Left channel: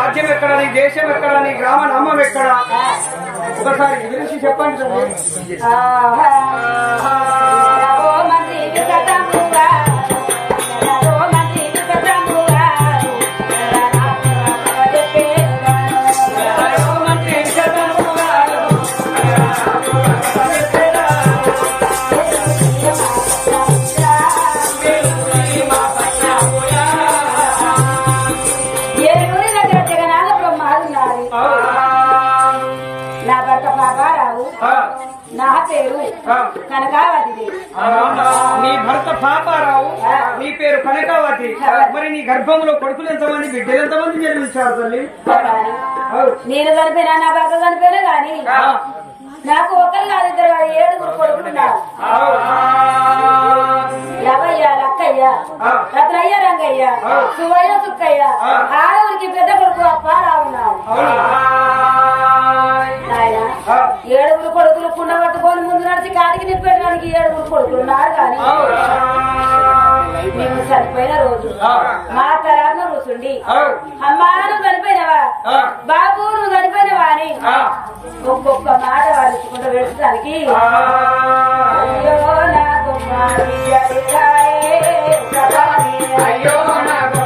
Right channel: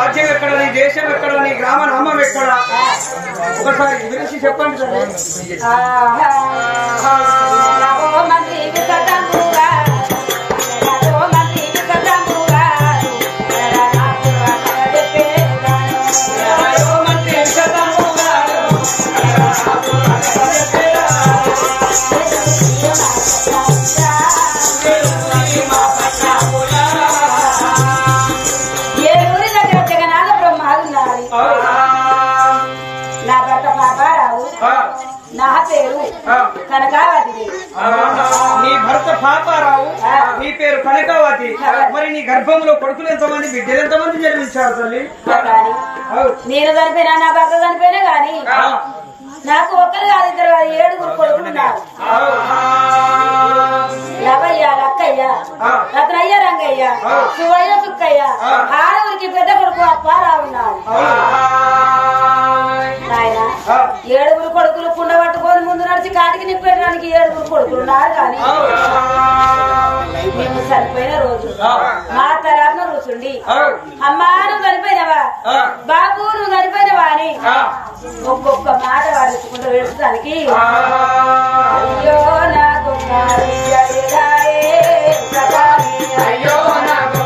రాజ్యం ఎక్కడ, నీ దేశం ఎక్కడ, నీ గ్రామ నామం ఎక్కడ? ఒకసారి వివరించి చెప్పండి. నా భర్త పాపారావు, నా పేరు కనకావతి. నీ భర్త పాపారావు, నీ పేరు కనకావతి. మరి నీ గర్భంలో కొడుకులు ఎంతమంది, బిడ్డలు ఎంతమంది జన్మించారు తల్లి? నేను చనిపోయినా, నా భర్త చనిపోయినా గాని నాకు ఒక్కరు కాదు, ఇద్దరు కాదు, 7 కొడుకులు ఉన్నారు. లవయ్య, లక్కయ్య, రత్నయ్య, రంగయ్య, సువయ్య, సుక్కయ్య. ఆడవురికి పెద్ద కొడుకు అప్పారావు ఉన్నారు. ఆయన 7 కొడుకులు కుండ పట్టుకొని ముందు నడిచి కాటికి నింపేయడానికి 7 కొడుకులు ఉన్నారు. కానీ మేము చనిపోయిన రోజు మా తలాను కూర్చుండి, అమ్మా నువ్వు చనిపోయినవా, బాబు నువ్వు చనిపోయినవా అని ఒక్కొక్క మాట వారించుకుంటూ వేడడానికి, అయ్యో నాకు అయ్యో నాకు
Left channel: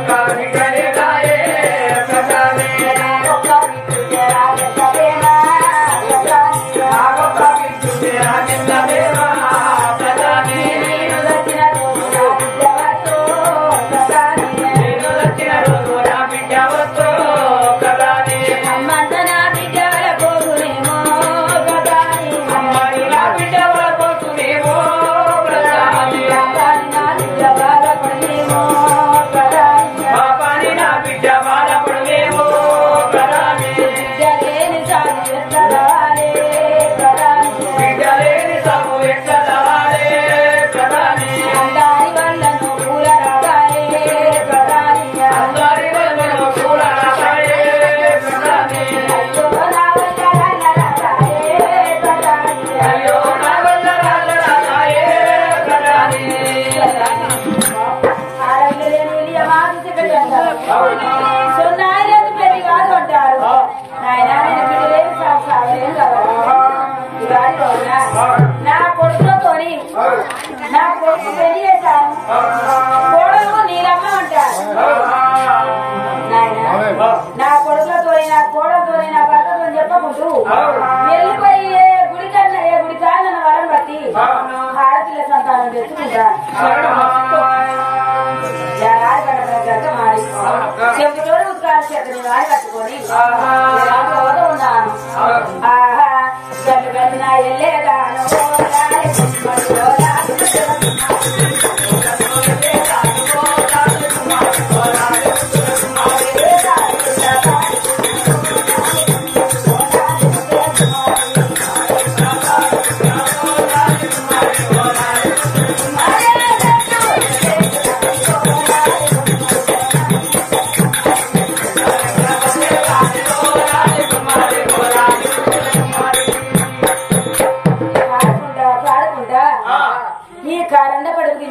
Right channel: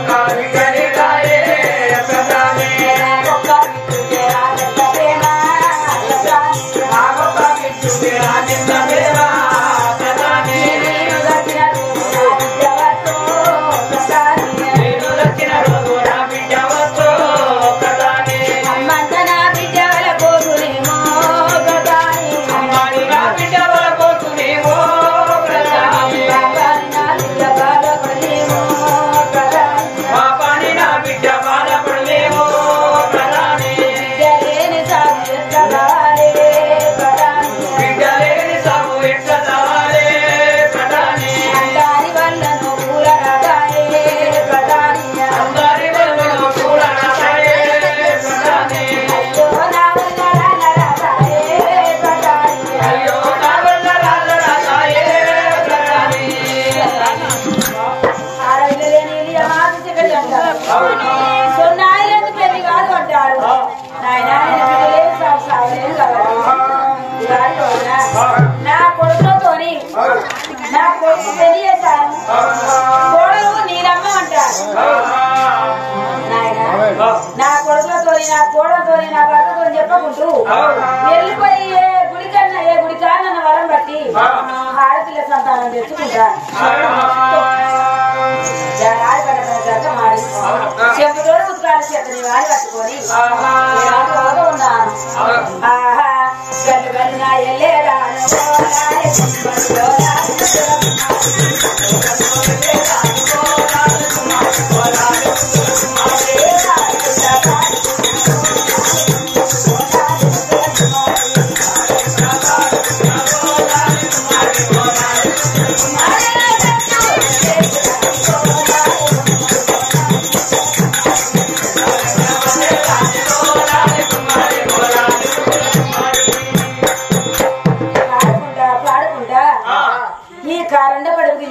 సొన్నాయిలకు పెళ్లి కాదు అంటారు. నాయన నేను బిడ్డలేని సాగులేను కాబట్టి నా కొడుకులతోని నా కొడుకు పెళ్లి చేశాను. కోడలు నీలమ్మ అంటారు. నాయన నా కొడుకులతోని, నా కోడలతోని, నా భర్తతో చెప్పకుంటూ వెళ్ళిపోయి గుడి కన్నా ఏ గుడి కానన్న వరం బట్టి ఆడపిల్ల సంతానం తెచ్చుకుంటాను. మాడి చెంపుతోడు ముద్దుకాలు చేతని వాడి కట్టుకొని ఉన్నాను. ఆహా గల్లు గల్లు నా ఎల్లేదాను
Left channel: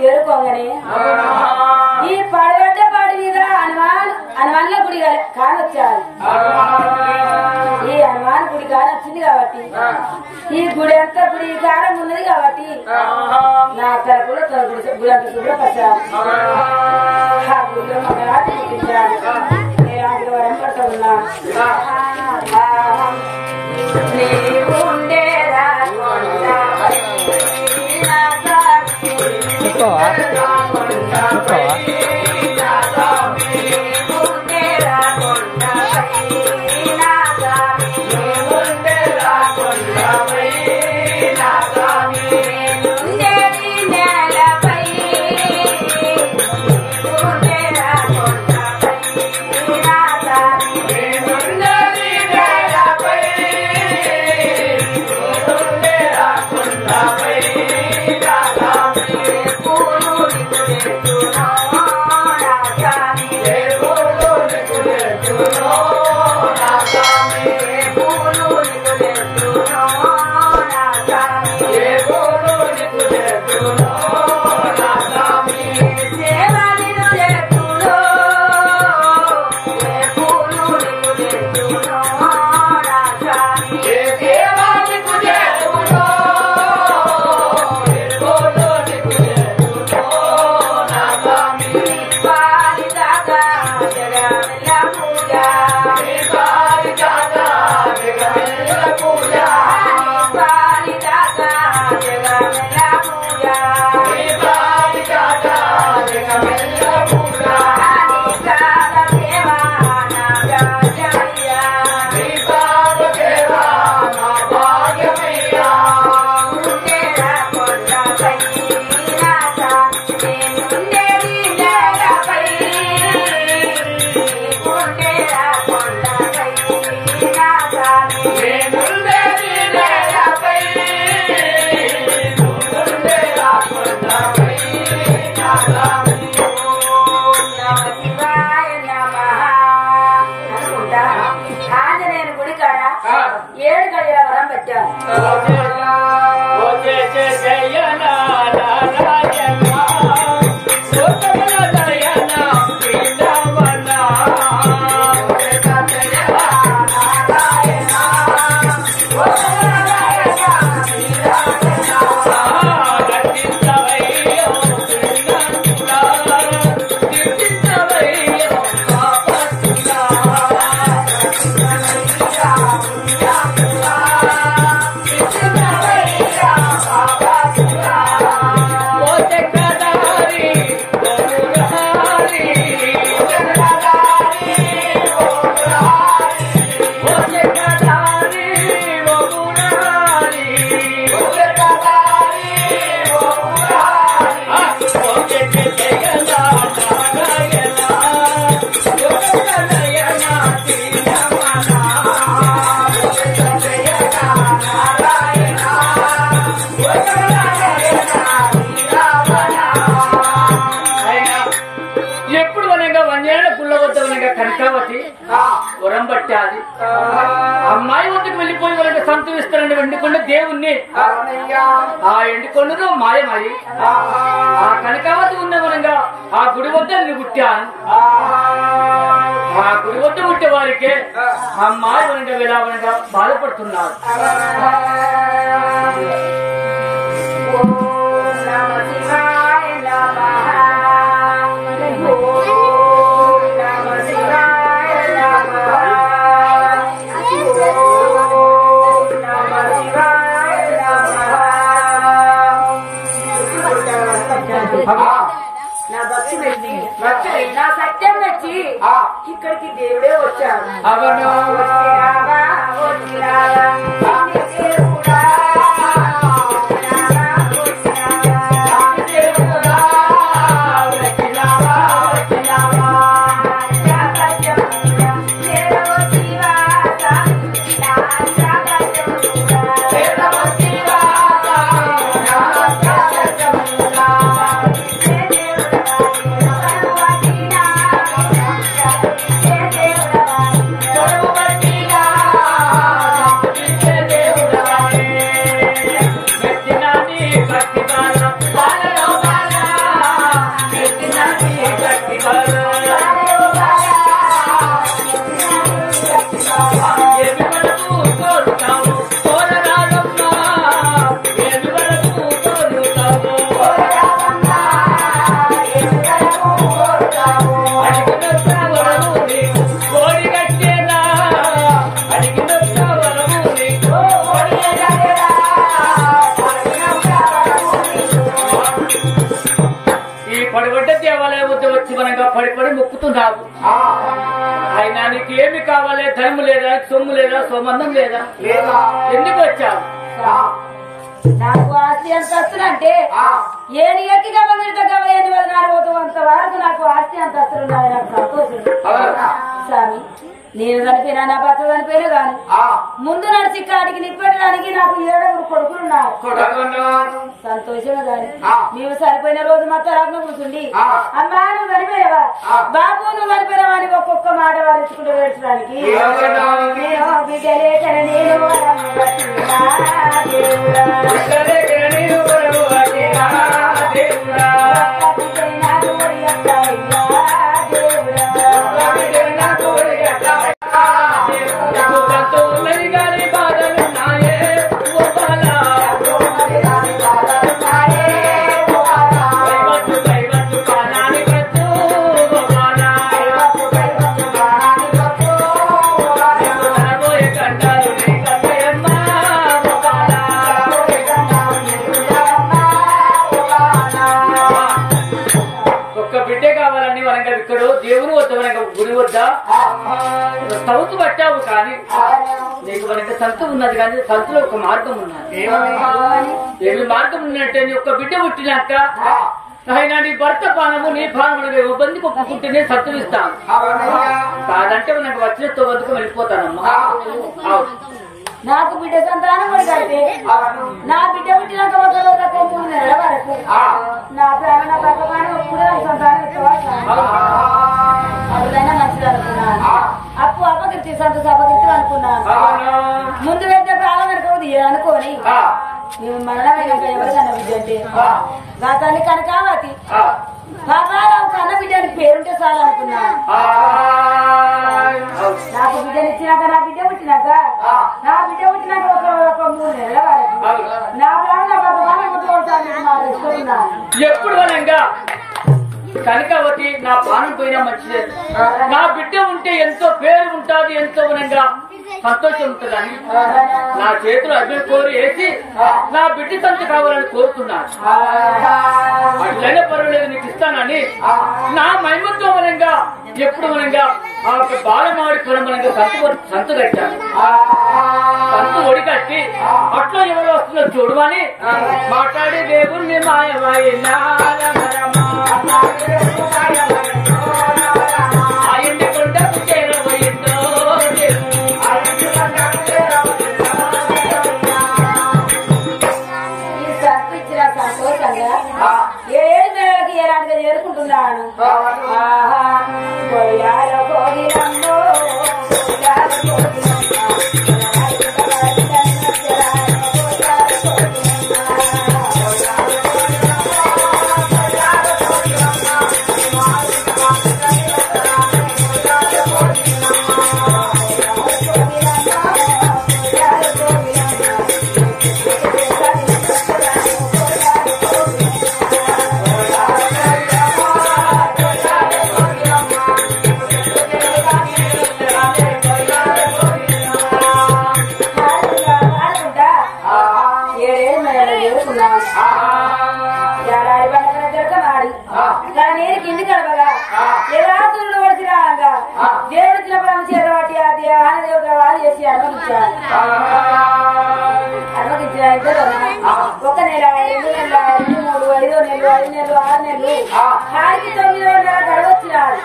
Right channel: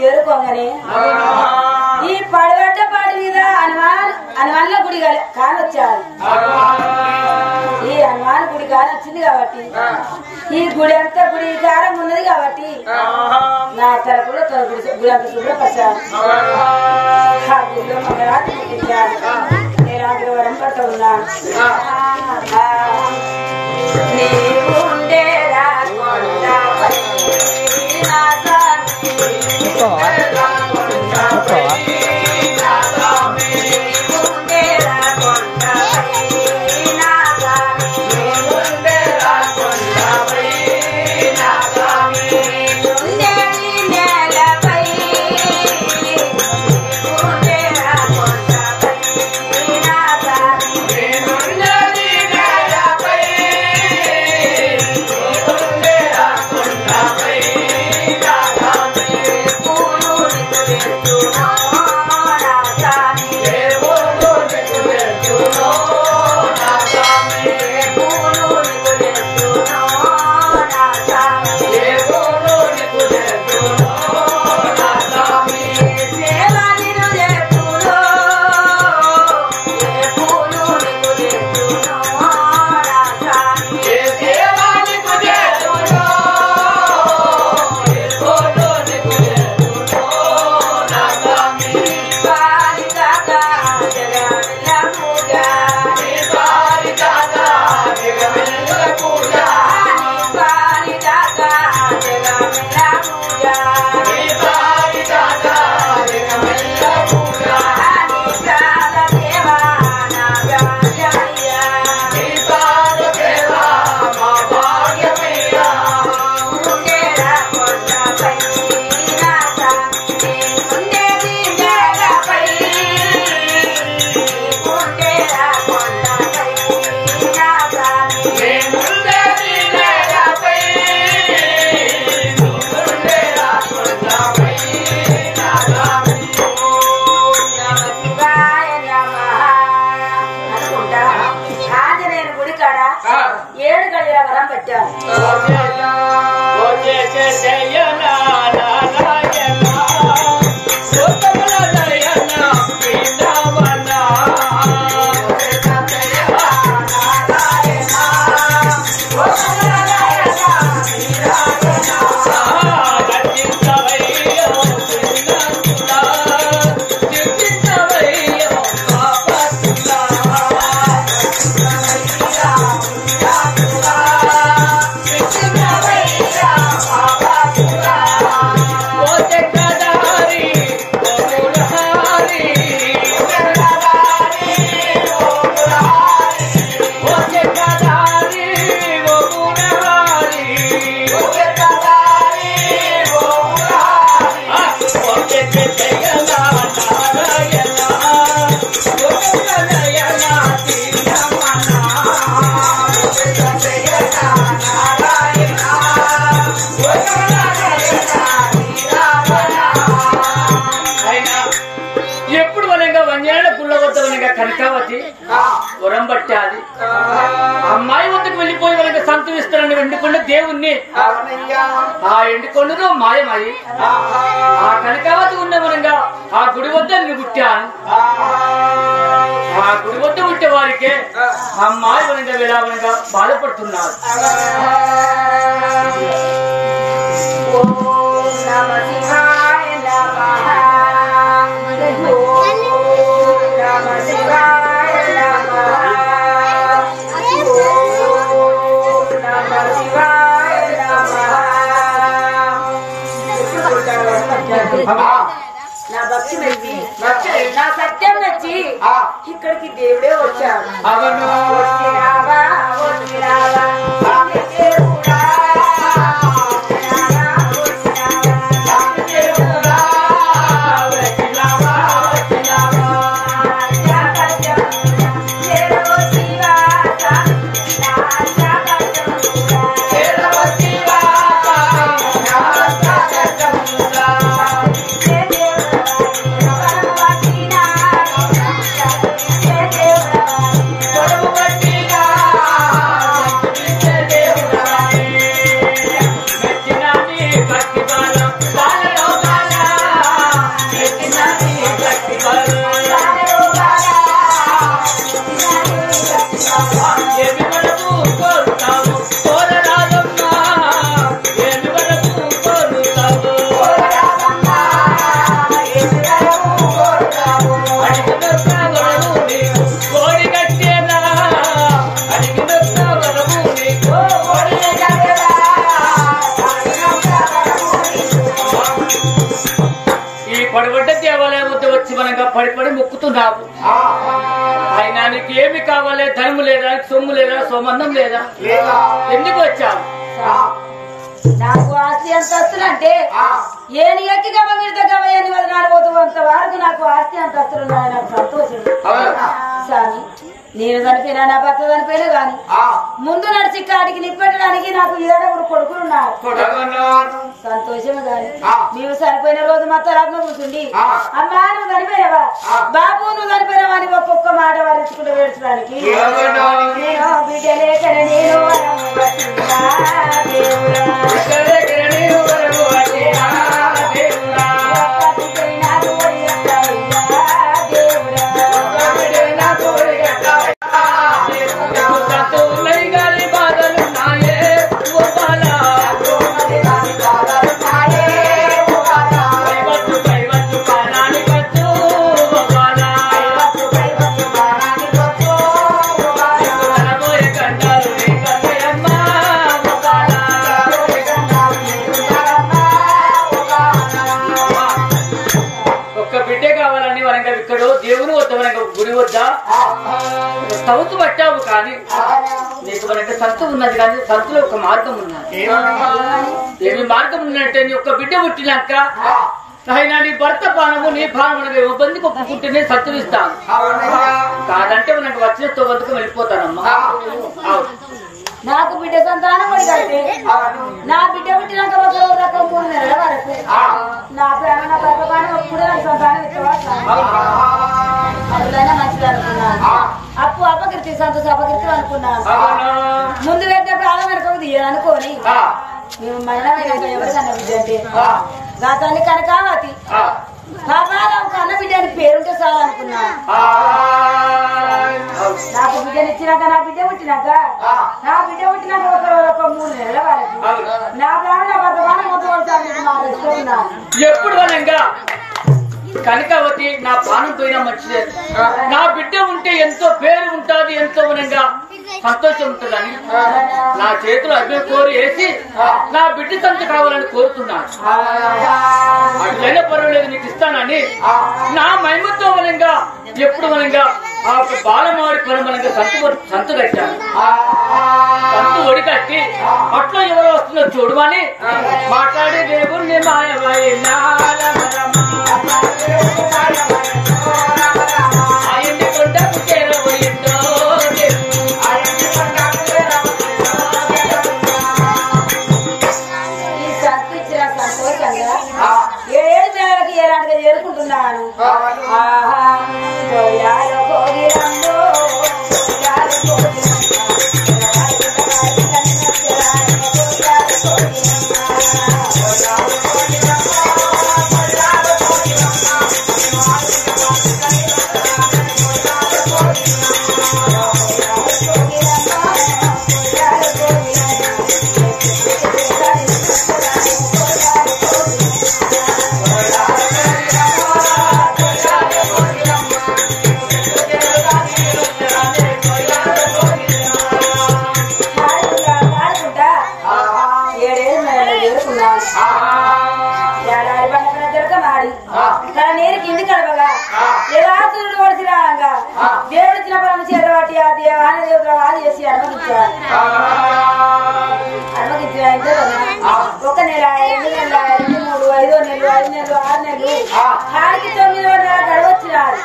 ఏరుకోగానే ఈ పడగడ్డ పాడి మీద హనుమాన్ల గుడి కానొచ్చారు. ఈ హనుమాన్ గుడి కానొచ్చింది కాబట్టి ఈ గుడి అంతా గుడి కారం ఉన్నది కాబట్టి నా తరపులో గుడి అంత శుభ్రపరిచారు. ఆ గుడిలో మగరాజు పుట్టించారు. నేను ఆంధ్ర వరం పడుతూ ఉన్నాను. 7 గడియల వరం పెట్టాను. కనకావతి వరం పట్టాలి. అమ్మాయి వద్దకు వెళ్ళిపోయి వాళ్ళకి సంతరిస్తానని ఎండుకొండ దేవుణ్ణి ఆ ఎండుకొండను మాయమై ఆ కనకావతి ఉన్న వనంగా ఆ గుడి వద్ద నేను పుట్టాను. ఆ గుడి వద్ద పుట్టే వారికే అమ్మాయి వనంగా విలావనంగా బాధపడుతున్నారు. నా భక్తుడు నా సత్యం వచ్చి ఇక్కడికి దేవుడే వచ్చాడు. అవను పడి మొక్కుతున్నావు. ఆయన నీకు ఏమి కావాలి? ధనము లేదా, సొమ్ము లేదా, సోమందం లేదా? ఎందుకు వచ్చావు? నాకు ఆస్తి అంతస్తులు అంటే ఏని ఎక్కి గమనిత గమయని వదినాడు పోతావు అంత వరకు నాకు ఆస్తి అంతస్తులు ఉన్నాయి. నాకు సంతోషం స్వామి. నేను చనిపోయినా నా భర్త చనిపోయినా గాని ముందు నడిచి కాటికి నిప్పట్టడానికి నాకు 7 కొడుకులున్నారు. సంతోషమే గాని మేము చనిపోయిన రోజు మా తరాపున కూర్చుండి అమ్మా నువ్వు చనిపోయినవా, బాబు నువ్వు చనిపోయినవా అని ఒక్కొక్క మాట వారించుకుంటూ వేడ్చడానికి నేను బిడ్డ లేకన నేను దేవుని వద్ద గుడి వద్ద సౌతు పట్టావు కానీ నీకు మనకి సంతు ఉన్నది కానీ సంతులో ఒక మార్గం ఉన్నది. ఏమి మార్గం ఉన్నట్టే నీ ఒక్క బిడ్డ పుట్టినాక ఆయన నీ భర్త పానము నీ భావనగా ఇబ్బందికి ఒప్పుకుంటేనే సంతులిస్తాను. కాదంటే మనకు వచ్చిన తొవ్వందుకు వెళ్ళిపోతానమ్మా. నాకు బిడ్డ సంతానం పడితే నా బిడ్డ పుట్టినాక ఒక రోజు 3 నెలల వరకు నా ప్రాణం నా భర్త పానం కూడా నాకు సంతానం ఇస్తావా? అట్లయినా మంచిది అనుకున్నాను. అప్పు అపకీర్తి సంతోష అపకీర్తి అనుకున్నాను. ముందు పెట్టినప్పుడు ఆమె కనుక అనుకోని మేము మరణమైనాక ఎవరికన్నా బిడ్డ అంటే గతాన్ని కనకావతి పాపారావు కన్న బిడ్డ అని పేరుంటే చాలు అనుకున్నాను. నాకు బిడ్డనిచ్చినాక నా బిడ్డ పుట్టినాక ఒక 3 నెలల వరకు నా ప్రాణం నా బతమానం మొత్తం ఎప్పుడు కనకావతి నా ప్రాణం పోయినా మంచిదే. నా బిడ్డ ఉంటే ఎంతో పేరు ఉంటుంది, ఎంతో మనంగా సంతోషం ఉంటుందని నా చేతులు అగ్ని కోరి వేసి నా బిడ్డ సంత కావాలని కోరుతున్నాను. అట్లయినా పర్వాలేదు నీకు ఇస్తానని నా మహిమతో మనంగా ఎప్పుడు మనంగా ఆ బాలమాడి పని మనంగా సంత పెట్టాను. సంత ఒడికట్టి అట్లా ఎవరు వస్తుందో చూడమని మాట్లాడి దేవుణ్ణి మాయమైనా ఆయన్ని కొండకు చేరబోయిందో సంతోషంగా 7 నెలలకి ఎలాంటిగా చేరుకుంటున్నాను. నేను కింది కలపగా ఎలా సూర్యుడు కొడిచి రాగా దేవుడు ఇచ్చిన పరమ చేతవాటి ఆ దేవాన్ని దేవతలు చేసి అనుమతించారు. ఇంతే కదా 1 నెల 2 నెలలు 3 5 నెలలు 5 నెలలు 6 నెలలు ఆడికి 9వ నెల గడవచ్చినారు.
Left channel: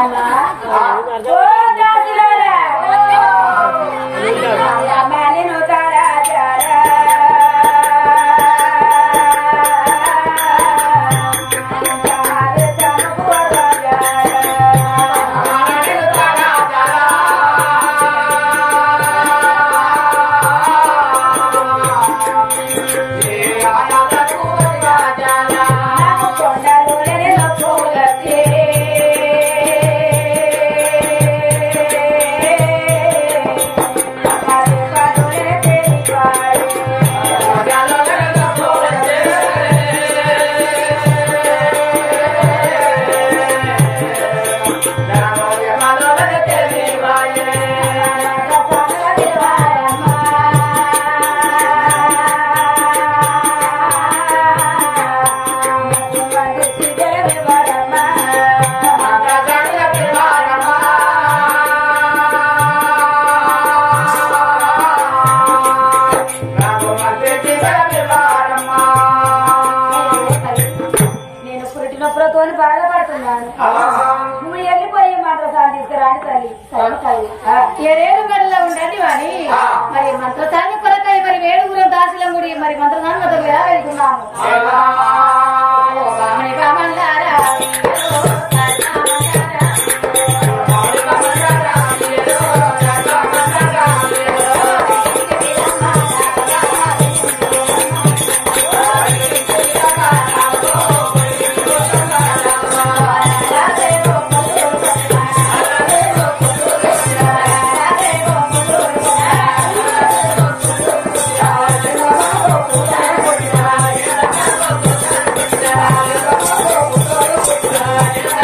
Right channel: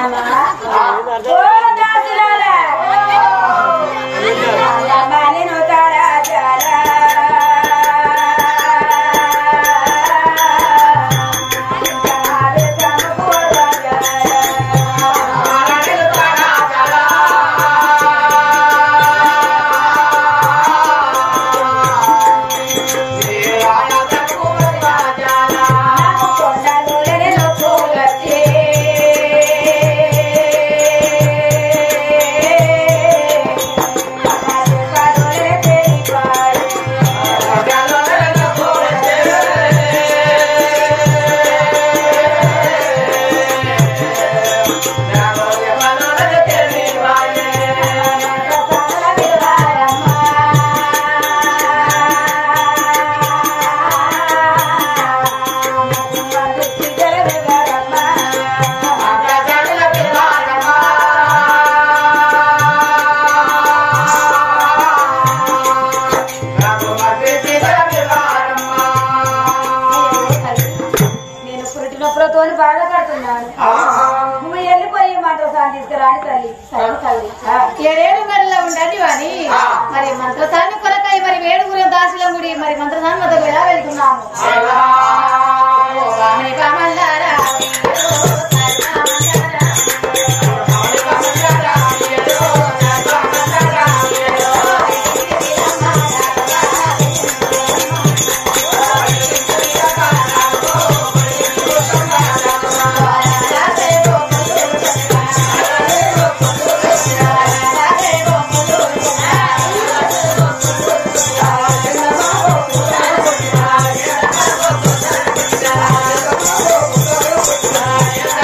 అమ్మా నేను తారా బాధపడుతున్నాను. నువ్వు వెళ్ళిపోయి మంత్రసాన్ని తీసుకురాని తల్లి. 7 నెలల్లో ఉండదు అని మరి మంత్రసాన్ని కొరకై మరి 7 దాసుల ముడి మరి మంత్రసాన్ని మొదలుగా వెళ్తున్నాము. Yeah.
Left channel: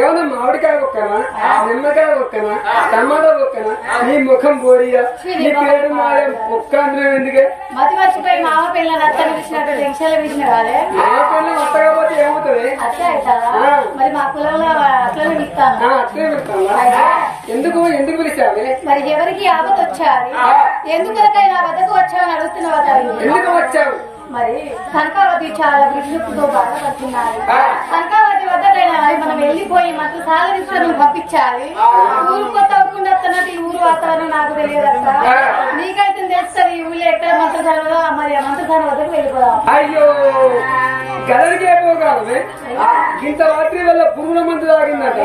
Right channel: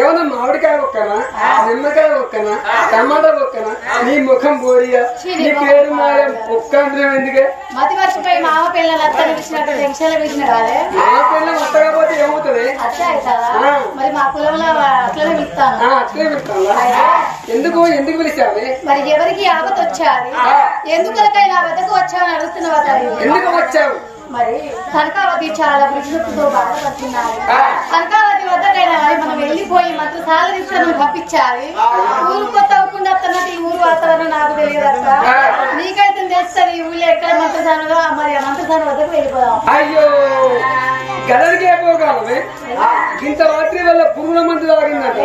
ఏమన్నా మామిడికాయ ఒక్కనా నిమ్మకాయ ఒక్కనా టమాటా ఒక్కనా నీ ముఖం బోడియా నీ పేరు మాయం ఒక్క అందరం ఎందుకే మతి మర్చిపోయి మామ పిల్లలు అత్తలు పిలిచినట్టు టెన్షన్లు పిలిచిన కాదే మా పిల్లలు అత్త కాకపోతే ఏమవుతుంది అట్లా అవుతుందా మరి మా కులంలో అట్లనే పిలుస్తాను అట్లే పిలుస్తాను ఎందుకు పిలిచావే మరి ఎవరికి ఆపత వచ్చాది ఎందుకైనా వద్దకు వచ్చావని అడుగుతున్నావా తల్లి ఎందుకు వచ్చావు మరి కనకావతి చాలా విష్ణుతో బాధపడుతున్నారు కనకావతి వద్దకైనా మరి మనం వెళ్ళిపోయి మంత్రసాల తీసుకుని పంపించాలి ఊరు కొత్త అవ్వకుండా వస్తున్నట్టు ఈ ఊరు వాతావరణం నాకు తెలియదు అక్క నీకైతే తెలుస్తుంది ఈ ఊళ్ళో ఎక్కడ మంత్రసాలలో మరి ఆ మంత్రసాల వద్దకు వెళ్ళిపోదాం అయ్యో గదరికి అయిపోగలమే ఇంత రాత్రి వల్ల పురుగుల మందు తాగిందట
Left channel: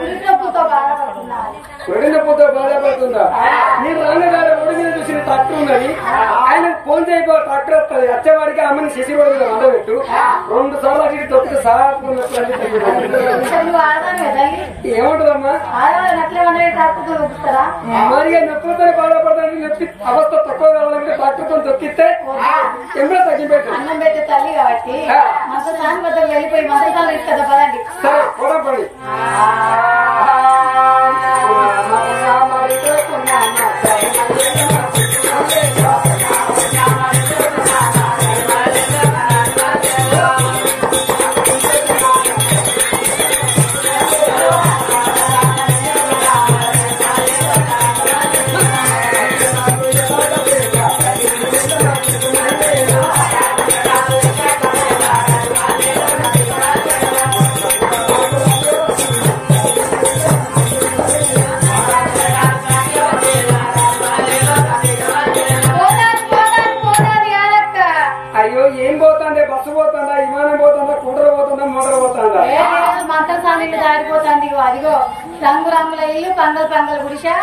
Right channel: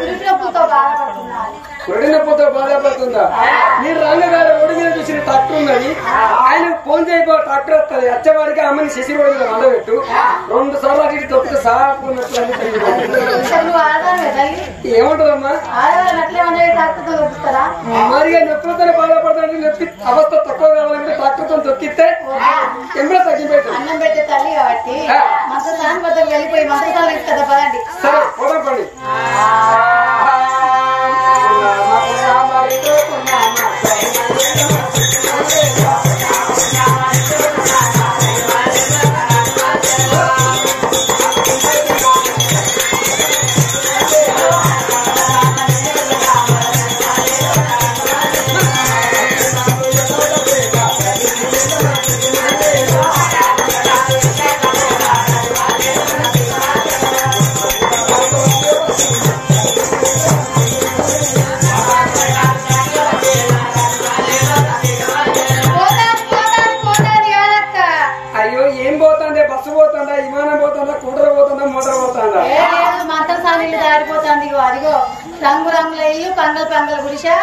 పురుషులతో బాధపడుతున్నారు ఒడినప్పుతో బాధపడుతుందా మీరు రంగగారు ఒడి మీద చూసిన ట్రాక్టర్ ఉన్నది ఆయన ఫోన్ చేయబో ట్రాక్టర్ వస్తుంది వచ్చేవాడికి అమ్మని శశి రోడ్డు మీద వండబెట్టు 2 సార్లు అటు ఇటు తొక్కితే సాపు నువ్వు ఆడదాను తల్లి ఏముంటదమ్మా ఆడవాళ్ళని అట్లే వండే ట్రాక్టర్తో చూపిస్తారా మరి నొప్పులతో బాధపడతాను నొప్పి అవస్థ తక్కువ కావాలంటే ట్రాక్టర్తో తొక్కిస్తే ఎంతో తగ్గిపోతుంది అన్నం పెట్టే తల్లి కాబట్టి మంత్రసాని వద్దకు వెళ్ళిపోయి మంత్రసాలు ఇస్తుందా పదండి సరే పోదాం పండి మంత్రసాని దారిపోతుంది అదిగో రంగు రంగుల ఇల్లు పంగల్ పంగల్ గుడిసా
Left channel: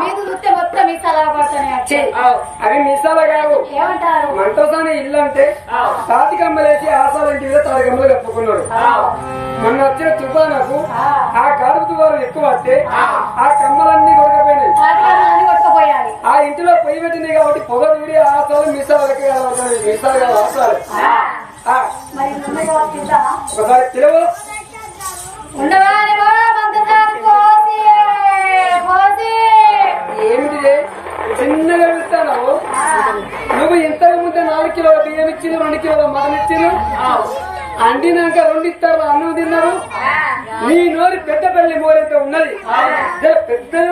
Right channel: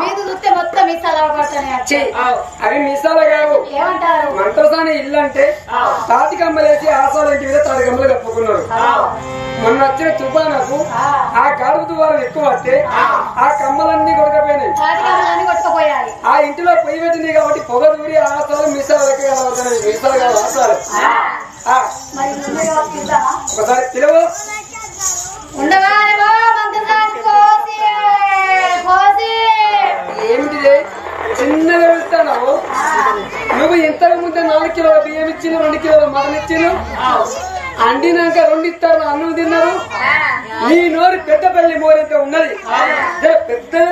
మీకు చూస్తే మొత్తం మిసాల పడతాయి అవి మిసాల కావు ఏమంటారు మంత్రసాని ఇల్లు అంటే తాతి కమ్మలేసి ఆసాల ఇంటి మీద తాటి కమ్మలు కప్పుకున్నాడు మొన్న వచ్చిన తుఫానుకు ఆ గాడుపు తుఫాను ఎక్కువ వస్తే ఆ కమ్మలన్నీ కొడకపోయినాయి కొట్టుకుపోయాయి ఆ ఇంటిలో పొయ్యి పెట్టింది కాబట్టి పొగ దూరి ఆసాలు మిసాలకి మిసాలు కాదు ఆసాలు ఒకసారి పిలువు ఏమిటిదే చిన్నగా వెళ్తాను నువ్వు ఇంతకు ముందే 4 కిలోల బియ్యం ఇచ్చిన 2 కిలోల మటన్ ఇచ్చిన అండినాక 2 ఇస్తారు అన్నం తిన్నారు నీ నోరు పెద్దపల్లి మోరెంత ఉన్నది పెద్దగా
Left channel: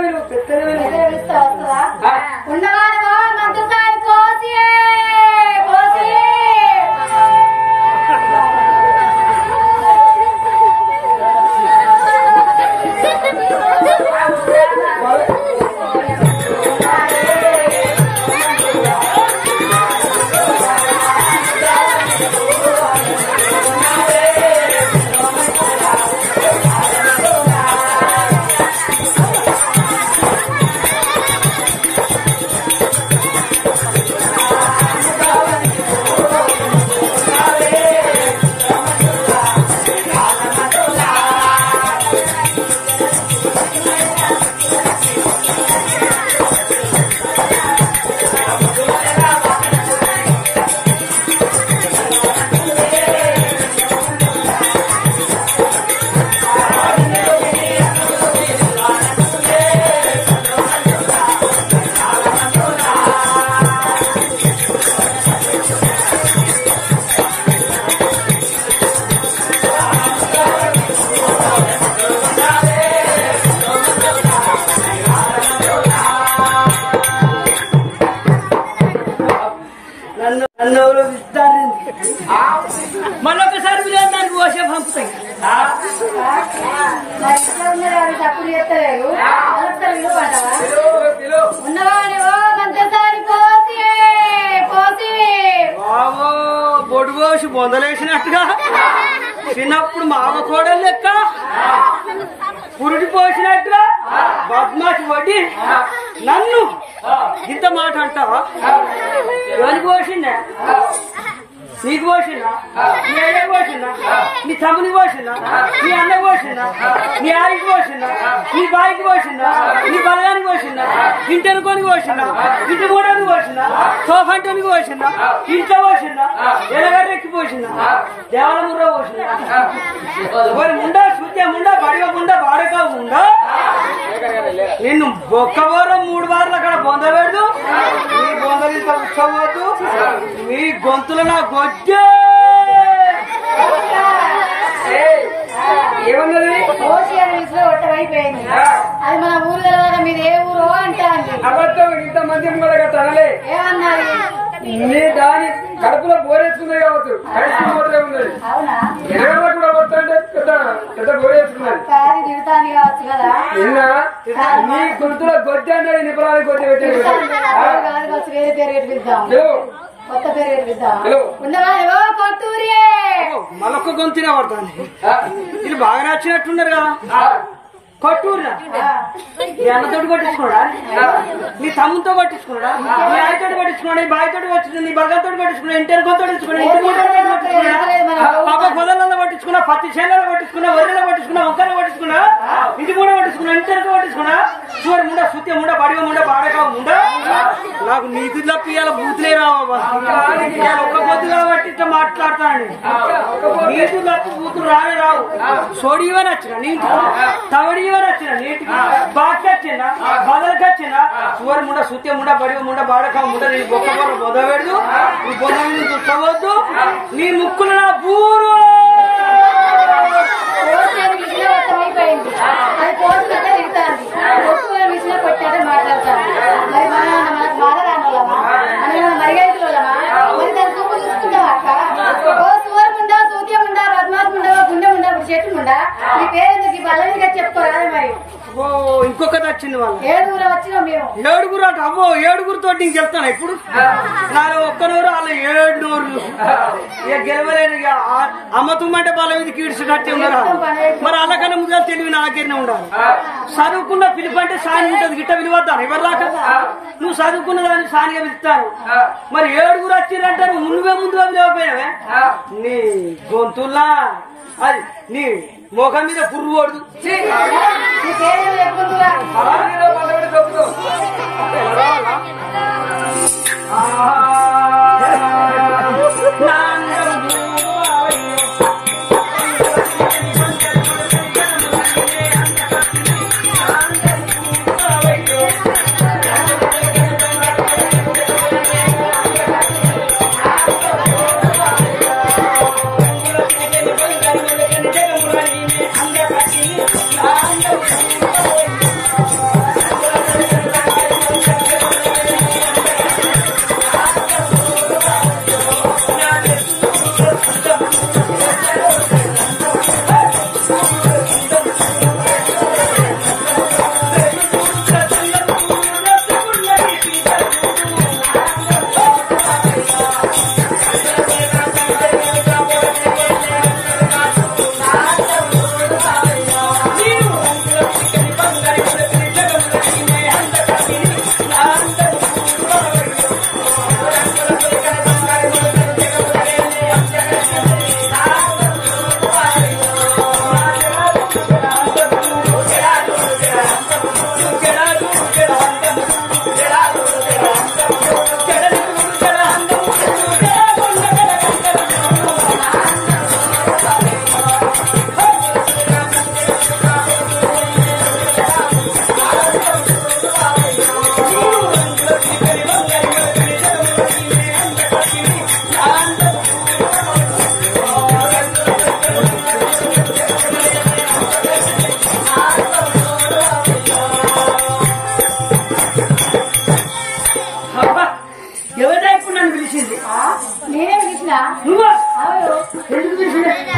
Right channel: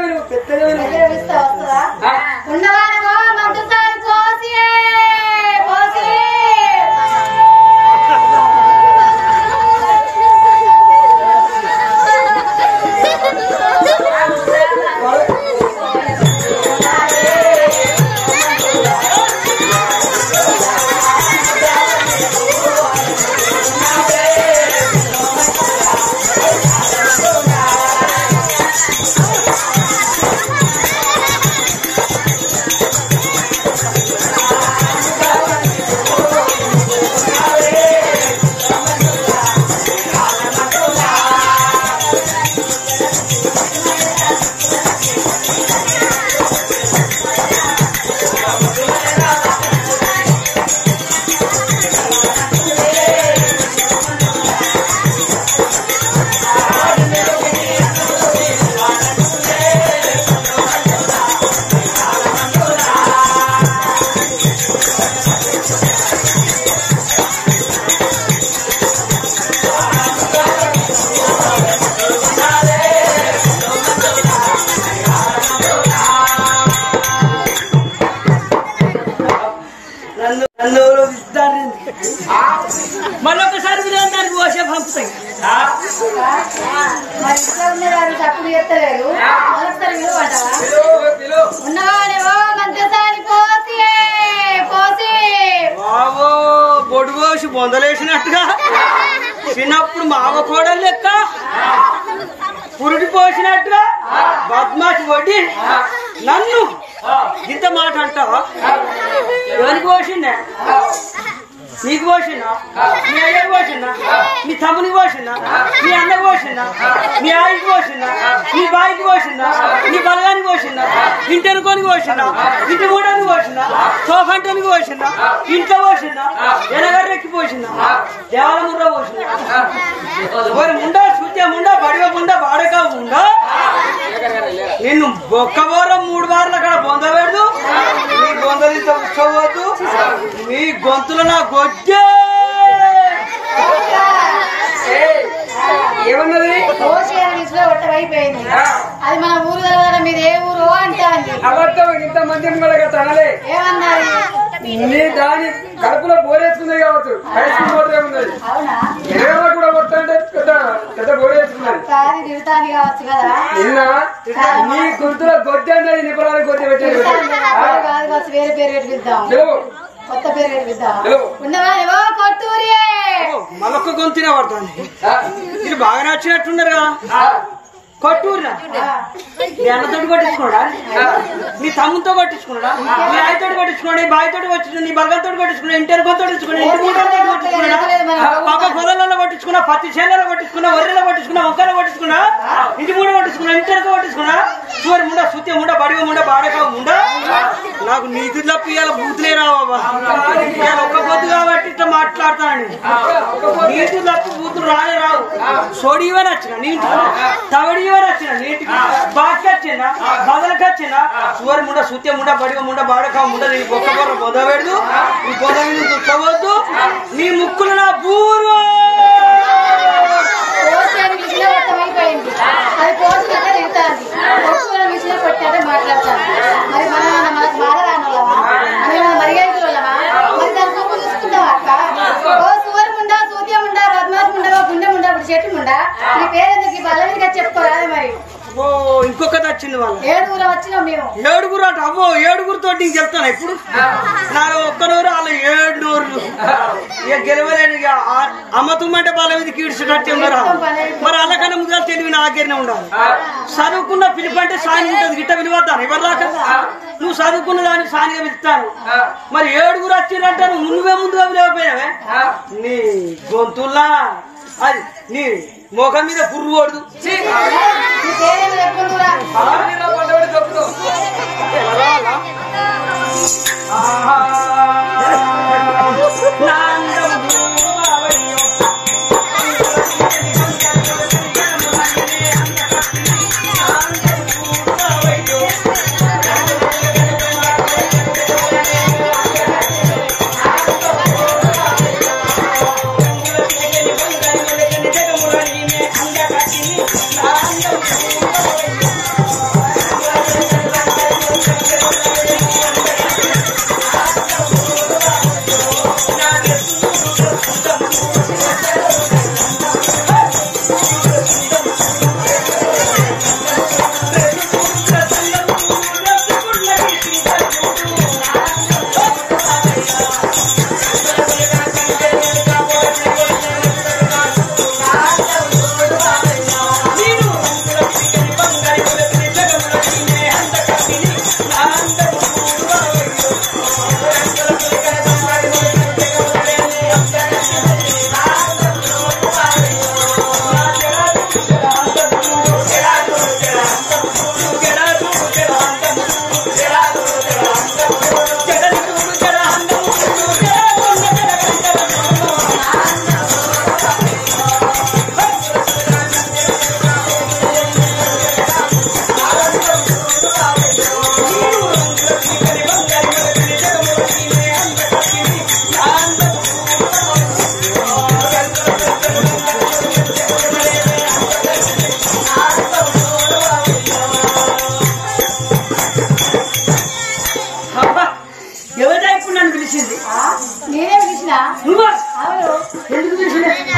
మళ్ళొకసారి దానికి పోసే పంపుతాయి తప్పు చేస్తలేదు ఉన్నవానేవో మంత్రసాని పోసి బావో బొడు పోసి బొందలేసినట్టుగా చిన్నప్పుడు మావ కోడలు లెక్క పురుడి పోసినట్టుగా బద్మాషి వడ్డి నన్ను ఇంత మాట అంటావా ఎవరికి పోసిండే నీకు పోసిందా నీ అయ్యకు పోసిందా నీ తమ్మునికి పోసిందా నీ అన్నకు పోసిందా నీ ఆయికి పోసిందా నీ బాయికి పోసిందా నీ బలగానికి పోసిందా ఇంటనుకోనికి పోసిందా ఇంటి మూడానికి పోసిందా సోఫంటానికి పోసిందా ఇంట్లో పోసిందా ఎనగర్రెక్కి పోసిందా దేవాల ముర్ర పోసిందా మరి ముండా సూత్య ముండా బడివ ముండా బాడక ముండా నిన్ను ఒక్క వారం 3 వారాలు అక్కడ బొంద పెడదు నీ బొందలు ఇంత ఉత్సవద్దు నీ గొంతులో నా గొజ్జే ఏమన్నది కోసి అని విసులో ఒట్టమైపోయింది అది మన ఊరు తెలవడం మీది ఏ ఊరు అంటాంది అబద్ధం ఇంతమంది కూడా తనలే ఏమన్నది నీ దాని కడుపులో బోరేసుకున్నది కావచ్చు హైస్కూల్ పోతే ఉన్నది అవునా ఎనగల కూడా కొట్టంటే పెద్ద పెద్ద బోరేసుకున్నది కాదు తిడతాంది కావచ్చు కదా నిన్న నీ గుర్తులో గొడ్డి అన్నది నిపుణాలు కొద్ది పెట్టారు కాదు కావచ్చు వేరే పేరు పెట్టిద్దాం కొత్త పేరు పెట్టిద్దాం ఉందమా ఏవో కొట్టూరియే మళ్ళొక్క గొంతునే పడతాను ఇది బాగా నచ్చినట్టున్నారు కదా కొట్టూరురా నీ అన్నతోటి కొట్టించుకోడా నీ తమ్ముతో కొట్టించుకున్నాడా నీ ఆయతో కొట్టించుకున్నాడు నీ బాయితో కొట్టించుకున్నాడు నీ బలగంతో కొట్టించుకున్నాడు ఇంటర్తో కొట్టించుకున్నాడు ఇంటి కొట్టించుకున్నాడా పాప పొదలలో కొట్టించుకున్నా పత్తి చేలలో కొట్టించుకున్నా వరిలో కొట్టించుకున్నా మొక్కలు కొట్టించుకున్నా ఇంటి ముండ కొట్టించుకున్నా ఇంటర్తో కొట్టించుకున్నా చూరు ముండ సుత్య ముండ బడివ ముండ బాడకావు ముండ నాకు నీతి తప్ప ఇవాళ బూతులే రావా ఇవాళ ఒక్క పొద్దు కాబట్టి ఇట్లా మాట్లాడతాను నీతి తప్ప బూతులు రానే రావు సోడి ఇవని వచ్చిన నీ తవడి వచ్చిన నీటికి బాకి వచ్చిందా బదలకి వచ్చిందా సువరి ముండ సుత్య ముండ బడివ ముండ బాడకావు ముండ నీ బొక్క బొర్ర బొద పెడదు నీ బొద మీద చుట్టవద్దు నీ ముక్కులు నా బూరు అది కోసి తిరుగుతాంది కొట్టుకునే విషయంలో కొట్టాడే మాట్లాడతాను మరి మనకు బాధ రానోళ్ళమా మనం మర్యాద వాళ్ళమా మరి దాని చూపు చూసుకుంటాం అక్క ఓ సువర్ ముండా సూత్యం ఉండా బద్మాస్ ముండా గుండె ముండా ఇప్పుడు చెట్టు ముండా నీ పేరెందుకు బలవిగా చెప్పుకోరాదు మరి ఓ ఇంకొకటి వచ్చింది వాళ్ళ 7 వచ్చినాం మేము 7 అట అవ్వో 7 నీకు చెప్తాను ఇప్పుడు నాకు ఒక్క నూరు వాళ్ళ 7 నూర్లు ఇక గెలవలేని అమ్మ తుమ్మంటే వాళ్ళ మీద కీడ్చేటట్టే ఉన్నారు మరి వాళ్ళకన్నా ముందుగా తెలివి నాకేనే ఉండాలి చదువుకున్న పిలుపు అంటే సాని ఉంటుంది గిట్ట విలువద్దాను ఎవరు దాకా నువ్వు చదువుకున్న దానికి సానిగా పిలుస్తాను మరి 7 వచ్చిందంటే నువ్వే ముందుగా విలువపోయావే నీ గొంతుల్లా అది నీ మోఖం మీద పుర్రు కొడదు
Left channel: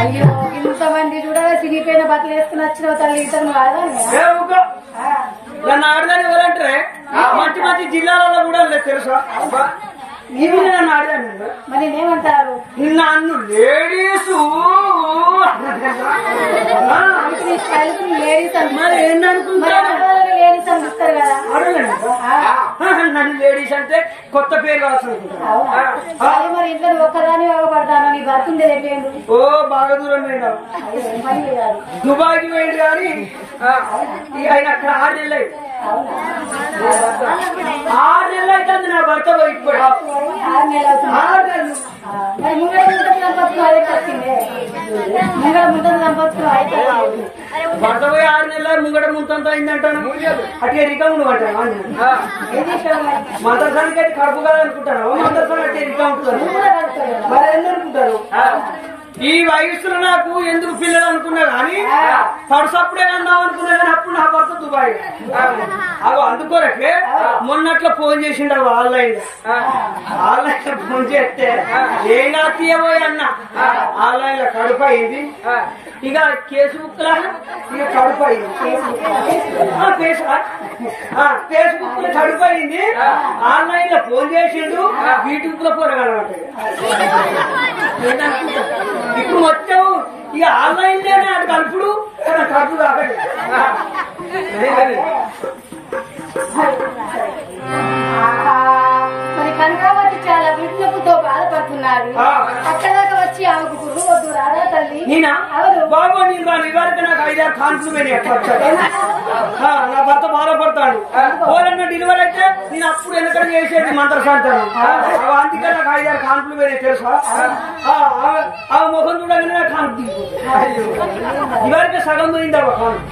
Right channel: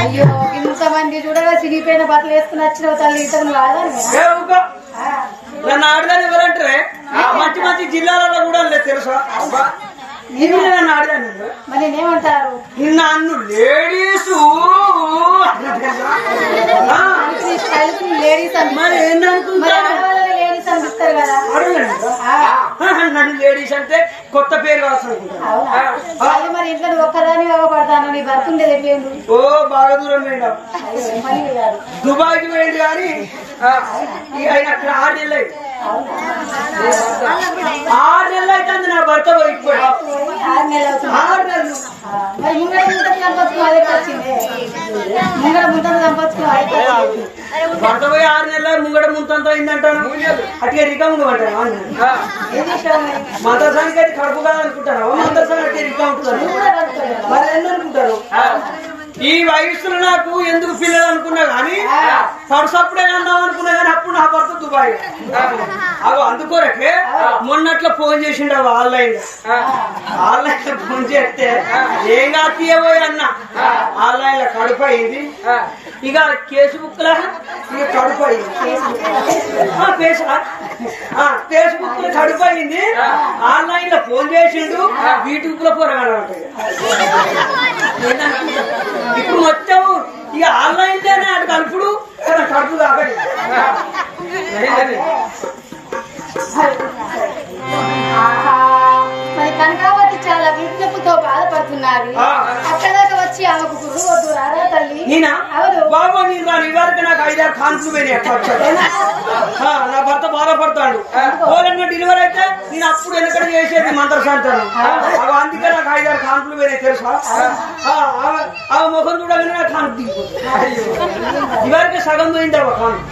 అయ్యో ఇంతమంది చూడగా సిగిపోయిన బట్టలు వేసుకుని వచ్చిన తల్లి ఇంతకు నన్ను ఆడదాన్ని ఎవరంటారే మంచి మంచి జిల్లాలలో కూడా లేదు తెలుసా నన్ను ఆడదాన్ని మరి నేనేమంటారు నన్ను లేడీసు మరి ఏంటనుకుంటాను లేడీస్ అనిపిస్తారు కదా నన్ను లేడీస్ అంటే కొత్త పేరు కావచ్చు అనుకుంటాను. అవునా అది మరి ఇంట్లో ఒక్కదాని పడతాను నీ భర్త ఉండే చెప్పేయండి. ఓ బాగా దూరం వేయండి, దుబాయ్కి వేయండి కానీ ఆయన అక్కడ 6 నెలలు అయింది. 6 నెలలు అవుతుంది నా భర్త పోయిపోయి. 6 నెలలు అవుతుంది. 6 నెలలు మరి ముంగడ ముందు సంపత్తుకుని అదే వచ్చింది. ముంగడ ముందు సంపత్తుకుని అదే వచ్చింది. భర్త పోయి 6 నెలలు ముంగడ ముంతంతా అయిందంటాను. అట్లా రికౌంట్ అంటాను. ఏం చేసావు మందరసానికి అయితే కడుపు కాదనుకుంటాను. మందరసానికి అట్లా రికౌంట్ మరి ఏందనుకుంటారు? ఈ వయస్సులో నాకు ఎందుకు పిల్లలు అనుకున్నా గానీ పడుసప్పుడే కందాం అనుకున్నా గానీ అప్పుడు నా భర్త దుబాయ్. అవి అందుకోరకే మొన్నట్లో ఫోన్ చేసిండు. అవి ఆన్లైన్ లో ఫోన్ చేస్తే ఏం కా తీయబోయే అన్న ఆన్లైన్ లో కడుపు అయింది. ఇక కేసు బుక్ లా ఇక కడుపు అయింది. ఫేస్బుక్ లో కడుపు అయింది. ఆన్లైన్ లో ఫోన్ చేసిండు. యూట్యూబ్ లో పోరగాలంటాయి. ఇప్పుడు మొత్తం ఇక ఆన్లైన్ లోనే అటు కలుపుడు కడుపు కాకటి. మరి కనకావతి చాలా విజ్ఞపుతో బాధపడుతున్నారు. అక్కదాకా వచ్చి ఆమెకు గుర్రు వద్దు రారా తల్లి. నేనా అవును బాబు నేను రాను. ఇవరకు నాకు 5-6 కాన్పులు పోయినాయి. అట్లా నా భర్త బాధపడతాడు. పోలన్న డెలివరీ అయితే నేను అప్పుడు వెనకడ చేసేది మంత్రశాంతను. అందుకే నాకు 5-6 కాన్పులు పోయినాయి తెలుసా. ఆ ముఖం చూడగానే నాకు కాన్పు దిగిపోతుంది. ఇవరకు సగం పోయింది అవ్వ కాన్పు.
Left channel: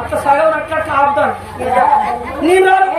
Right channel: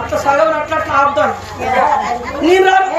అట్లా సగం అట్లా అట్లా ఆపుతాను. నేను రాను.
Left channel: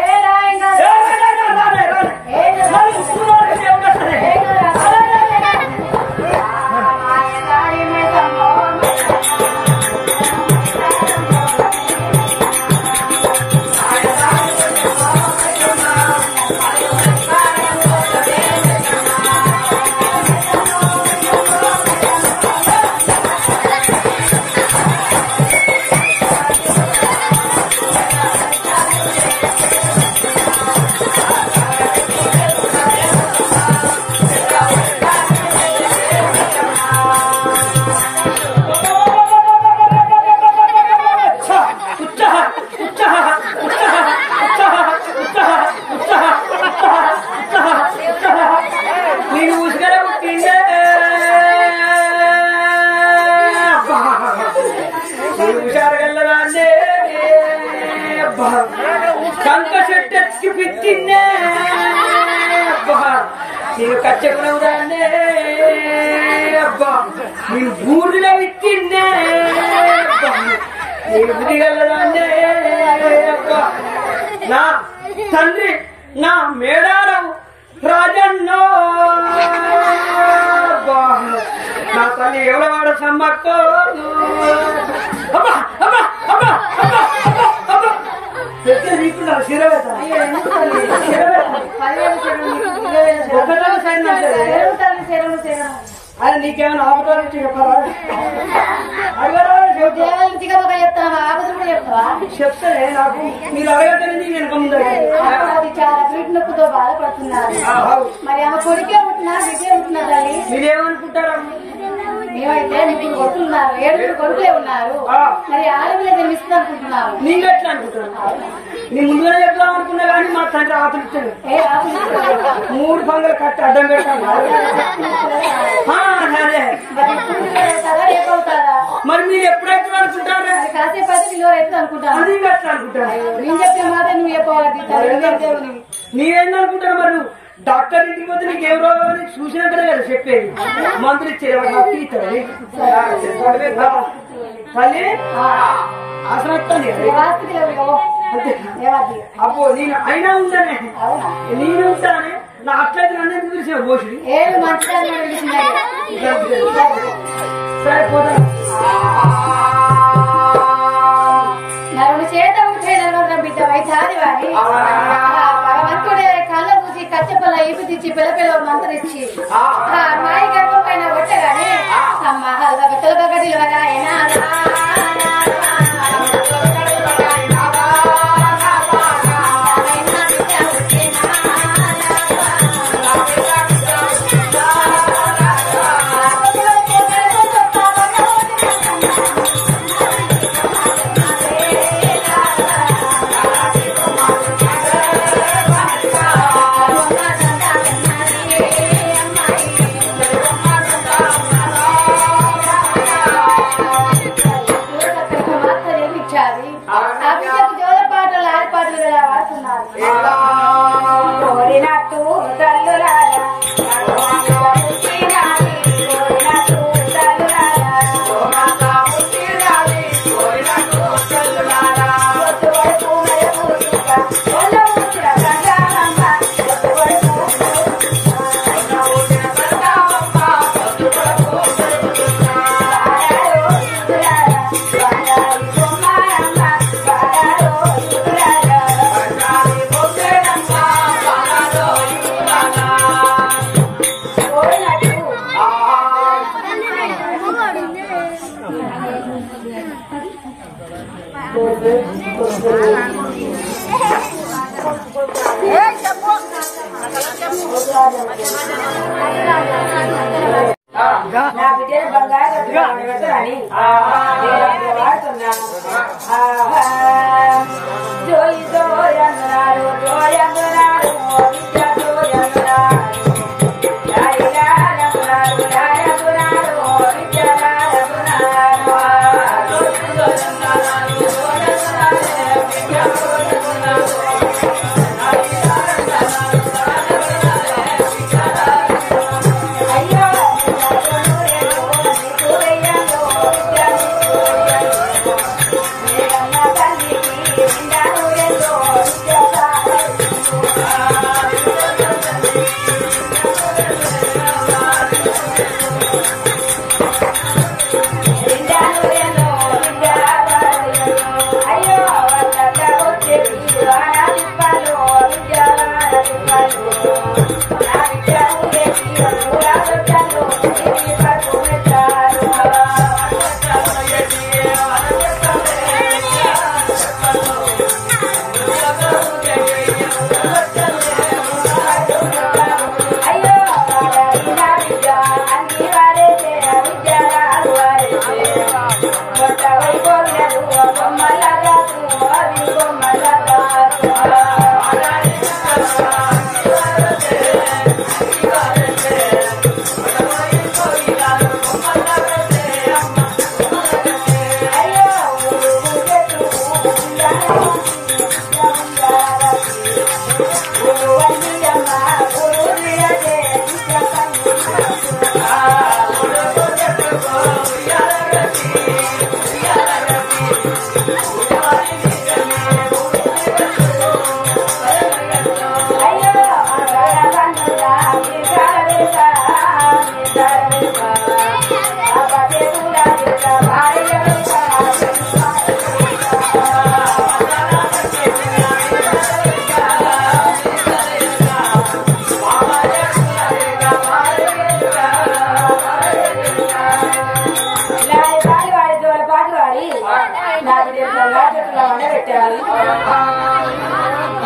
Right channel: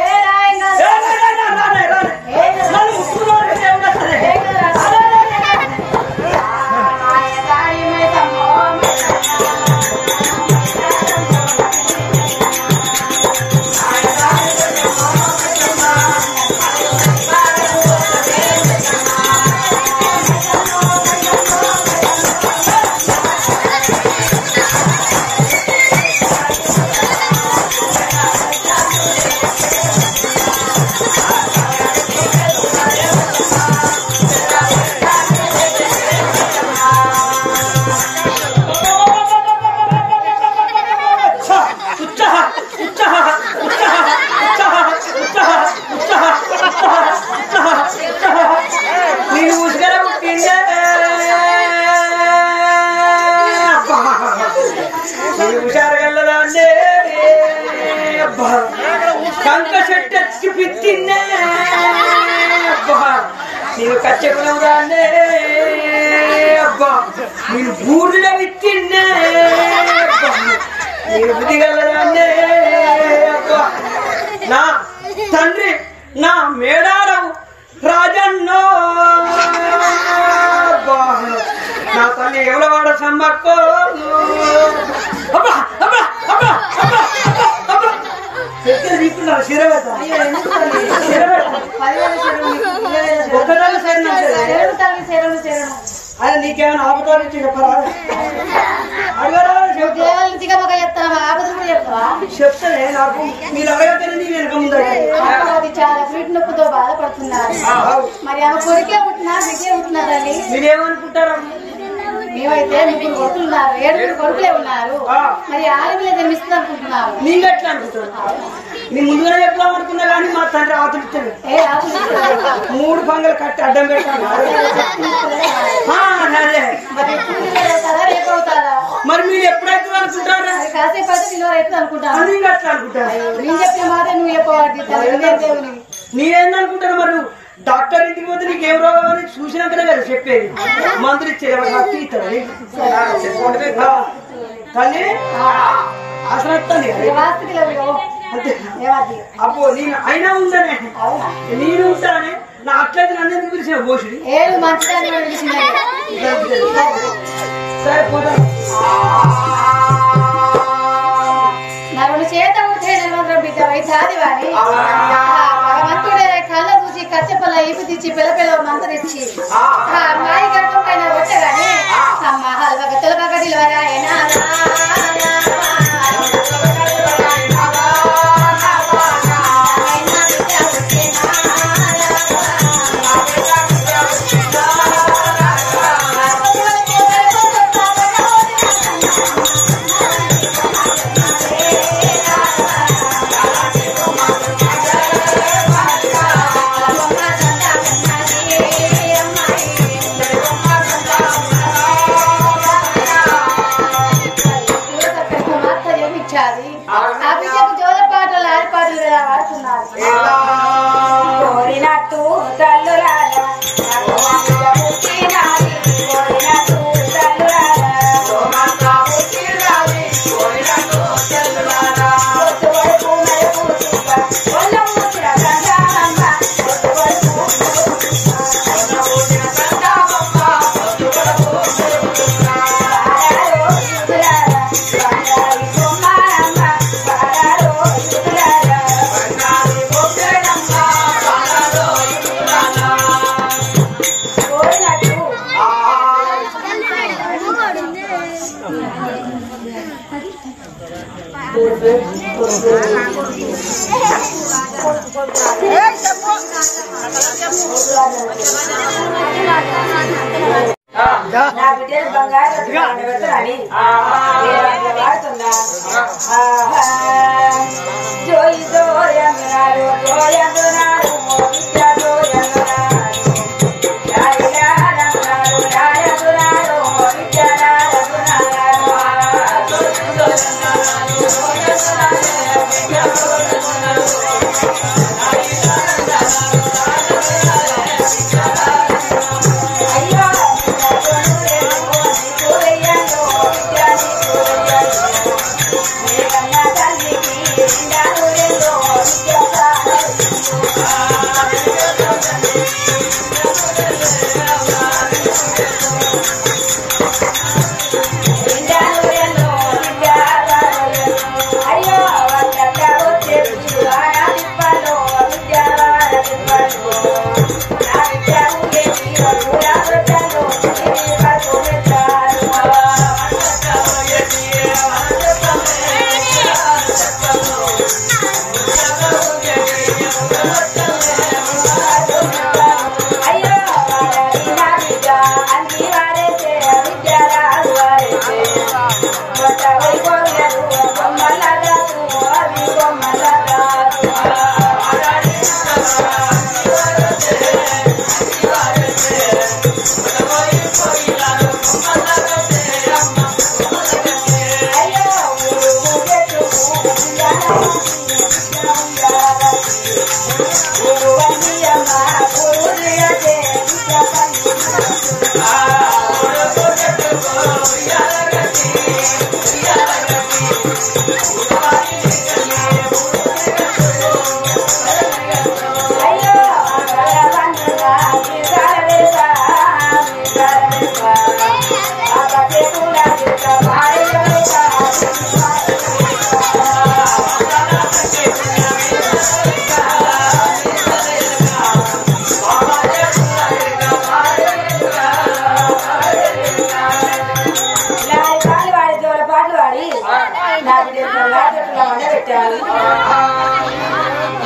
కంక చెట్టు పిచ్చిన్నే నేను కచ్చకునవుదాన్నే అబ్బా నేను బూడిన విచ్చిన్నే నేను బుదిగలదాన్నే అబ్బా నా తండ్రి నా మేడారం రాజన్నో అబ్బా నా తల్లి ఎవడవాడ సమ్మక్కో అబ్బా అబ్బా అబ్బా అబ్బా అబ్బా అది నీకేమైనా ఆపదాలు చెప్పరా? చెప్తానే నాకు మీరు అడగతానే నీ వెనక ముందు చాలా ఫీట్ నొప్పితో బాధపడుతున్నారు. మరి ఆమె కొడుకే ఉంటున్నారు, విజయ ఉంటున్నారని మీరేమనుకుంటారమ్మా? మేమైతే 3 కొడుకులు ఉన్నారు, 7 కొడుకులే ఉన్నారు. మరి ఆడ మీద జన్మిస్తుంది అనుకుంటున్నాము. నీకు ఎట్లా అనుకుంటున్నావు? నీ ముందుగానే చెప్దాం అనుకున్నా కానీ మా తండ్రి ఆతులు ఇచ్చాడు. 3 పంగలు కట్టి అడ్డం పెట్టాను. మరి మీరు ఎప్పుడైతే అనుకుంటారా? కాసేపు అయితే నిలవరైతే అనుకుంటాను. నీకు ఎట్లా అనుకుంటారు? నేను చెప్పిన మాట నువ్వు చెప్పవాలి. నేనేందనుకుంటాను? మరి నువ్వు డాక్టర్ ఇంటికి పోతే నీకు ఏం రోగం అని చూసినాకనే కదా చెప్పేది. మందులు ఇచ్చేది హక్కు ఇస్తాడు తల్లి అసలు వస్తుంది అంతే. అబ్బో నేను అయినా ఉంటానే, నేను ఉంటానే. నా అట్లయితే నన్ను ఎందుకు పిలిచిన భోషుడి? సరే పోతా. చేత ఉంటే బిడ్డ వైద్యాది వాడి భగవంతుడే కళ్ళ చూసి కచ్చపల్ల ఈపు తెచ్చి పిల్ల పిల్ల మంతరిచ్చి మాయి గర్భం పైన వచ్చగానే అమ్మ హల్వగ తొలగ నిలవరాయనా నా బిడ్డలు బంగారు పెట్టాలని వాడుతున్నా జోయి జోయందునాడు జోయందునాడు విద్య జోయందునాడు లారందునాడు లారందునాడు విద్య లారందునాడు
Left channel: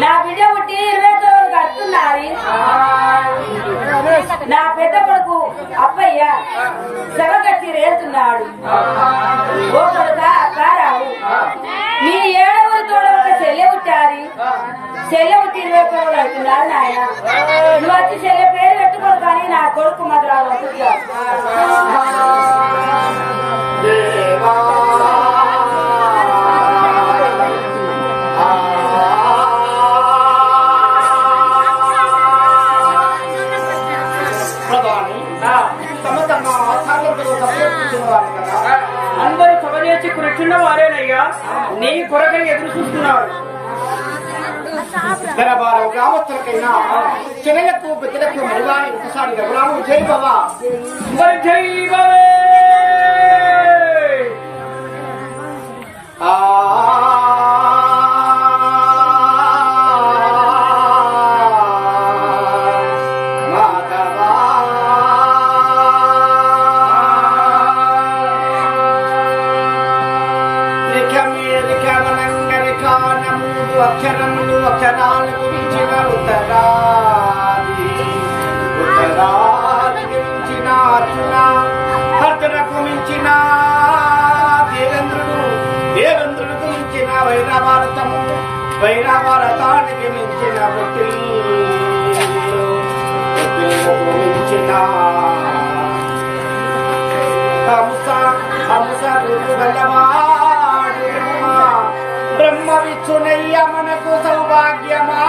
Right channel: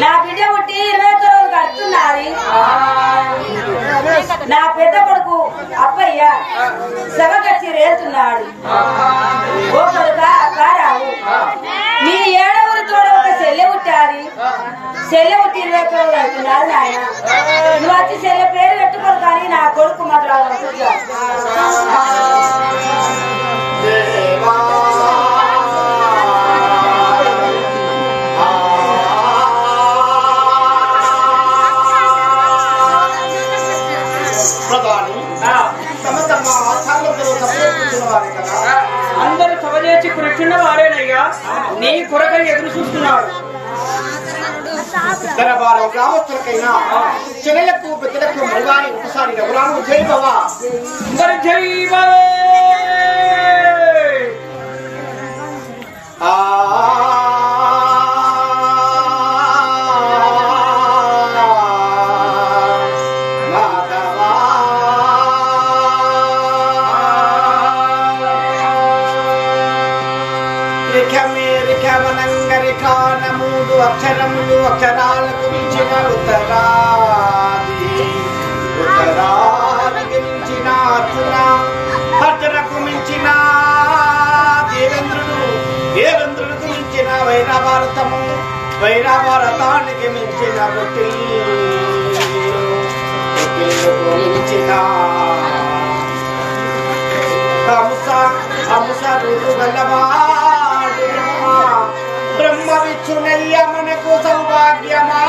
నా బిడ్డ పుట్టి 20 రోజులు కడుతున్నది. నా పెద్ద కొడుకు అప్పయ్య సగకచ్చి రేస్తున్నాడు. ఓ కొడుక అప్పారావు, నీ 7వ తోడ ఒక చెల్లె పుట్టాది. చెల్లె పుట్టి 20 రోజులు అవుతున్నారు నాయన. నువ్వు వచ్చి చెల్లె పేరు పెట్టుకోరు కానీ నా కొడుకు మాత్రం అందరూ సభ చేసి కూర్చున్న వారేనయ్యా, నీ కొరకై ఎదురు చూస్తున్నాడు. దరబారం గ్రామస్తులకైనా చిన్నలకు పెద్దలకు మరివారి ఒకసారి రఘురాము జై బాబా జై బాబే. మూడు అక్షరములు అక్షరాలకు మించిన ఉత్తరాదికి మించిన అర్జున, అర్జునకు మించిన దేవేంద్రుడికి మించిన వైరాభారతము, వైరాభారతానికి మించిన బొట్టిల్లుకు మించిన హంస రూపు గల్లవాడు బ్రహ్మ విచ్చునయ్య మనకు సౌభాగ్యమా.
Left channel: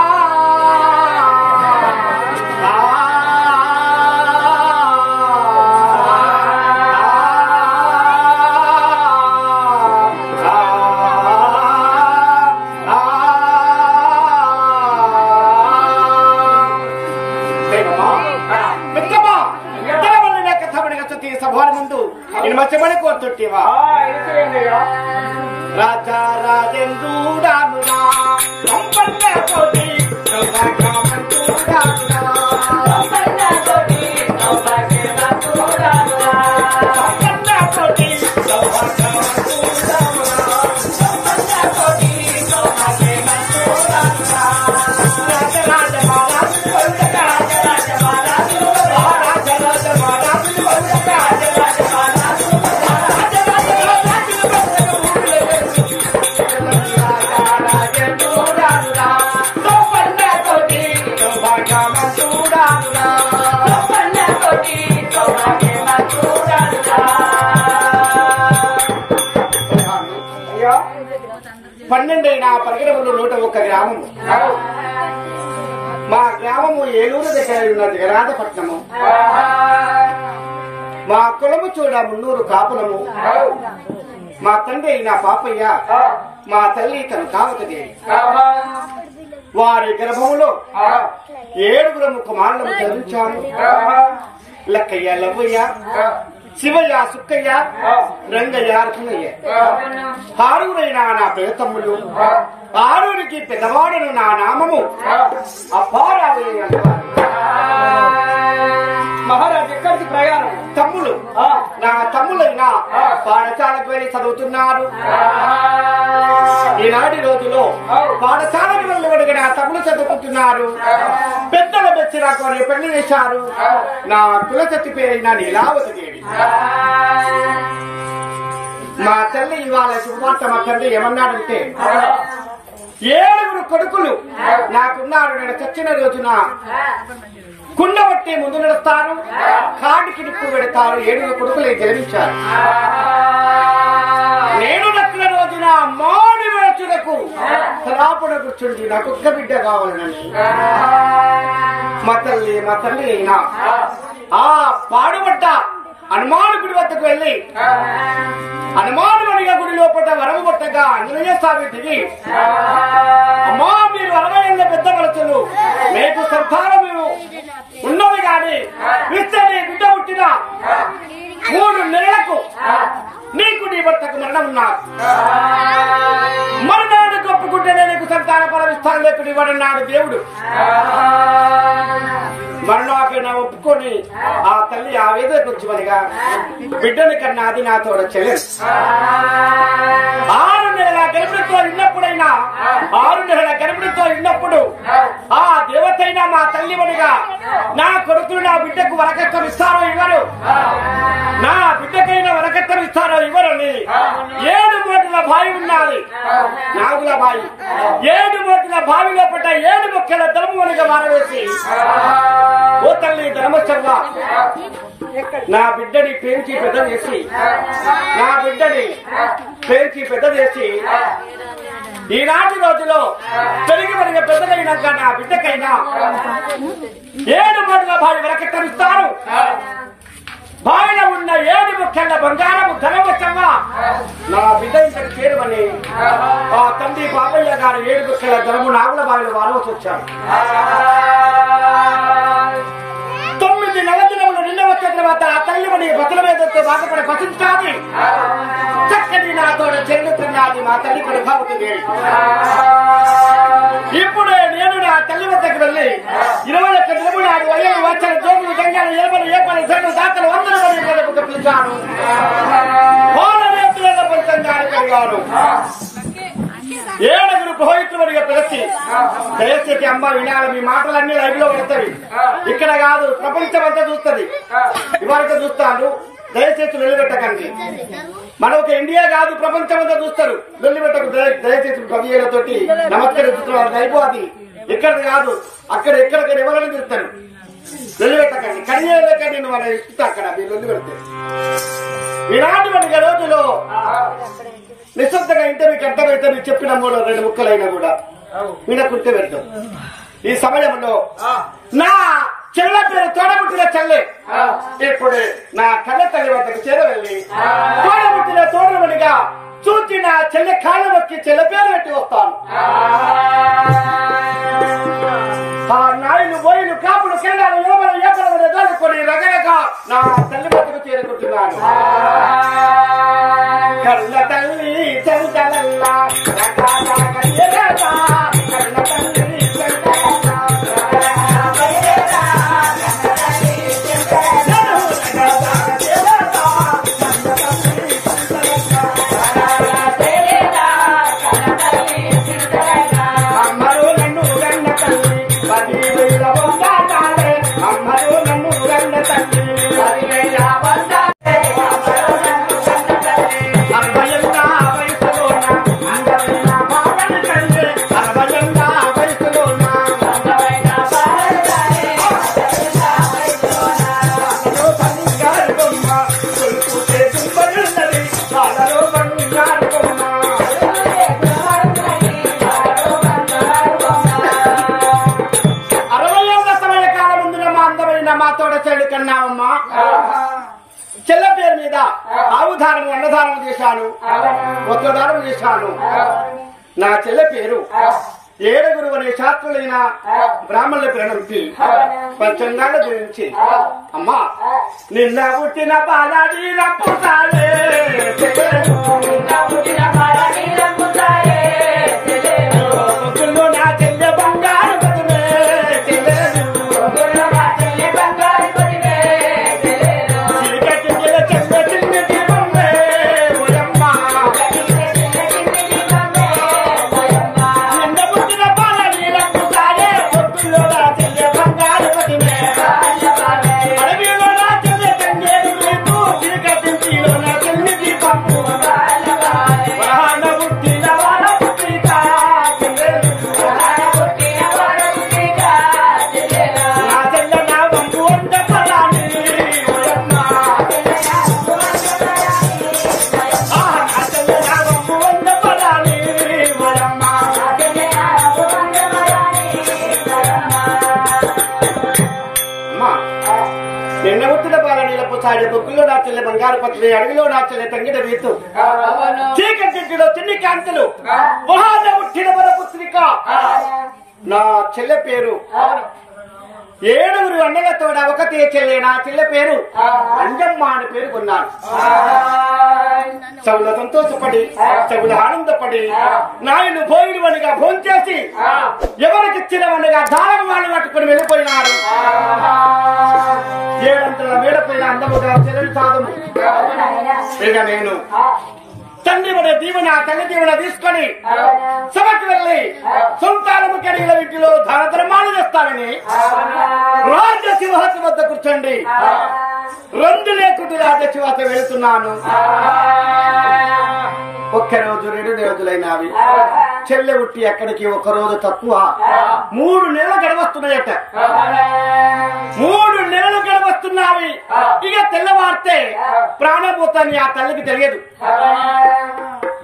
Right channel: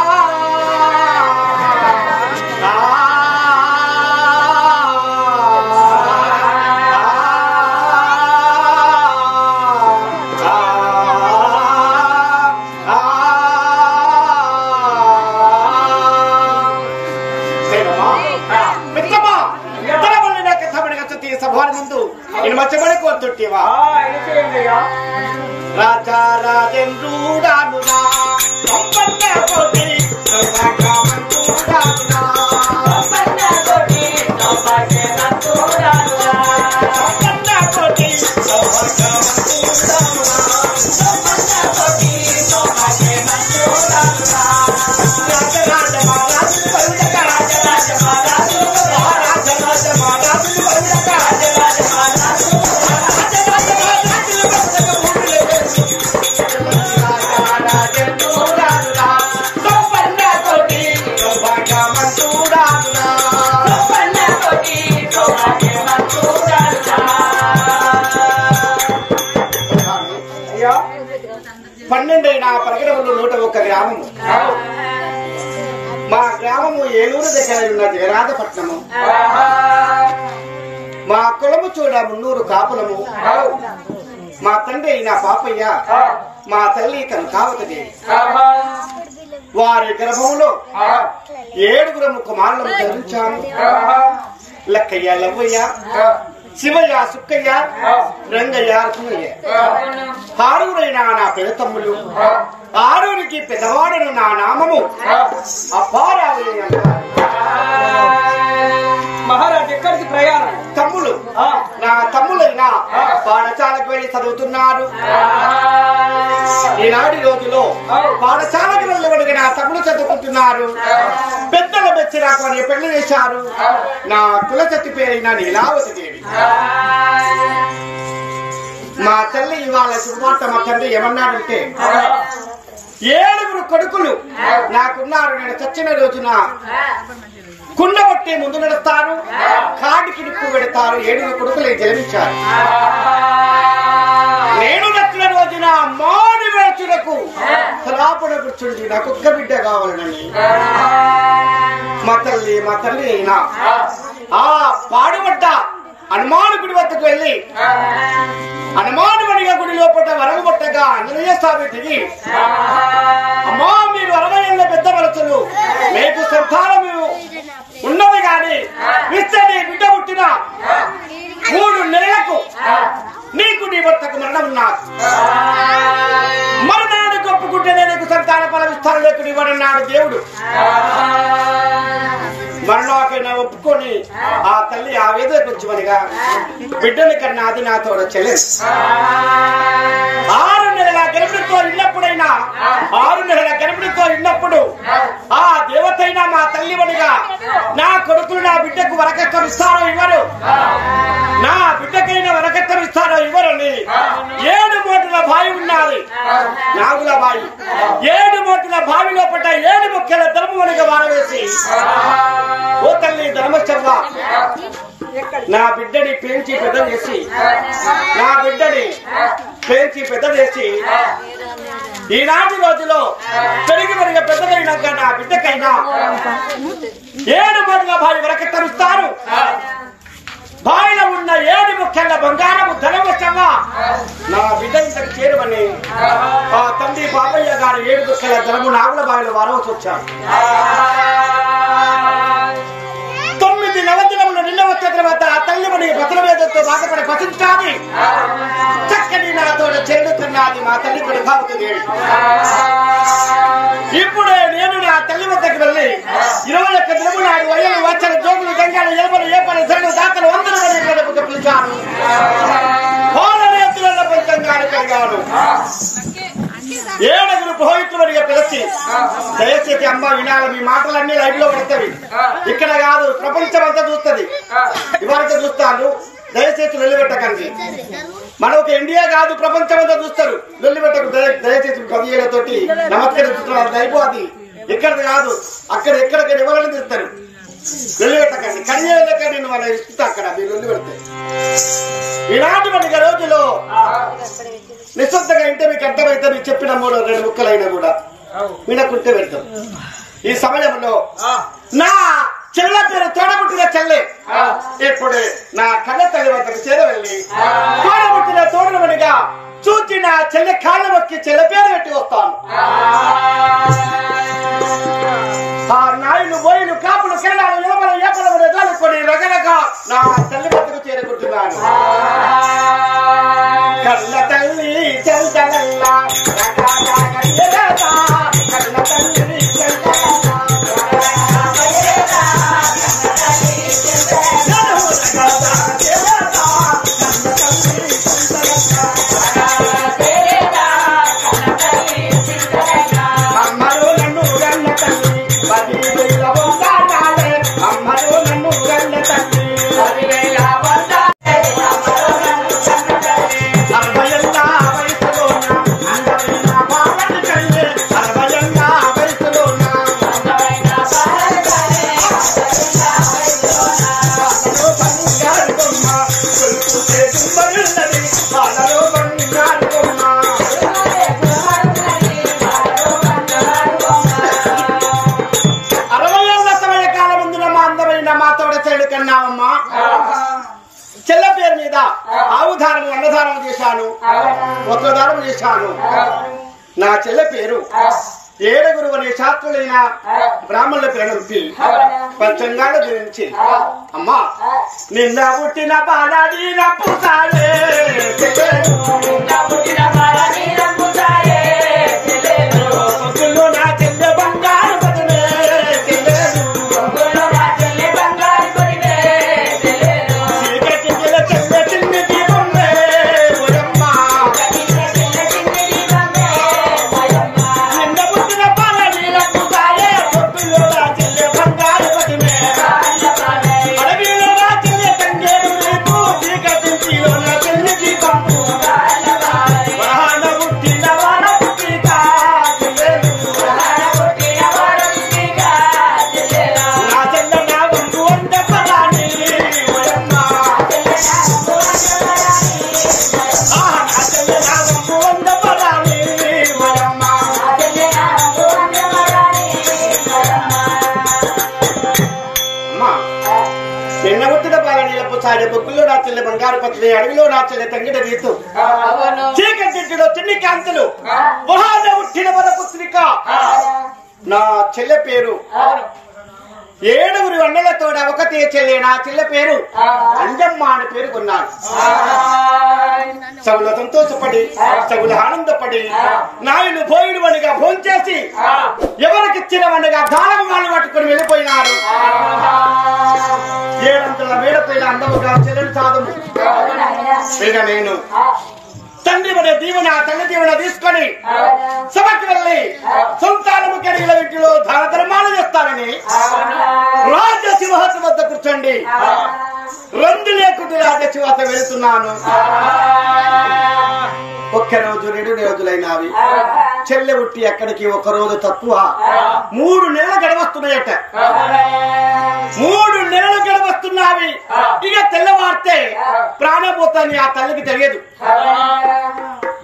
సభాని ముందు నేను మచ్చమని కోరుతుంటేవా రాజా రాజేంద్రుడానురా సంపన్న కోటి సౌభాగ్యవంతుడానురా సంపన్న కోటి సౌభాగ్యవంతుడానురా సంపన్న కోటి సౌభాగ్యవంతుడానురా సంపన్న 12 పరిగణములు 101 గ్రామము. మా గ్రామము ఏలూరు దగ్గర ఉన్న జగన్నాథపట్నము. మా కులము చూడ 300 కాపులము. మా తండ్రి అయిన పాపయ్య, మా తల్లి కనకావతదేవి. వారి గర్భములో 7 కుమారులను ధరించాము. లక్కయ్య, లవ్వయ్య, శివయ్య, సుక్కయ్య, రంగయ్య, రత్నయ్య. 6 నా ప్రియతమ్ములు. 6 పెద్దవాడను నా నామము అప్పారావయ్య అంటారు. మహారాజ్ ఎక్కడికి ప్రయాణం? తమ్ములు, నా తమ్ములైనా పాఠశాలకు వెళ్లి చదువుతున్నారు. ఈనాటి రోజులో పాఠశాలకు వెళ్ళి నా తమ్ముడు చదువుకుంటున్నారు. పెద్దల బెచ్చిరాకు అని పెళ్లి చేశారు. నా కులసతి పేరైన నీలావతి దేవి. మా తల్లి ఇవాళ శుభవార్త మా తండ్రి ఏమన్నాడంటే 7 కొడుకులు నాకున్నారు. నేను చచ్చిన రోజున కుండబట్టి ముందు నడుస్తారు, కాడికి నిప్పు పెడతారు. 7 కొడుకులే జన్మించారు. నేను నచ్చిన రోజున మాడి వేచులకు తలాపున కూర్చుండి నాకు ఒక్క బిడ్డ కావాలని మా తల్లి అయినా ఆ పాడుబడ్డ హనుమాను గుడి వద్దకు వెళ్ళి హనుమానుమణిగా గుడి లోపల వరము పట్టగా ఆంజనేయ స్వామి దిగి, అమ్మా మీరు 60 ఏళ్ల పెద్ద మనసులు, మీకు సంతానము ఉన్నది గాని విస్తని బిడ్డ పుట్టిన 3 నెలలకు నీకు నీ భర్తకు మరణం ఉన్నారు. మరణాన్ని ఒప్పుకుంటేనే నీకు సంతాన ఫలం ఇస్తాను, లేకు ఇవ్వడన్నాడు దేవుడు. మరణాకైనా ఒప్పుకొని ఆ తల్లి ఆవేదనకు వచ్చుమనిగా బిడ్డని కన్నా అది నా తోడ చెల్లెలు. 6 నెలల గర్భిణితో ఉన్నప్పుడైనా 6 నెలల గర్భిణితో ఉన్నప్పుడు ఆ దేవతైనా మా తల్లివనిగా నా కొడుకులు నా బిడ్డకు వరకట్నం ఇస్తారో ఇవ్వరు, నా బిడ్డకైనా వరకట్నం ఇస్తారో ఇవ్వరని 7 మోటుల బావి ఉన్నది నాగుల బావి. 7 మోటుల బావి లోపల 7 ముఖ్యల ధర్మమునిగా మారవేసి, ఓ తల్లి ధర్మశర్మ నా బిడ్డని పెంచి పెద్ద చేసి ఈనాటి రోజులో పెరిగి పెద్దగైనాక నా బిడ్డకైనా 7 మోటుల బావి వరకట్టరుస్తారు. బావిలో ఉన్న 7 ముఖ్యంగా బంగారము ధనవశంగా నా బిడ్డ ఇంతకు చేరువని ఆ తండ్రి పాపయ్య గారు 7 ముఖ్యల ధనము నాగుల బావిలో వారవసి వచ్చారు. 9 నవదినములు నిన్న వచ్చిన తర్వాత ఆ తల్లిమని బతుల వేదంతో బాధపడి పసించాది. చక్కని నాతోడ చెల్లుతున్నది మా తల్లి కనకావతదేవి. ఇప్పుడే నేను నా తల్లి వద్దకు వెళ్ళి 21 దినము నాడు అయ్యలు వచ్చలు జోగులు దంగాలు ఎలబలు ఏపలు సైడు దాతలు 100 మంది పిలిచాను. పోలనేతులలో పంచంగాను కలిగాను. 7 పురోహితులుగా పిలిచి, దయచేసి అమ్మ వినాలి, మీ మాటలన్నీ లైవ్ లో పడతాయి, ఇక్కడ కాదు ప్రపంచం అంతా చూస్తుంది, ఇవరకు చూస్తాను, దయచేసి లొల్లిపెట్టకండి. మన ఒక ఇండియా కాదు ప్రపంచం అంతా చూస్తారు, లొల్లిపెట్టకు దయచేసి కవియలతోటి నమస్కరిస్తున్నారు. లైవ్ అది ఇక్కడ కాదు, అక్కడ ఎక్కడిక్కడ ఎవరైనా తీస్తారు, లొల్లిపెట్టకండి. కడియలక నేను వాళ్ళ ఇస్తా అక్కడ మీరు లొల్లి పెడతారు. ఈనాటి మనకి రోజులో నిశ్శబ్దంగా ఇంటే మీకు అర్థమైతే మీకు చెప్పిన 3-2 ముక్కలైనా కూడా వినకుంటే పెడతాం. ఈ సమయంలో నా చెల్ల పేరు తోడబుట్టిన చెల్లె ఇప్పుడు నా కన్న తల్లి వద్దకు చేరవెళ్ళి తోడబుట్టిన తోడమనిగా చూచి నా చెల్లె కాళ్ళ మొక్కి చెల్ల పేరు పెట్టి వస్తాను. ఆ నాయులు బోయిలు కాపులు కెరడాలు ఎలబలు ఏపలు ఎదాలుకొని రగరగ నా తల్లి వద్దకు చేరుకుంటున్నాను. కన్న తల్లి చల్దలల్లా కన్న తల్లి అమ్మరు నన్ను గన్న తల్లి 10,000 వందాలే, అమ్మరు నన్ను గన్న తల్లి 10,000 వందాలే, 60 ఏళ్ళ వయసులోన అందమైన బాలని కళ్ళే, 60 ఏళ్ళ వయసులోన అందమైన బాలని కళ్ళే, బాలలో బంగారు బొమ్మ కొలుపుతే దుంబలున్నది, బాలలో బంగారు బొమ్మ కన్నావమ్మా చెల్ల పేరు మీద ఆవుదానము అన్నదానం చేశాను, వస్త్రదానం చేశాను. నా చెల్ల పేరు ఏడుగురు అనే శాస్త్రులైన బ్రాహ్మణుల పేరంపి పంచంగాల గురించి అమ్మా నిన్న పుట్టిన బాలాడి రంపుతాయే నా చెల్లె బంగారు పదమే నిన్న పుట్టిన బాలనీలపు సాగే బొగ్గుల్లో నా చెల్లె బంగారు పత్రి అడవిలో నా చెల్లె తంగిడ రీతు చీకటిలో చిన్ని కాంతులు మహాన పుట్టిన మన పుత్రిక నా చెల్లె పేరు ఏడుగురు అన్నలతో ఒకతే చెల్లె నా చెల్లె పేరు అంజమ్మ అని పేరు కొన్నాను. సౌల సంతోషపడి సౌల ఆనందపడి నాయను పోయినవనిగా భోంచేసి ఎవరికిచ్చినవనిగా దానం వాళ్ళు పట్టుకుని వెళ్ళిపోయినారు. ఏడంతల మేడపైన అందముగా చెల్లెలు సాధము ఇక నేను తండ్రి మన దీవెన తల్లి దీవెన తీసుకొని సభకి వెళ్ళి సంతానము కలిగిన వీటిలో దాన ధర్మాలు చేస్తానని రాజశివాస వద్ద కూర్చోండి. రెండు లేకుండా రాజశివాస వెళుతున్నాను. ఒక్క రోజు 2 రోజులైనవి. చెల్లె ఉట్టి అక్కడికి 1 రోజు తక్కువ 3 నెలలు గడవస్తున్నాయట. 3 నెలలు గడవస్తున్నావి. ఇక తెల్లవారితే ప్రాణపోతాని ఆ తల్లికి తెలియదు.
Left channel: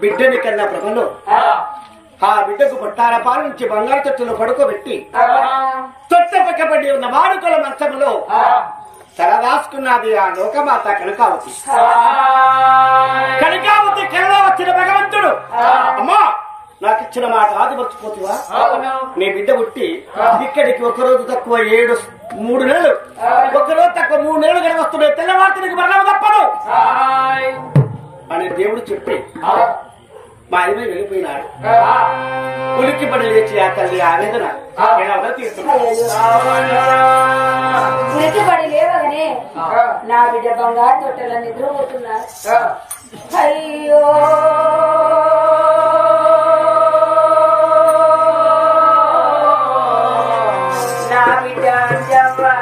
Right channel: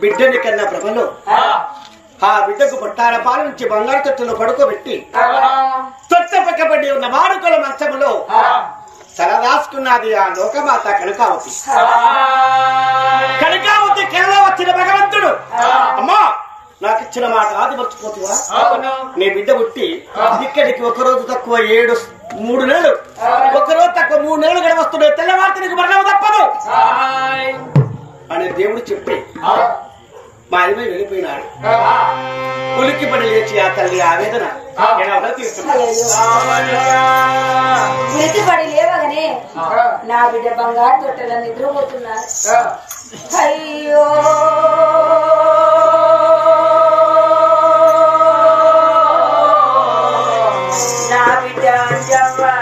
బిడ్డని కన్నా ప్రభలో ఆ బిడ్డకు పొట్టార పాల నుంచి బంగారు తొట్టులో పడుకోబెట్టి తొట్ట పక్కబడి ఉన్న వాడుకల మంచములో తలదాసుకున్నది ఆ లోకమాత కనకావతి. కనకావతి కలలో వచ్చిన భగవంతుడు అమ్మా నాకు ఇచ్చిన మాట ఆది మర్చిపోతువా? నీ బిడ్డ పుట్టి ఇక్కడికి 1 రోజు తక్కువ 3 నెలలు 1 రోజు తక్కువ 3 నెలలు గడవస్తున్నాయి. తెల్లవారితే నీకు మరణం తప్పదు అని దేవుడు చెప్పి మా అమ్మాయి వెళ్ళిపోయినాడు. ఉలిక్కి పడి లేచి ఆ తల్లి ఆవేదన ఎలా తీస్తున్నాడు. ఉలిక్కి పడి లేవగానే నా బిడ్డ బంగారు తొట్టెల నిద్రపోతున్నారు. అయ్యో నా బిడ్డ అంజవ్వా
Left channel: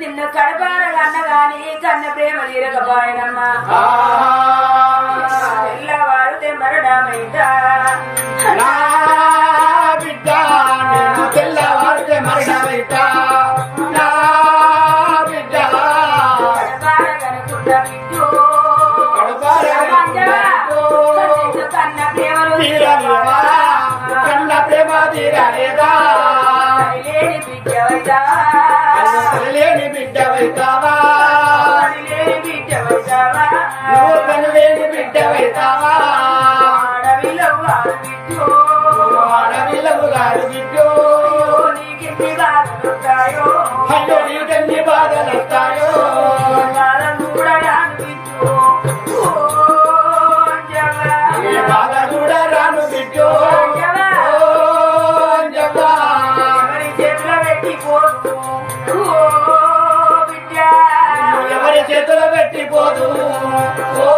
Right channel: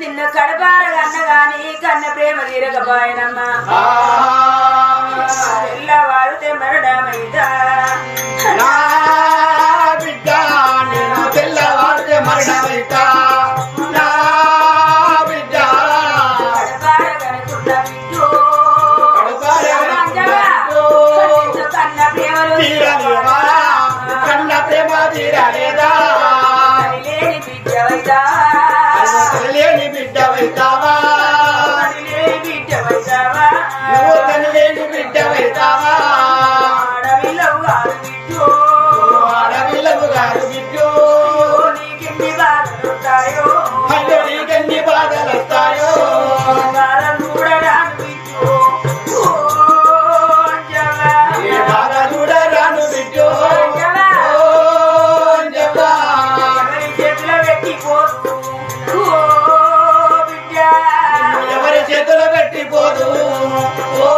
నిన్ను కడబారగా అన్నగాని కన్న ప్రేమ తీరకపోయినమ్మా ఎల్లవారు తెమ్మరడమైందా నా బిడ్డ నేను తెల్లవారితే మరణమైతా నా బిడ్డ కడబారగనుకున్న బిడ్డు కన్న ప్రేమ తీరలేవా కన్న ప్రేమ తీరలేదా లేని బిడ్డ లేని బిడ్డ వైతావా నువ్వు తనలేని బిడ్డ వైతావా అడవిలవు గారు బిడ్డు అయ్యో నీకెన్ని బాధలు వస్తాయో నీ బాధ కూడా రాను బిడ్డు ఎవరి చేతులు పెట్టిపోదు ఓ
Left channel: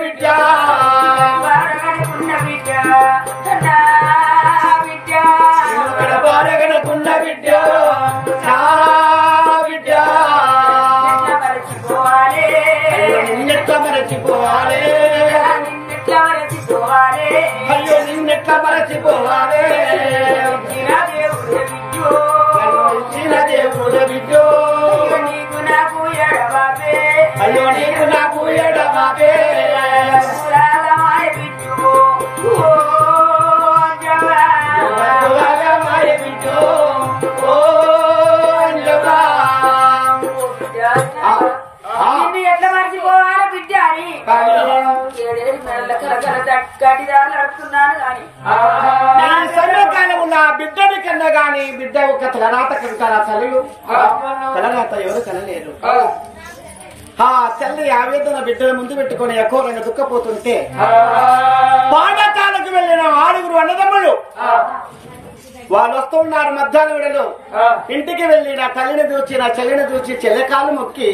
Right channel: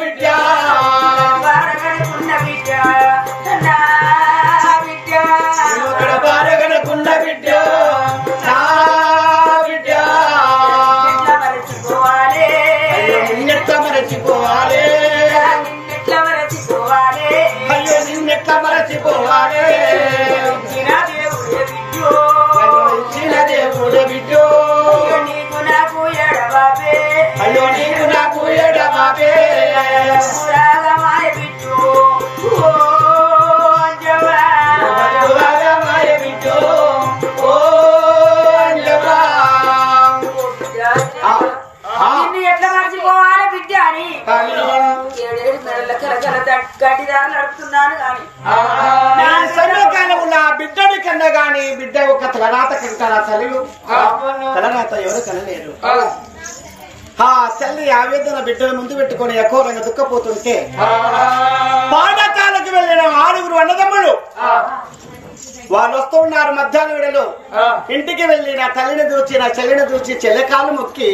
బిడ్డ ఇక్కడ బారగనకున్న బిడ్డ నా బిడ్డ అయ్యో నిన్నెట్లా మరచిపోవాలి అయ్యో నిన్నెట్లా మరచిపోవాలి నన్ను ఇచ్చిన దేవుడే బిడ్డ నీకు నాకు ఎడబాబే అయ్యో నీకు నాకు ఎడమాపే రాగమాయ బిడ్డు ఓ అంజవా మాయ బిడ్డో ఓ అంజవా. నిన్ను ఎట్లా మర్చిపోవాలి బిడ్డ అని కానీ 7 నెలల కలకల గడ్డిదారు నడుపుతున్నాను కానీ నీ సమయకాలంలో బిడ్డని కన్నా గాని బిడ్డ ఒక తలరాత కంటారా తల్లులు తలరాత ఎవరు కనలేరు. ఆ తల్లి ఆవేదన బిడ్డల ముందు పెట్టుకొని ఎకోరంగా దుఃఖపోతుంటే పాఠశాలకు వెళ్ళిన 6 అన్నదమ్ములు వాళ్ళు వస్తూ ఉన్నారు. మధ్యాహ్నం వేళలో ఇంటికి వెళ్ళి నా తల్లిని దూచి నా చెల్లిని దూచి చెల్లెకాలు మొక్కి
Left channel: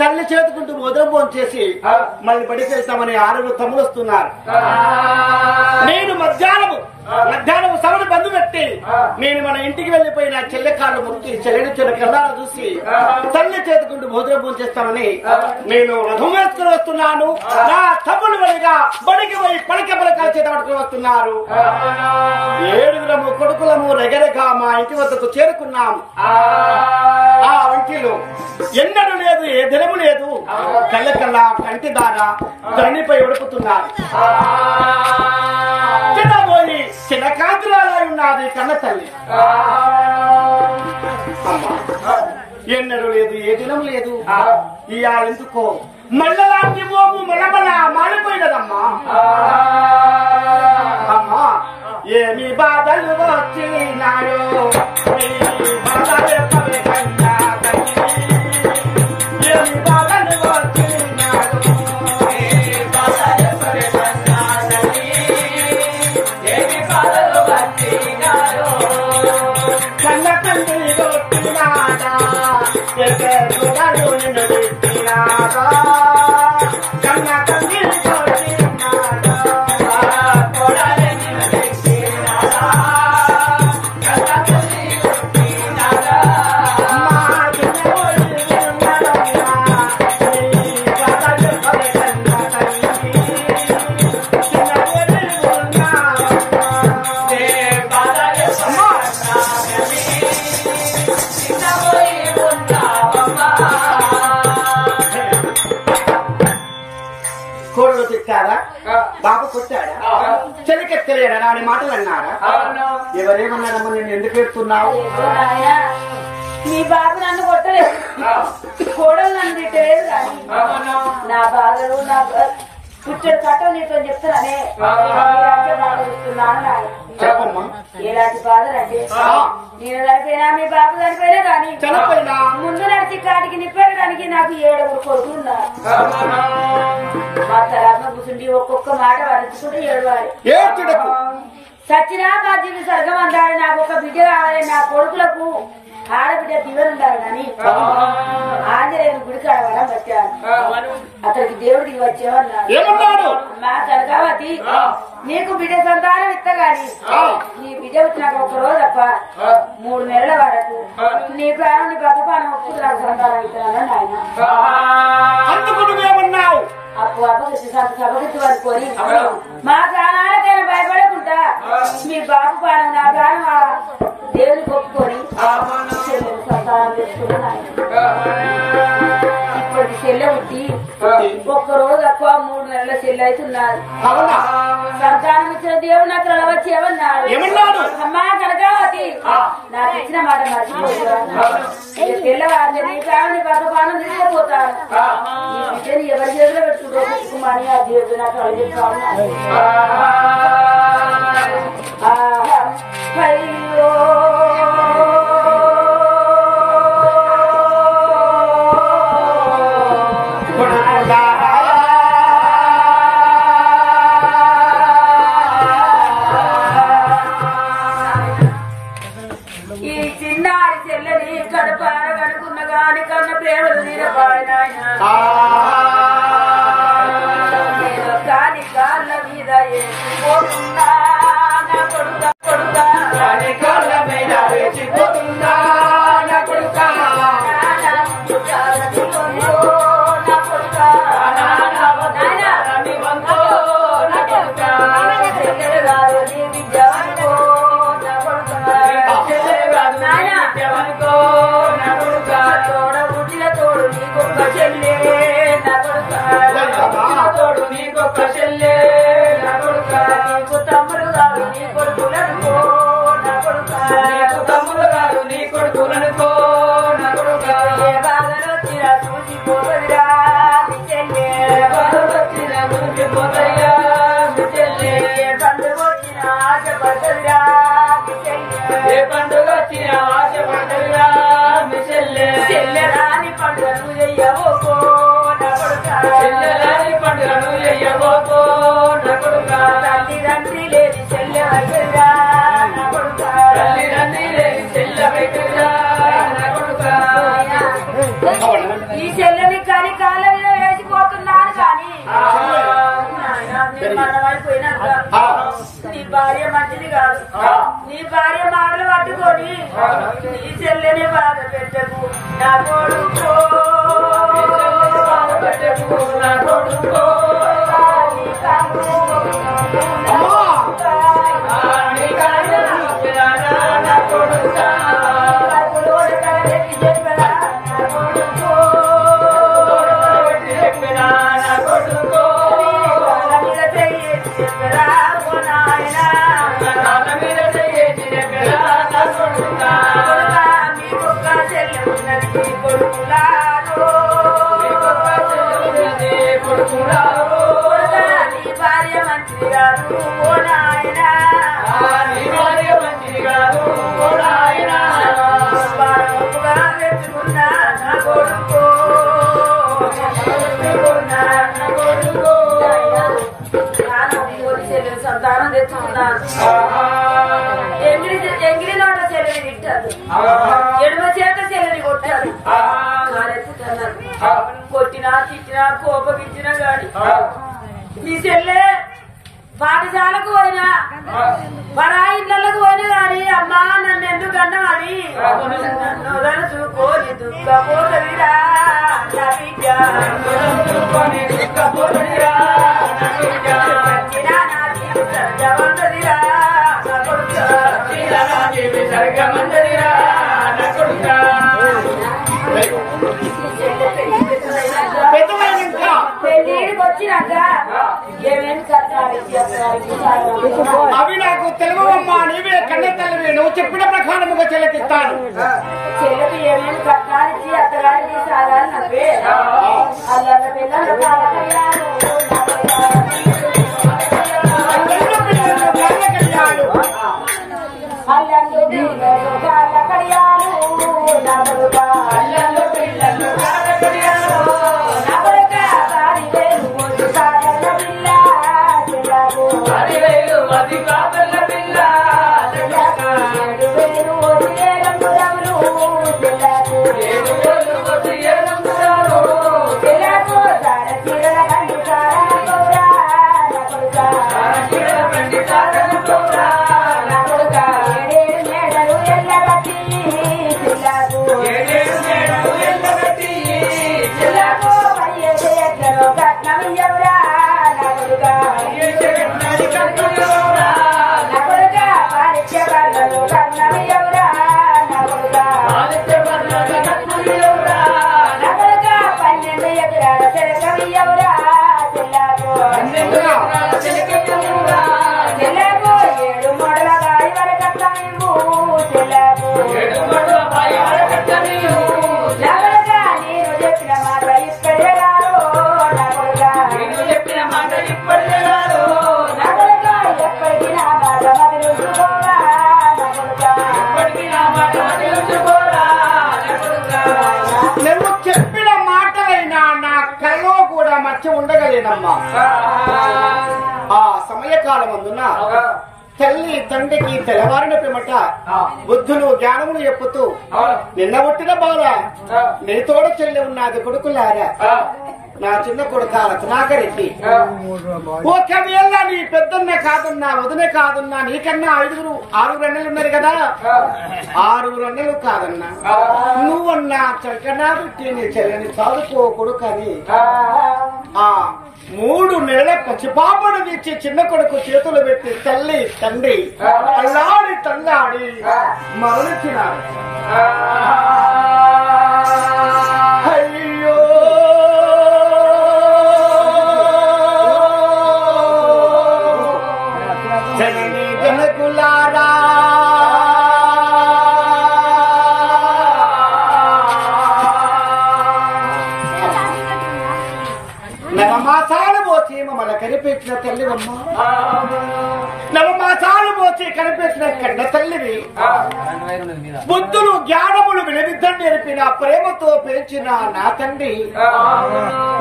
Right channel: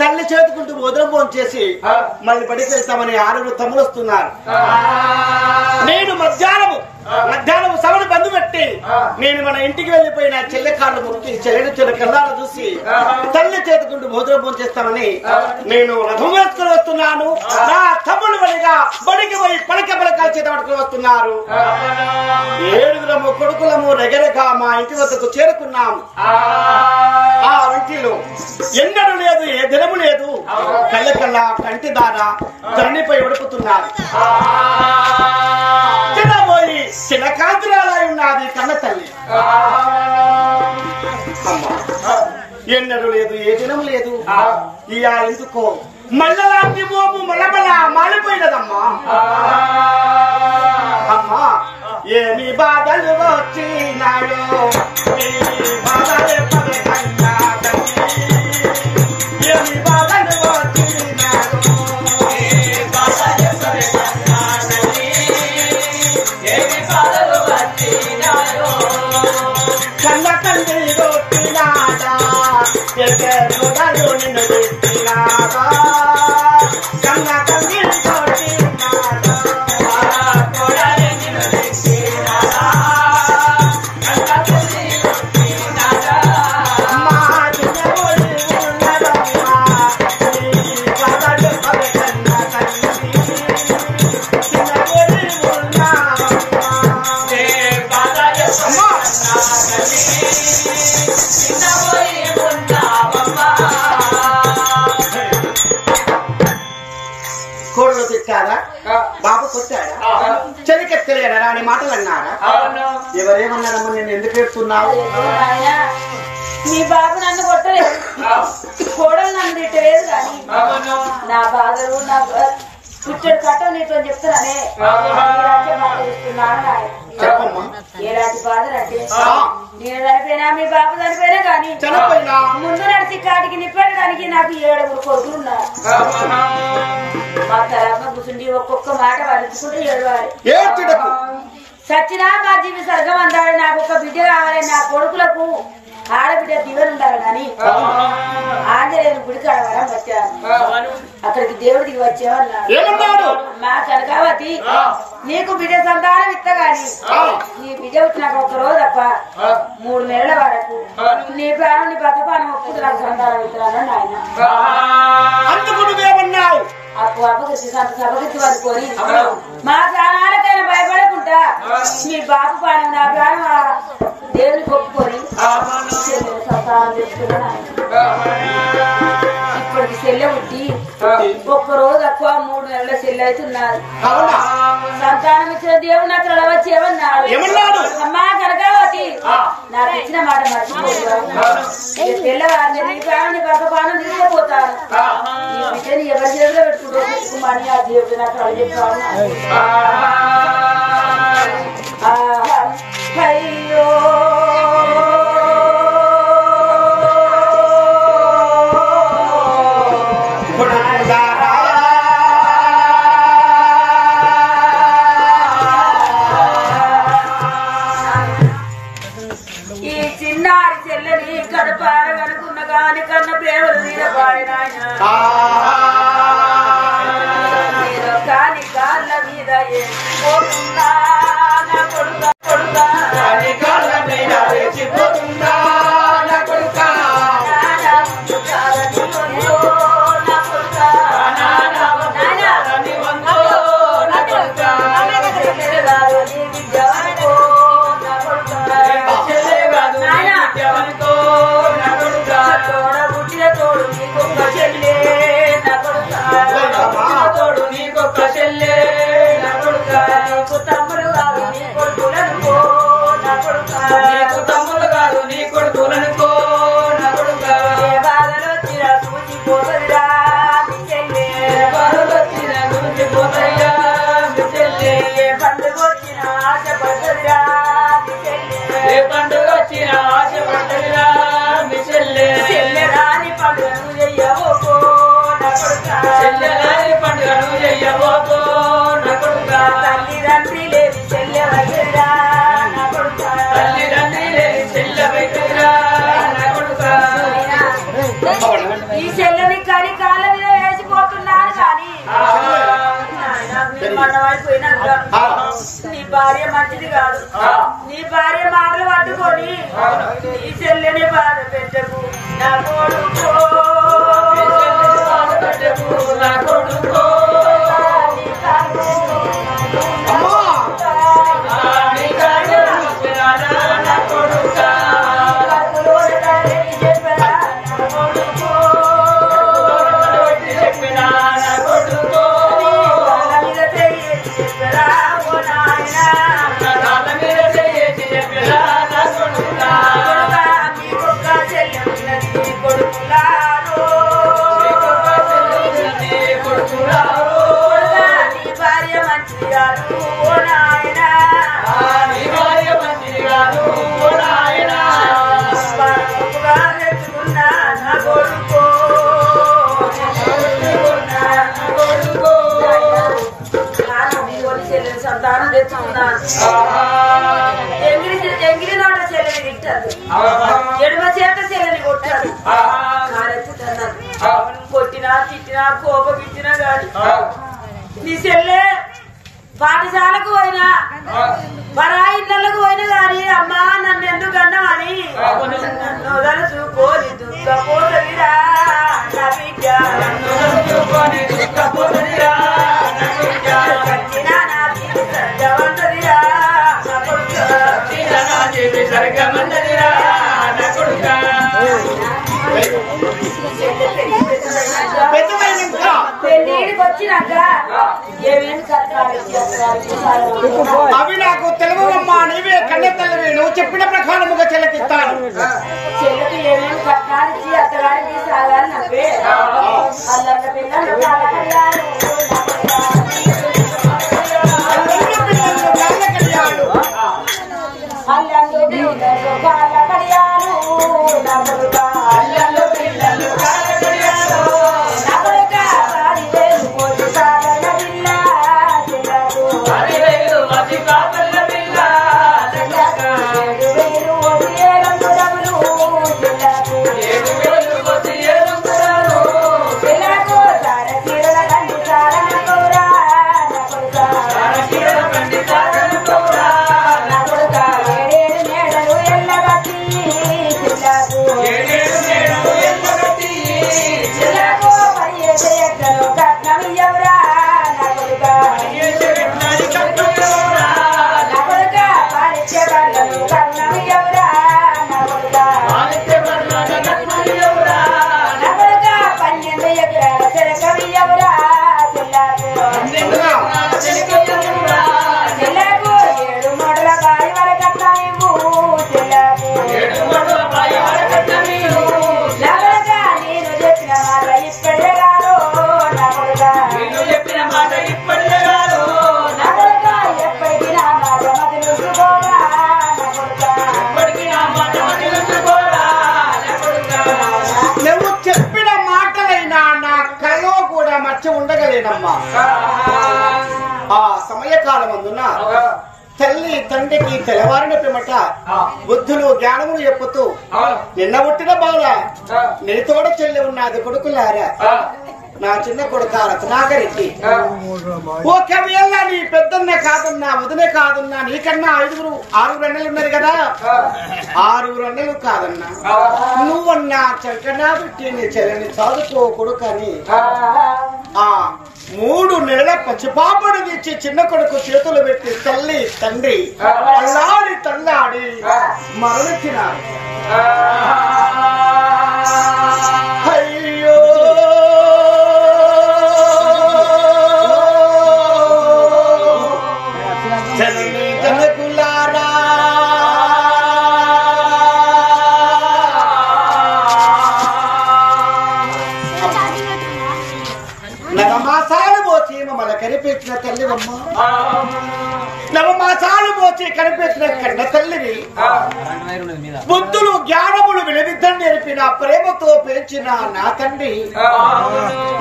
తల్లి చేతుకుంటూ మోదరం ఫోన్ చేసి మళ్ళీ బడికి వెళ్తామని 6 తమ్ములు వస్తున్నారు. నేను మధ్యాహ్నం సభను బంధు పెట్టి నేను మన ఇంటికి వెళ్ళిపోయిన చెల్లెకాళ్ళు మొక్కి చెల్లెని చెల్లె కళ్ళారా చూసి తల్లి చేతుకుంటూ మోదరం ఫోన్ చేస్తామని నేను రథం వేసుకుని వస్తున్నాను. నా తమ్ముడు వలిగా బడికి పోయి పలకాలు చేత పట్టుకుని వస్తున్నారు. 7 కొడుకులము రెగరెగా మా ఇంటి వద్దకు చేరుకున్నాము. ఆ ఇంటిలో ఎన్నడూ లేదు, ఏ దినము లేదు. కళ్ళకల్లా కంటి దార ధరణిపై ఉడుపుతున్నారు. చిన్నబోయి చిన్న కాంతురాలై ఉన్నది కన్న తల్లి. అమ్మా ఎన్నడూ లేదు, ఏ దినము లేదు. ఇయా ఎందుకో మల్లలాంటి మోము మలమల మాలిపోయినదమ్మా. అమ్మా ఏమి బాధలు వచ్చినాయో ఏమి బాధలు వచ్చినాయో కన్న తండ్రి కొట్టినాడా నిన్ను పెట్టినాడా కన్న తండ్రి కొట్టినాడా కోడలు తిట్టారా, బాబు కొట్టాడా, చెలికెత్తలేడా అని మాటలు అన్నారా? ఎవరేమన్నారమ్మా నేను ఎందుకు ఏడుతున్నావు? నీ బాబు నన్ను కొట్టలేదు, కోడలు నన్ను తిట్టలేదు కానీ నా బాధలు నా కూర్చొని కట్టలు నీతో చెప్తానే చూస్తున్నాను నాయన. చెప్పమ్మా. ఎలాంటి బాధలంటే నేను చనిపోయినా మీ బాబు చనిపోయినా కానీ చనిపోయినా ముందు నడిచి కాటికి నిప్పెట్టడానికి నాకు 7 కొడుకులు ఉన్నారు. మా తర్వాత కూర్చుండి ఒక్కొక్క మాట వరించుకుంటూ ఏడవాలి. ఏడ్చుటకు సచ్చినా మా జీవి స్వర్గం అందాలి. నాకు ఒక బిడ్డ కావాలి, నా కొడుకులకు ఆడబిడ్డ దివెలు ఉండాలి కానీ ఆంజనేయుని గుడి కాడవరం వచ్చాను. అక్కడికి దేవుడు దిగి వచ్చేవన్నాడు. మా కనకావతి నీకు బిడ్డ సంతానం ఇత్తగాని నీ బిడ్డ నాకు ఒక రోజు తప్ప 3 నెలల వరకు నీ ప్రాణం నీ బ్రతపానం ఒప్పుకు నాకు సంతానం ఇస్తానని ఆయన అందుకున్నావు. అప్పు అప్పగిచ్చి సభగిచ్చి అనుకొని మా ప్రాణాలకైనా భయపడకుండా మీ బాబు ప్రాణం నా ప్రాణం దేవుని కొప్పుకొని సంతానం తెచ్చుకున్నాను. ఇప్పటికి చెల్లె ఉట్టి ఒక్కరోజు తక్కువ 3 నెలల చెల్లె అవుతున్నారు. సంతానం ఇచ్చిన దేవుడు నాకు వచ్చి ఏమన్నాడు? అమ్మా కనకావతి నాకు ఇచ్చిన మాట మర్చిపోతున్నాను. తెల్లవారు నీ ప్రాణం నీ భర్త ప్రాణం తీసుకుపోతాను. ఎవరి చేతిలో పెట్టుకుంటే పెట్టుకోమని ఆ దేవుడు నాకు అడిగిస్తాను. అయ్యో ఈ చిన్నారి చెల్లెని కడపారగనుకున్న గాని కన్న ప్రేమలు తీరపాయన కాని కాళ్ళ మీద ఏసిపోతున్నా నా కొడుకా కొడుకా కాళ్ళ మీద వేసిపోతున్నా నా కొడుకా తోడ బుట్టిన తోడు నీకొక్క చెల్లే తోడు నీకొక్క చెల్లె నా కొడుక నీకు తమ్ముడు కాదు నీ కొడుకులనుకో నా కొడుక నీకు తమ్ముడు కాదు నీ కొడుకులనుకో నా కొడుక ఏ బాధలో తీరా చూసిపోతుందిరా నీ చెల్లె వచ్చిన గురించి పోతాయిగా మీ చెల్లె ఏ పండుగ వచ్చిన ఆశపడుతుందిరా నీ చెల్లె ఏ పండుగ వచ్చిన ఆశ పడ్డదిరా మీ చెల్లె చెల్లెరాని పండుగను చెయ్యవోకో నా కొడుక చెల్లెలాని పండుగను చెయ్యబోకో నా కొడుక తల్లిదండ్రి లేని చెల్లె వచ్చేదిరా నా కొడుక తల్లిదండ్రి లేని చెల్లె పెట్టిరా నా కొడుక ఈ చెల్లెని కలి కాళ్ళ మీద వేసిపోతున్నాను కానీ మన్నమైపోయినాక నీ భార్య మంచిది కాదు నీ భార్య మాటలు పట్టుకొని ఈ చెల్లెని బాధ పెట్టకు నా కొడుకో నా కొడుకో నీ కార్యం నా కొడుక చెప్పినా నా కొడుకో కాళ్ళ మీద చెయ్యేసి చెప్పిరా నా కొడుక భార్య మంచిది కాదు ఓ నాయన నీ భార్య మంచిది కాదు ఓ నాయనా బాగా తెచ్చుకున్నా నా కొడుకో చెల్లెలు సంతానం తెచ్చుకున్నాను ఎంగిలి నోట చెల్లెని తిట్టాడు ఎడమ చేత చెల్లెని కొట్టాడు కారెత్తుతున్నాడు కొట్టినా తిట్టినా కోపగించినా గాని నీ చెల్లె పాఠశాలకు పోయినా పరాయి ఇళ్ళకు పోయినా గాని అమ్మా నన్ను ఎందుకు అన్నామని నన్ను వదలుచుకోని దుఃఖపోతవిరా నా బిడ్డ సచ్చినా నా తీరు సత్యవంతదిరా నా కొడుక పెళ్లికి వచ్చినాక ఏమేమి కట్టాలి అవి నాకు తెలుగువమ్మా నీవే కన్న తల్లివి నువ్వు చెప్పిన ప్రకారముగా చెల్లకిస్తాను చెల్లెకి ఏమేమి కట్టాలి అత్తగారికి సాగాలి నవ్వే అల్లల్ల పిల్లలు కాలకయ్యారు అల్లందు పిల్లలు కాలకయ్యారు అల్లందు పిల్లలు కాలకయ్యారు నగరక పాడి వేలు పోసి సాగల పిల్ల చెల్లకు 7,000 ఓసి ఏలంగురములు చెల్లకు చెల్లకు సార చీరల కండి సారన కౌరా నా కొడుక 7 మేడలు ఎల్లగట్టి చెల్లకు చెల్లకు 10 ఎకరాలు కట్నం ఇయ్యవురా నా కొడుక నా కొడుక పాలిచ్చే కట్నం కట్నం ఇయ్యవురా నా కొడుక నా కొడుక 12 ఎకరాల చెలకం ఇయ్యవురా చెల్లకు చెల్లకు 7 మూడల గాడి వరకు కట్నం ఇవ్వు చెల్లకు నా కొడుక నేను చెప్పిన మాట ఇప్పటికే కాదు నా కొడుక నా కొడుక ఎప్పటికీ నా మాట మతి చూసుకోరా నా కొడుక నువ్వు చెప్పిన మాటలైనా నా కల్లో కూడా మర్చి ఉండగలేనమ్మా ఆ సమయకాలం అందున తల్లి తండ్రికి తెల్లవారిన పిమ్మట బుద్ధులు జ్ఞానములు చెప్పుతూ నిన్న పుట్టిన బాల నీ తోడ చెల్లి ఉన్నది కొడుకులారా నా చిన్న కొడుక రత్నాకరెడ్డి ఒకవేళ నీ పెద్దన్న కాదన్నా వదిన కాదన్నా నీకన్నా 6 అన్నలు ఉన్నారు కదా 6 అన్నలు కాదన్నా నువ్వన్నా చంకనా పెట్టి నీ చెల్లిని చదువుకో కొడుకని ఆ 3 నెలల పచ్చిపాపడు తెచ్చి చిన్న కొడుకు చేతులు పెట్టి తల్లి తండ్రి అల్లాడి తల్లాడి మరణించినారు. అయ్యో జనని జనకులారా నవమాసాలు మోచి మమ్మల్ని కనిపించిన తల్లివమ్మ, నవమాసాలు మోచి కనిపించిన కన్న తల్లివి. బుద్ధులు జ్ఞానములు విలువిద్దని నేర్పిన ప్రేమతో పెంచిన నా తండ్రి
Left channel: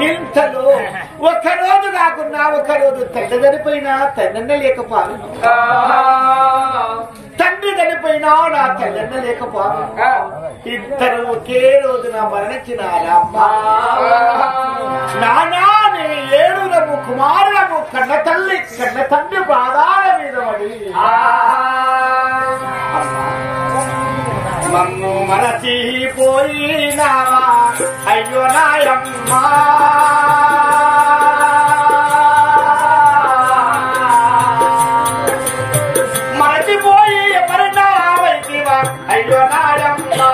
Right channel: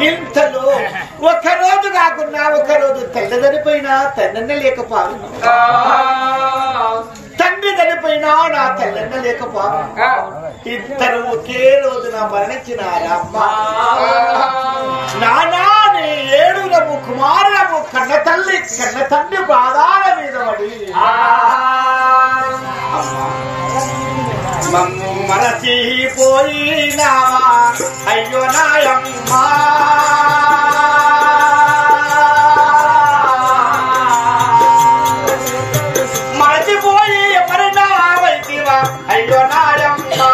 ఇంతలో ఒకరోజు కాకున్నా ఒకరోజు తల్లి చనిపోయినా తల్లన్న లేకపోను, తండ్రి చనిపోయినా నా తల్లన్న లేకపోను. ఇద్దరు ఒకే రోజున మరణించినారమ్మా. నానా నీ ఏడులము కుమారులము కన్న తల్లి కన్న తండ్రి పాదాల మీద పడి మమ్ము మరచిపోయినావా అయ్యో నాయమ్మా. మరచిపోయి మరణావైతివా అయ్యో నాయమ్మా.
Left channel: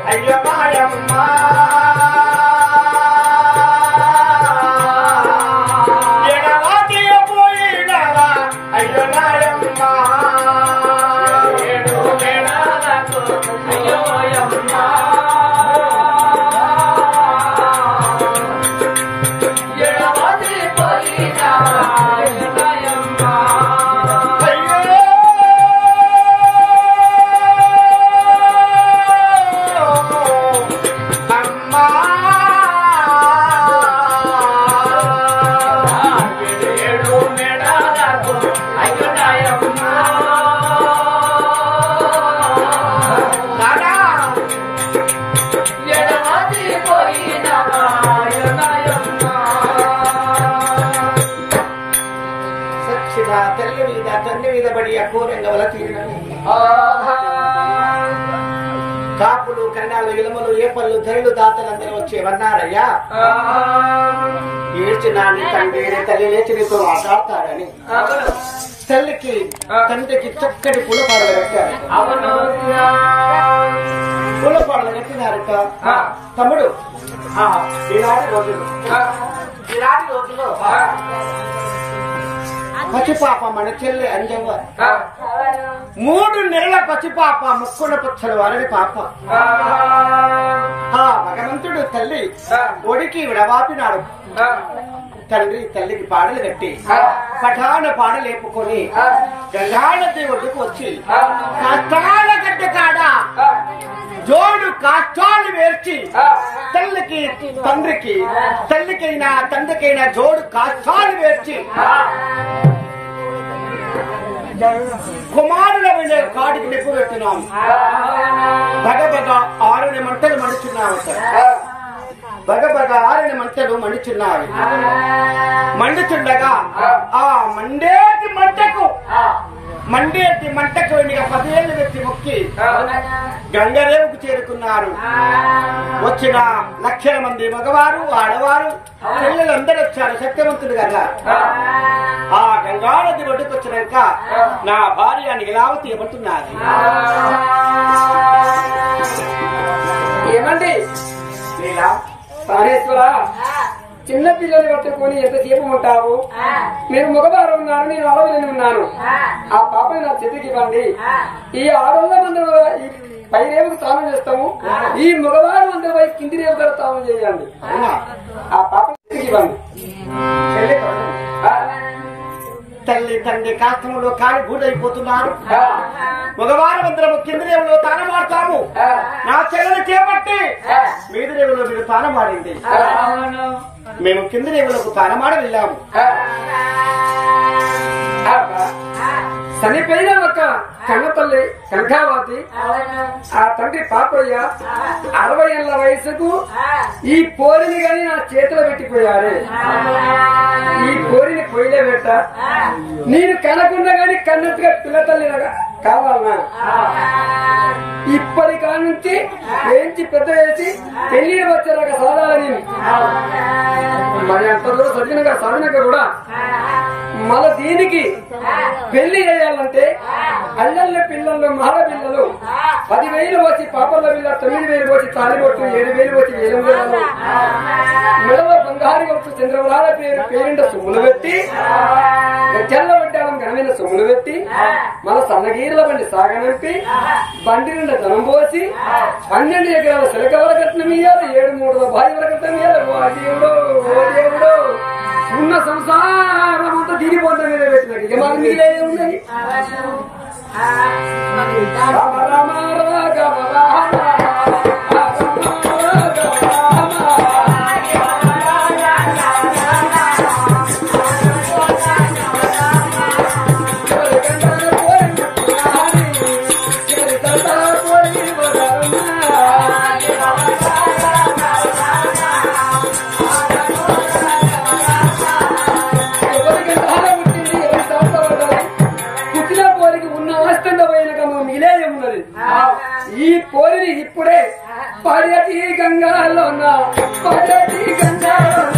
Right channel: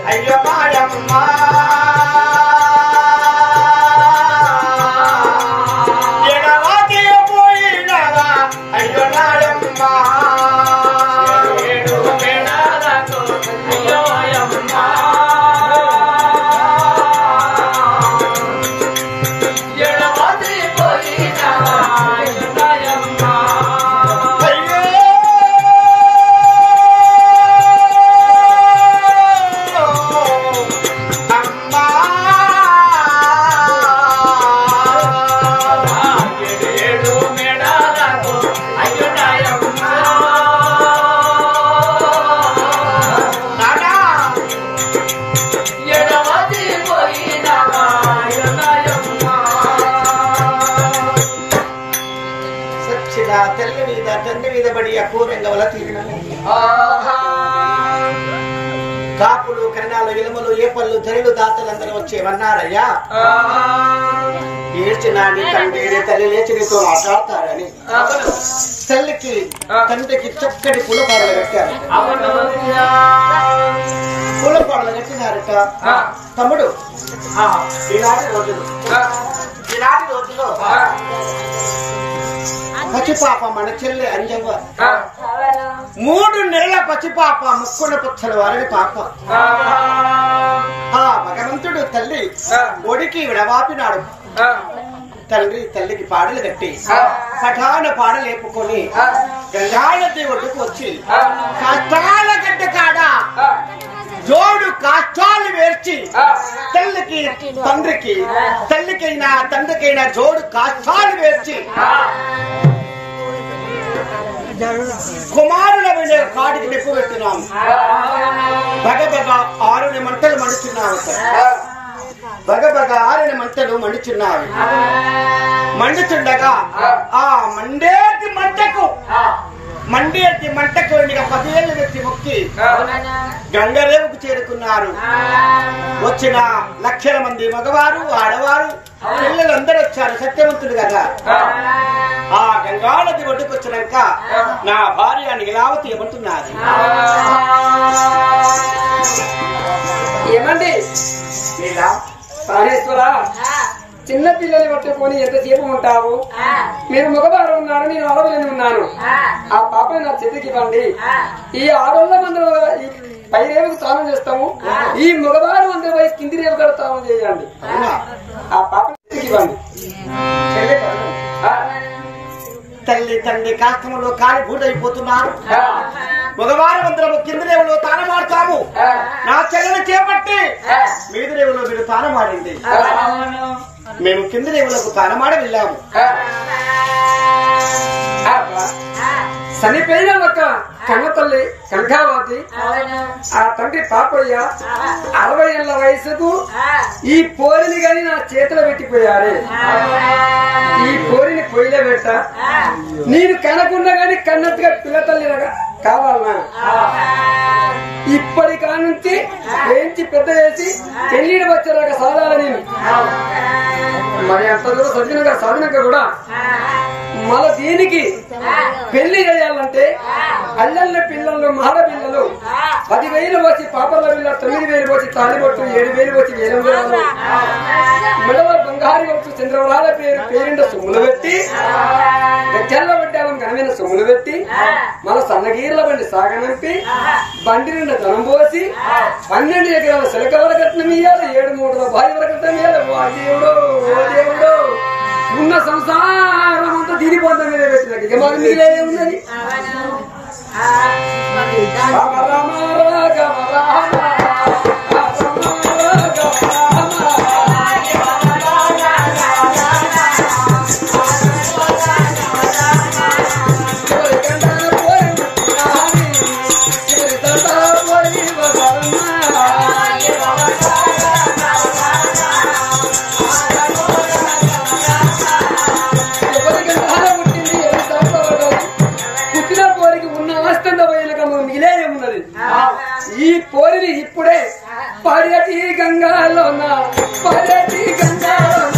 అయ్యో మాయమ్మా ఎడవాకి పోయినవా అయ్యో నాయమ్మా. అయ్యో అయ్యమ్మా ఎడవాకి పోయినవా అయ్యో నాయమ్మా. తల్లి మీద తండ్రి మీద పడి అఘోరంగ వల తీరిన కాపులు కన్నాలు ఇలములు ఏపళ్ళు ధరలు దాతలందరూ వచ్చేవన్నారయ్యా. ఏడ్చిన నీ తండ్రి తల్లి లేచి నీతో మాట్లాడతారని తల్లికి తండ్రికి చక్కటి పూలపాడలు కట్టారు. పూలపాడలు కట్టినారట. తమ్ముడు ఈనాటి రోజులో పచ్చిపాప మన చెల్లి అంజవ్వ 3 నెలల పచ్చిపాప ముక్కున పుచ్చల వారిని పాప. ఆ భగవంతుడు తల్లి ఒడికి విడవాపినాడు. తండ్రి తల్లికి పాడలు కట్టి పఠాన పాడలేపుకొని గంగానది ఒడ్డుకు వచ్చి కష్టాల గడ్డ కాడ జోడు కాష్టాలు వేర్చి తల్లికి తండ్రికి తల్లికైనా తండ్రికైనా జోడు కాష్టాలు వేర్చి కుమారుల మీద కాడికి నిప్పు పెట్టినాము. బగబగ 6 మంటలు మండుచున్నావు. బగబగ 6 మంటలు మండుచున్నావి. మండుచుండగా ఆ మండేటి మంటకు 10 ఏళ్ళు వ్యక్తి మొక్కి గంగరేవుకు చేరుకున్నారు. వచ్చిన లక్షల మంది మగవారు ఆడవారు పిల్లలందరూ వచ్చారు. సత్యవంతుడు కదా. ఆ గంగానది ఒడ్డుకొచ్చినాక నా భార్య నీలావతి ఏమంటున్నది? ఏమండి పారేశ్వరా, చిన్న పిల్లల్ని పట్టుకొని ఎంతసేపు ఉంటావు? మీరు మగవారు ఉన్నారు, నేను ఆడవాళ్ళని ఉన్నాను. ఆ పాపని నా చేతికి ఇవ్వండి. ఈ 600 మంది పై రేవుకు స్నానం చేస్తాము. ఈ మగవారు అందరూ పోయి కింది రేవు కూడా స్నానం చేయండి. ఆ పాపని చేతికి ఇవ్వండి. తల్లి తండ్రి కాష్టంలో కాలి బూడైపోతున్నారు. మగవారు అందరము కింది రేవులో తానమాడతాము. నా చెల్లెలు చేపట్టి మీది రేవులో మీరు తానమాడింది. మేము కింది రేవులకు తానమాడ వెళ్ళాము. చనిపోయిన ఒక కన్న తల్లి కనకావతి, ఆ తండ్రి పాపయ్య 60 ఏళ్ల వయసుకు ఈ పోరిని గాని నా చేతిలో పెట్టిపోయారే, ఈ పోరిని పొయ్యిలో పెట్ట నేను కనకుండా గాని కన్నట్టుగా పిల్ల తల్లిగా కావాలనా? ఇప్పటి కాడ నుంచి పెంచి పెద్ద చేసి పెళ్లికి వచ్చేలాగా సాధాలని మరి అంత దూరం చదివినాక కూడా మళ్ళీ దీనికి పెళ్లి చేయాలంటే అల్లల్ల పిల్లలు మహడ పిల్లలు 10,000 వచ్చి పాపల పిల్ల 9,000 వచ్చి తాలిబొట్టు 7,000 వచ్చి వేలంగురాలు మెడలో బంగారు వచ్చి చంద్రవరాల పేరింట సొమ్ములు పెట్టి గజ్జల్ల వడ్డాలం ఘనమైన సొమ్ములు పెట్టి మన సన్నగీర్ల బండి సాగనంపి బండి నిండా ధనం పోసి 12 ఎకరాల సిలకవర కట్నం ఇయ్యాలి, 7 మూటల భార్య వర కట్నం ఇయ్యాలి. ఓ దేవుడు ఓ దేవుడు ఉన్న సంసారం అంతా దీని పొందం మీద పెట్టినట్టు ఇక మరి మీరే ఉన్నది. రామ రామ రాఘవ రామ ఈ పోరిని ఇప్పుడే పర్యటి గంగాలోన పర్యటి గంగాలోన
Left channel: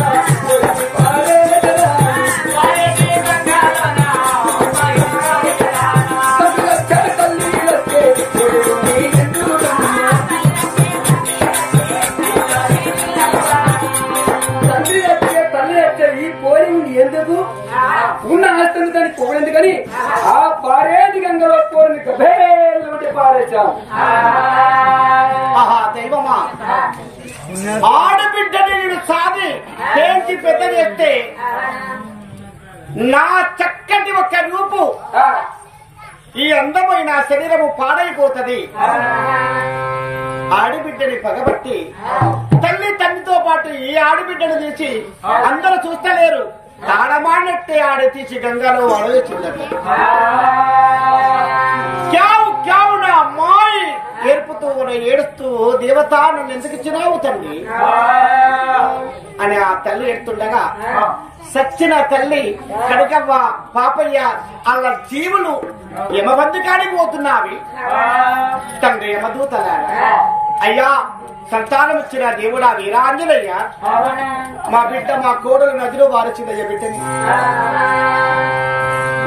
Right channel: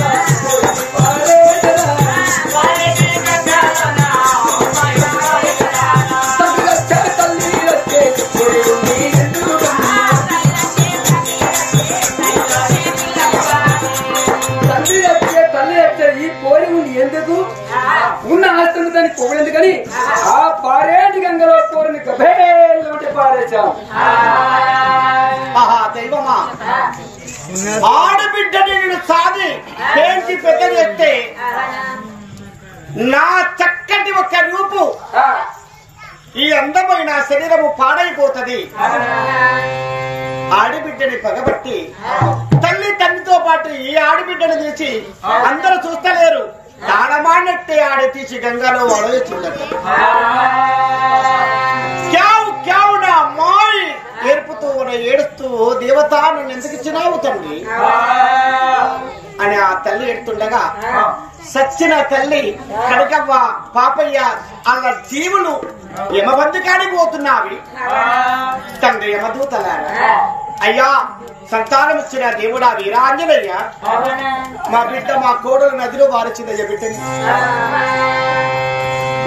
ఈ పోరి ఉంది ఎందుకు ఉన్న ఆస్తి దానికి పొగడెందుకని ఆ పారేటి గంగలో పోరిని గభేలు పారేశాం. ఆహా దైవమా, ఆడబిడ్డని నేను సాది పెంచి పెద్ద చేస్తే నా చక్కటి ఒక రూపు ఈ అందమైన శరీరము పాడైపోతది. ఆడబిడ్డని పగబట్టి తల్లి తండ్రితో పాటు ఈ ఆడబిడ్డను తీసి అందరూ చూస్తలేరు, తాడమానట్టే ఆడ తీసి గంగలో అడవేసిందట. క్యావు క్యావు నా మాయి ఏర్పుతూ ఏడుస్తూ దేవత నన్ను ఎందుకు ఇచ్చినావు తండ్రి అని ఆ తల్లి ఎడుతుండగా సచ్చిన తల్లి కనకవ్వ పాపయ్య అలా జీవులు యమబంధకానికి పోతున్నావి. తండ్రి యమదూతలారా, అయ్యా సంతానం ఇచ్చిన దేవుడా వీరాంజనయ్య, మా బిడ్డ మా కోడలు నదిలో వారచిందయ్య బిడ్డని,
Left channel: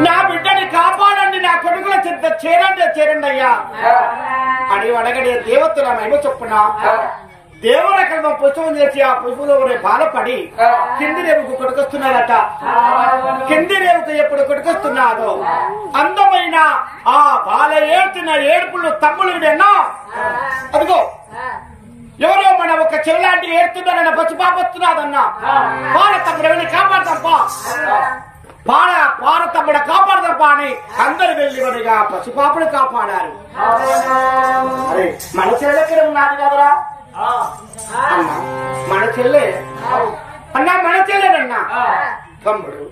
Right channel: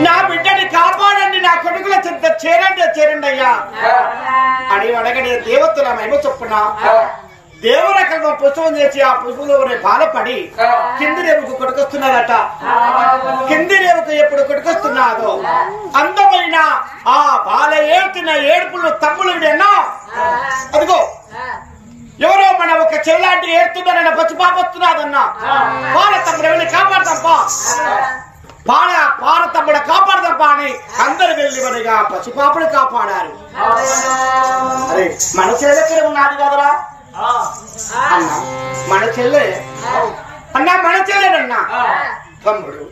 నా బిడ్డని కాపాడండి, నా కొడుకుల చెంత చేరండి అయ్యా అని అడగడే దేవతల మహిమ చొప్పున దేవుల కల్వం పుష్పం చేసి ఆ పుష్పంలో బాలపడి కింది రేవుకు కొడుకొస్తున్నాడట. కింది రేవుకు ఎప్పుడు కొడుకొస్తున్నాదో అందమైన ఆ బాల ఏడ్చిన ఏడుపులు తమ్ములు విడన్నా, అదిగో ఎవరో మన ఒక చెల్లాంటి ఏడుతున్నారన్న పసిపాప వస్తున్నాదన్నా, బాల తమ్ముడు కాపాడతాంపా, పార తమ్ముడ కాపాడదాంపా అని అందరు వెళ్ళి మనగా పసిపాపను కాపాడారు. అరే మన చెల్లెక్కడ ఉన్నారు కదరా అన్నా, మన చెల్లె అన్నా, మన చెల్లెనన్నా తమ్ముడు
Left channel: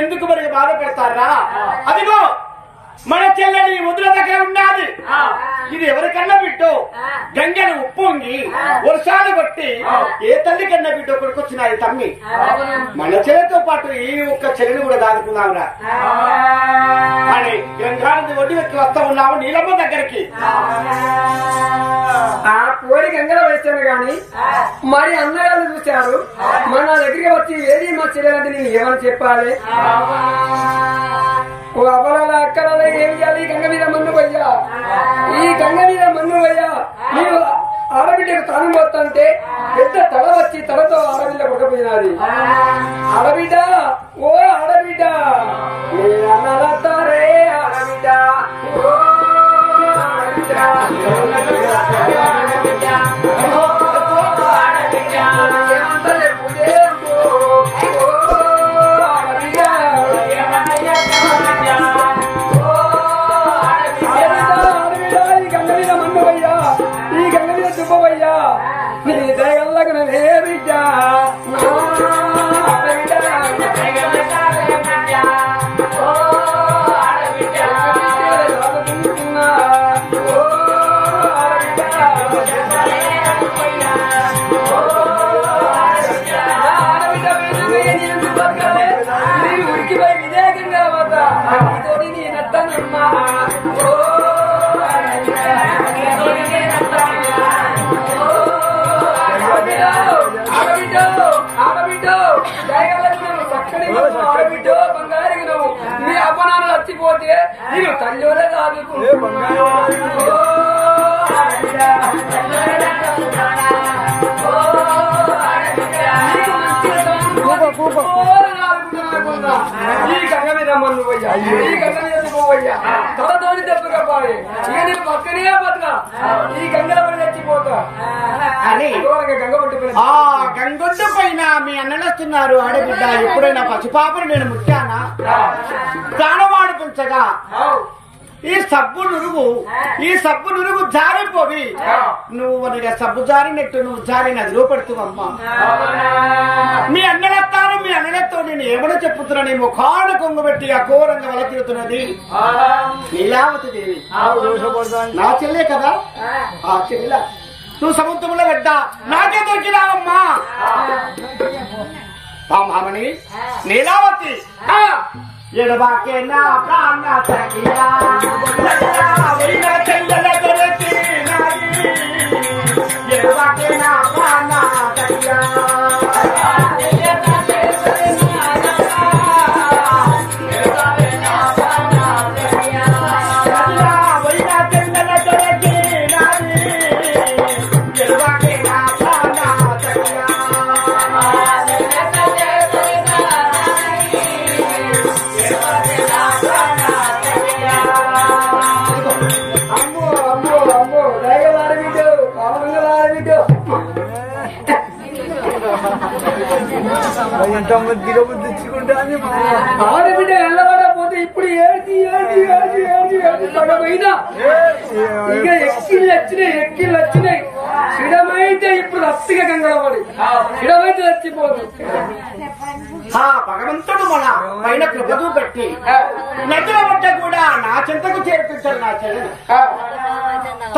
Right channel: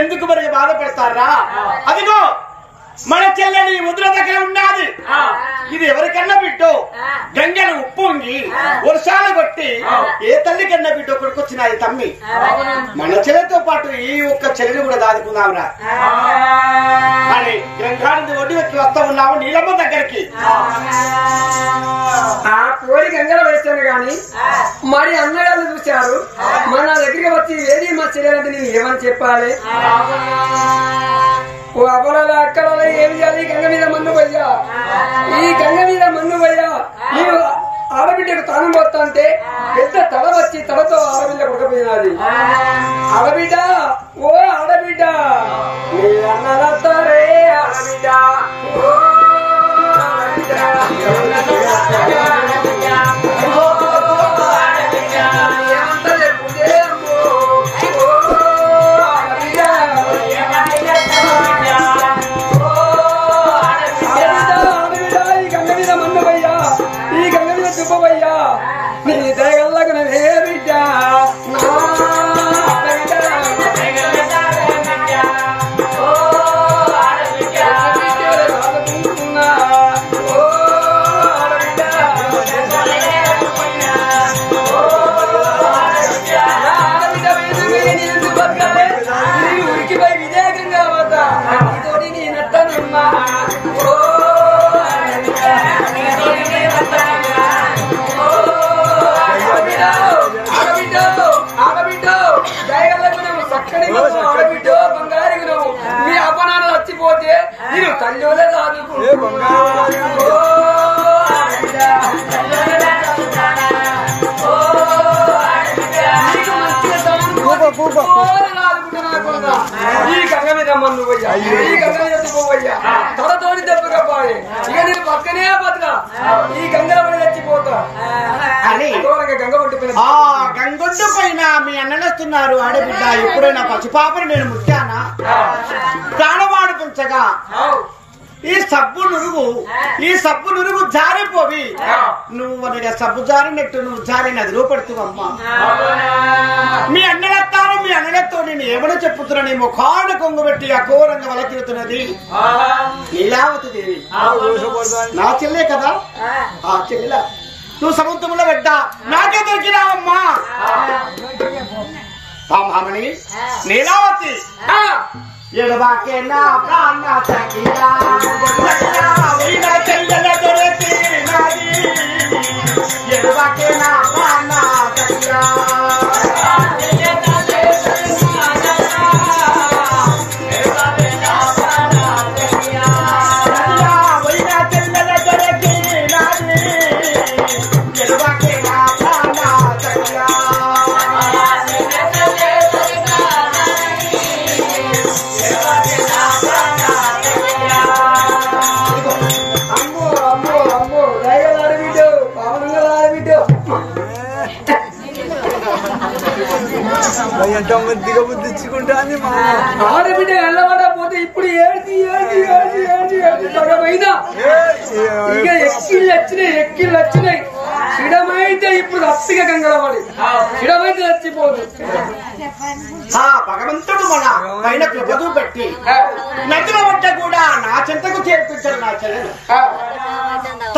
ఎందుకు మరి బాధపడతారా? అదిగో మన చెల్లెని ముద్ర దగ్గర ఉన్నది. ఇది ఎవరికన్నా బిడ్డో గంగను ఉప్పొంగి వర్షాలు కొట్టి ఏ తల్లి కన్నా బిడ్డో కొడుకొచ్చినది తమ్మి. మన చెల్లెతో పాటు ఈ ఒక్క చెల్లెని కూడా దాదుకున్నావురా అని గంగానికి ఒడ్డు వచ్చి వస్తా ఉన్నావు నీలమ్మ దగ్గరికి. ఆ పోరి గంగలో వేస్తాను గాని మరి అన్నగారు చూశారు, మన దగ్గరికి వచ్చి ఏది మా చెల్లెలంటే నేను ఏమని చెప్పాలి? ఓ అబలాల అక్కల ఏం చేయాలి? గంగ మీద మన్ను పోయ్యా, ఈ గంగ మీద మన్ను పోయ్యా, నేను ఆడబిడ్డకు తానం పోతా అంటే పెద్ద తల వచ్చి తలతో ఆడబిడ్డ కొట్టపోయినది. ఆడబిడ్డ ఓ ఆడబిడ్డ నీ అన్నలతారే ఆడబిడ్డ ఓ ఆడబిడ్డ నీ దయలకు నే బిడ్డ నా నేను ఉరికిపోయి విజయకంగా పోతా ఇతోటి నేనెత్తానమ్మా ఆడబిడ్డో దయగలకు నువ్వు చక్కని నువ్వు ఆడబిడ్డో బంగారికి నువ్వు నీ అపనాలు చచ్చిపోతే నేను తల్లిలే కాదు ఈ గంగ మీద మన్ను పోయ్యా ఈ గంగ మీద పోవయ్యా తొడతోడి దెబ్బకపోయి ఇక నేను పక్కనే బతుకా ఈ గంగల పడి చచ్చిపోతా అని గంగ పట్టిపోయిన ఆ గంగొడ్డు పైన మీ అన్ననొస్తున్నారు ఆడబిడ్డ ఎప్పుడైనా పసిపాపను నేను ముట్టానా ప్రాణవాడు పెంచగా ఈ సబ్బు నురుగు జారిపోవి నువ్వు మనగా సబ్బు జారినట్టు నువ్వు జారి నదిలో పడుతువమ్మా మీ అన్నలెత్తాను మీ అన్నలతో నేను ఏమని చెప్పుతున్నా నీ ముఖాన కొంగబెట్టి అఘోరంగా వల తిరుగుతున్నది నీలావతి దేవి నా చెల్లే కదా ఆ చెల్లెల నువ్వు సముద్రంలో పెట్టా నాకే దొరికినావమ్మా మామని నీలావతి ఎడబాకే నా ప్రాణ సఖియా వైనా చెల్లెల దొరికి నాది ఎడబాకే నా ప్రాణ సఖియా ఆడబిడ్డ వెళ్ళబడపోతే ఇప్పుడు ఏడ్చి పడపోయినా ఇక ఎక్కిళ్ళు వచ్చినాయి సిడమైతే ఇప్పుడు అప్పిగా గంగలపడి సిడమైతే చచ్చిపోదు ఆ భగవంతుడు మన పైన కృపదు పెట్టి నదుల వద్ద కూడా నా చెంతకు చేర్పించాడు నా చెల్లెను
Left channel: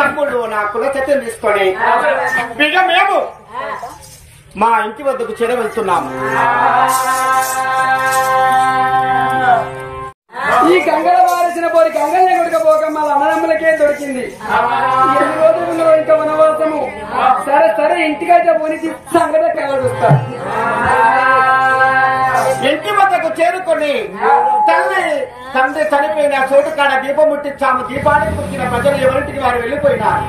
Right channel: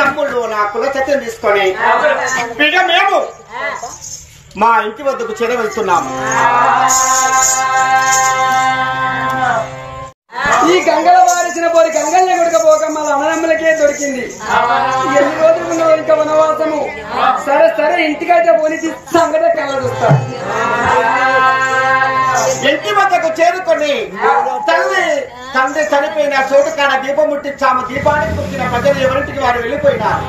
తమ్ముడు నా కుల సత్యం తీసుకొని ఇక మేము మా ఇంటి వద్దకు చేర వెళ్తున్నాము ఈ గంగల వారసిన పోయి గంగల్ని కొడుకపోక మళ్ళీ అన్నదమ్ములకే దొరికింది ఎన్ని రోజులు ఉన్నదో ఇంకా వనవాసము సరే ఇంటికైతే పోనీ సంగతే కళ్ళదొస్తా ఇంటి వద్దకు చేరుకొని తండ్రి చనిపోయిన చోటు కాడ దీపం ముట్టించాము దీపానికి పుట్టిన ప్రజలు ఎవరింటికి వారు వెళ్ళిపోయినారు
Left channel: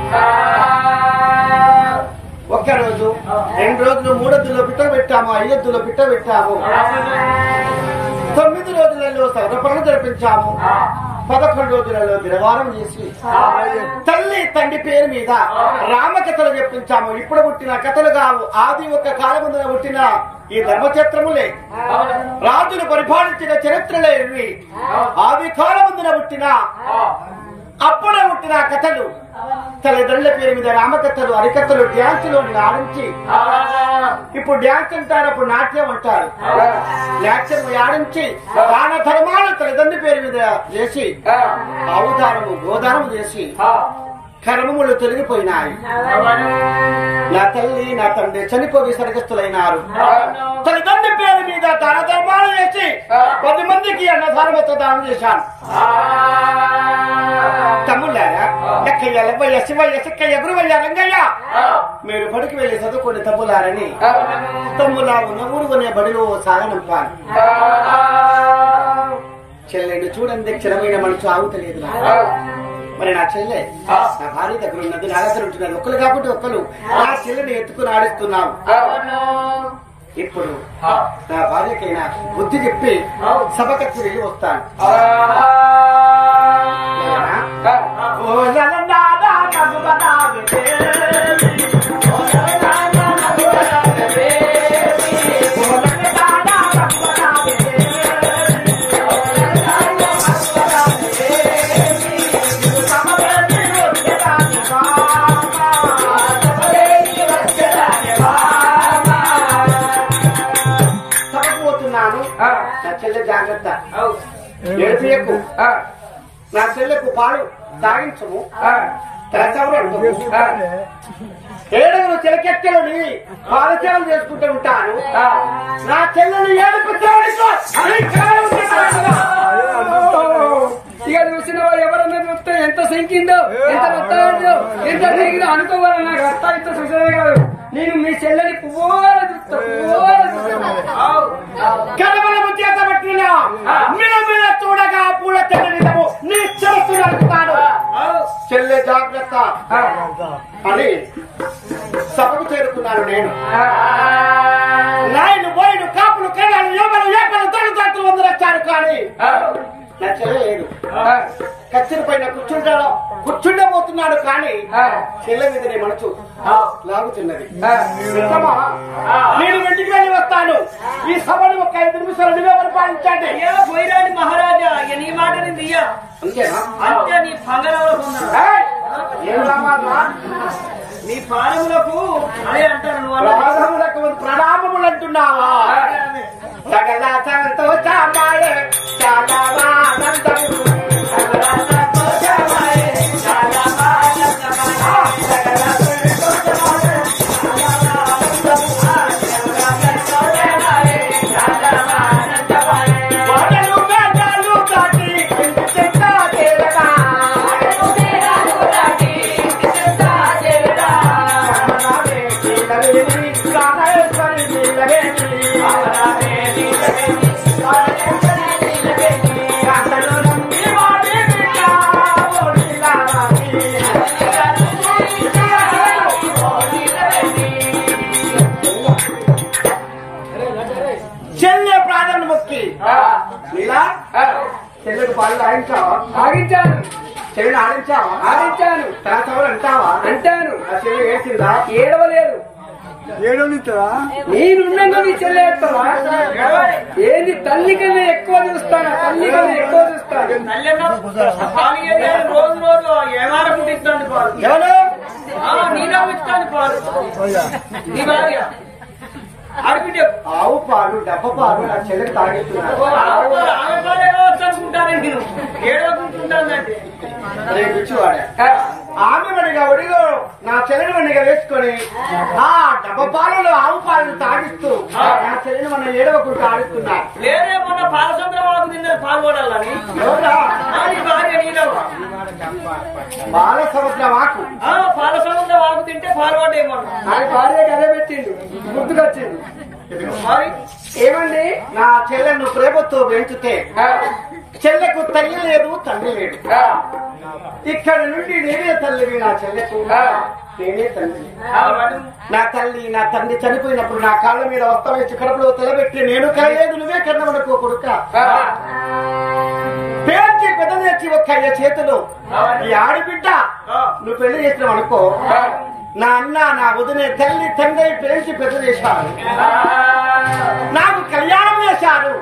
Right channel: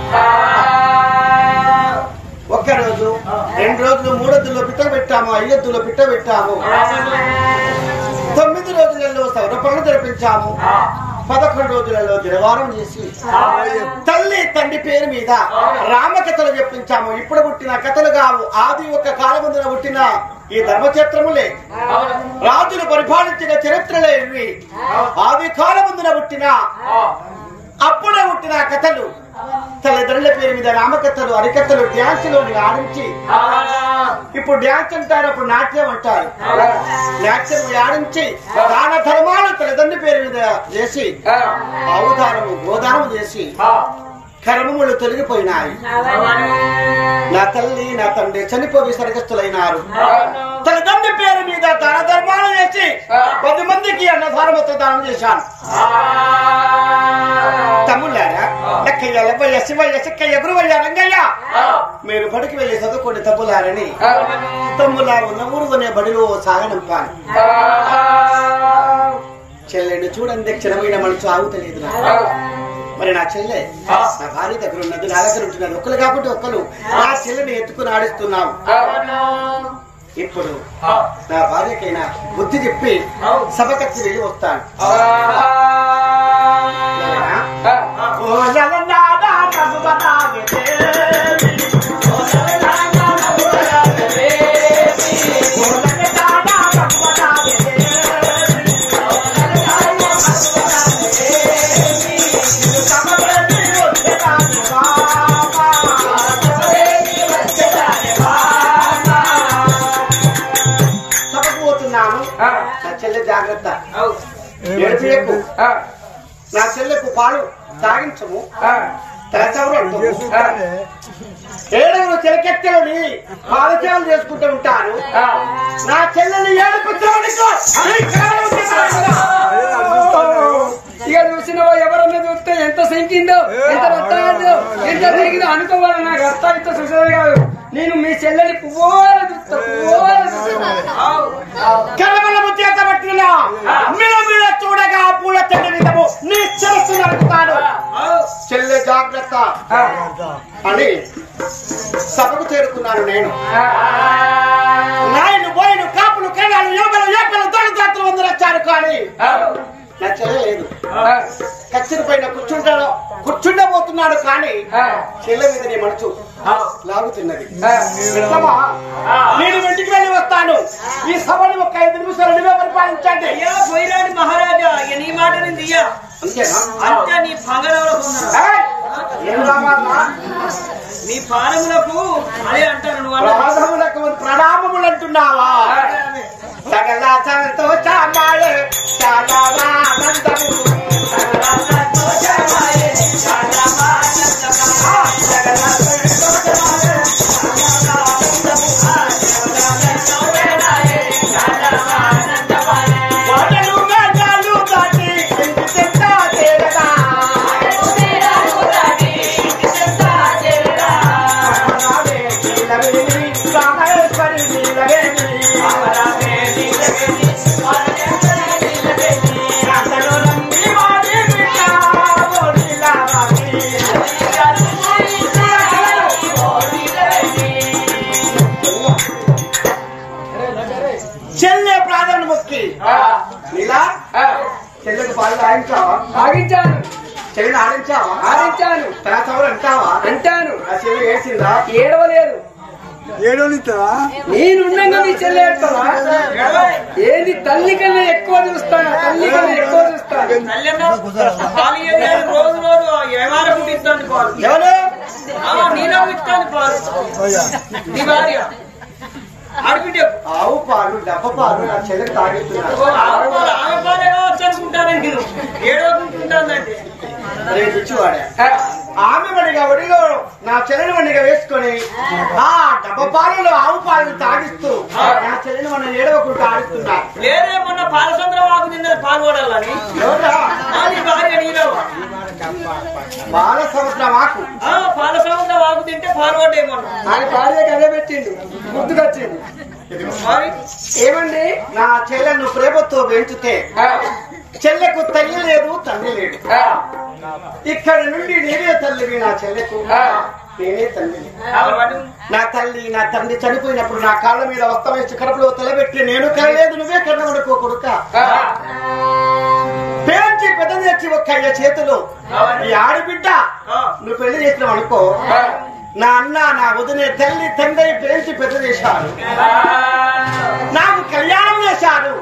ఒక్క రోజు 2 రోజులు 3 రోజుల్లో పిట్ట పెట్టాము 5 రోజుల్లో పిట్ట పెట్టాము 9 రోజులలో సౌర పనులు జరిపించాము 11 రోజులలో దినవారం చేసి తల్లి తండ్రి పేరు మీద రామకథలు చెప్పించాము ఇప్పుడు పుట్టిన కథలు కావు ఆది ఒక కాలముందున పుట్టిన ఈ ధర్మక్షేత్రములే రాజులు పరిపాలించిన చరిత్రలే ఇవి ఆది కాలముందున పుట్టిన అప్పుడే పుట్టిన కథలు తల్లిదండ్రుల పేరు మీద రామకథలు హరికథలు డ్యాన్సులో ఆడించి ఇప్పుడు డ్యాన్స్ అంటారు అప్పుడు నాట్యం అంటారు నాట్యం ఆడించి దాన ధర్మాలు తల్లిదండ్రుల పేరు మీద చేసి ఆవుదానము గోదానము చేసి కర్మములు తొలగిపోయినాయి నా తల్లి నా తండ్రి చనిపోయి సరిగస్తులైనారు తల్లిదండ్రి పేరు మీద దాన ధర్మాలు చేసి 10 మందికి అన్నదానముతో దానం చేశాను తమ్ముళ్ళారా లక్కయ్య లబ్బయ్య శివయ్య సిక్కయ్య గురువయ్య రంగయ్య మీరు బడికి వెళ్ళి చదువుకోండి తమ్ములారని తమ్ములా ఉన్న ఊరుకునే బడిలో సాగనంపాను చెల్లెని చూడండి క్షణమైన మనసు ఆగుతలేదు నా మరి నా చెల్లె నా భార్య దగ్గర ఉన్నది నా దగ్గర ఉంటున్నది ఒక్కరు కాబట్టి ఒక్కరు నా చెల్లెని ఎత్తుకుని ఆడిస్తున్నావు ఇప్పుడు నా భార్యకైనా బుద్ధి చెప్పి సభకచ్చి వెళ్ళి వస్తాను నా చెల్లె జాగ్రత్త ఏడుపు నా చెల్లెకు పాలు తాగించము ఏడుగురు చెలకెక్కలని పాదసేవలు చేసుకుంటూ ఉంటాను. నా చెల్లెలు ఇక చూసినవా ఎవరన్నా చూస్తే ఎంత సంకిందో ఎంత వస్తాయో ఎంత తిరిగిందో అనుకోవాలి. నాకు అర్థం ఇంత చూసేది కాదు. నేను మీ చెల్లెని పువ్వాల చూస్తా చూడగా పూల చెల్లెము నీ చెరసు నడుపుతాడు. చెల్లె జాగ్రత్త అని సభకు చేరుకున్నాను. నేను నాయను బోయిను కాపులు కేడాలు యోగలు ఏపలు దొంగలు వందలు వచ్చారు. కానీ నా చెల్లె లేదు. కచ్చిన పైన కూర్చుండబోతున్నాడు. కానీ చెల్లె మీద నీ మనసు లాగుతున్నది. నేను ఇంటికి వెళ్ళి వస్తాను. ఈ సభను ఒక 5 నిమిషాలు నువ్వే పరిపాలించండి. పోయిరాని మహారాజా నీ మాట అంతేనా? అంతే నీ నీ పాదములకు అదే అంటారు. నువ్వు ప్రణామములు అంటున్నావా? సకల సంతోషమాయే చాలా ఆనందము చెల్లె ప్రాధాన్యం మొక్కి నీలా చెల్లెకు పాలు ఆడించావా? ఆగించాను. చెల్లెని ఆడించావా? ఆడించాను. తన సభలు అంటావా? అంటాను. ఆ చెల్లె ఏడ్చిందా? ఏడవలేదు. నేనుండగా నీ చెల్లె ఏడుతావా? ఏంది తల్లి కన్నా ఎక్కువ చూస్తానా? తల్లి కన్నా ఎక్కువ చూస్తాను. రోజు రోజు ఏమారకు ఇస్తాను పాలు. ఎవరు నీళ్ళకు ఇస్తాను పాలు. నీ భార్య ఆవు పాలు డబ్బ పాలు నా చెల్లెకి తాగిస్తున్నారు. ఆమె వడిగా ఒడిలో నా చెల్లెని వడిగా వేసుకొని ఆ డబ్బ పాలలో ఆవు పాలను తాగిస్తూ నా చెల్లెని మన ఏడవకుండా ఆడిస్తున్నారు. లేదేమన్నా పాలసంద్రం ఆకు తిన్నది పాల్గొడాలని ఎవరా? భార్య నీలవ బాల సంవత్సరం ఆకు పాల సముద్రం ఆకు తింటే పాల్గొట్టేమన్నా ఆయన భార్య కథ పెట్టింది. గుర్తుకొచ్చింది. మరి ఏమండి నా చెల్లెను ప్రేమతో పెంచితే చెల్లెకు తల్లి లేదు తండ్రి లేడు. ఇక్కడి నుండి నేనే తల్లివి నా చెల్లెకు, నేనే తల్లి. నా తల్లి నా తండ్రి చనిపోయినప్పుడు నా కాళ్ళ మీద వస్త్రం వేసి కడుపులో తలబెట్టి నేను కలలేదు నువ్వే కన్నవనుకో కొడుక. పేంచి పెద్ద తెచ్చి ఒక్క అయ్య చేతులు ఈ ఆడిబిడ్డ నువ్వు పెళ్లి చేసినావు అనుకో, నా అన్న నా వదినే తల్లి తండ్రి పేంచి పెద్ద చేశారు, నాకు కళ్యాణం చేశారు.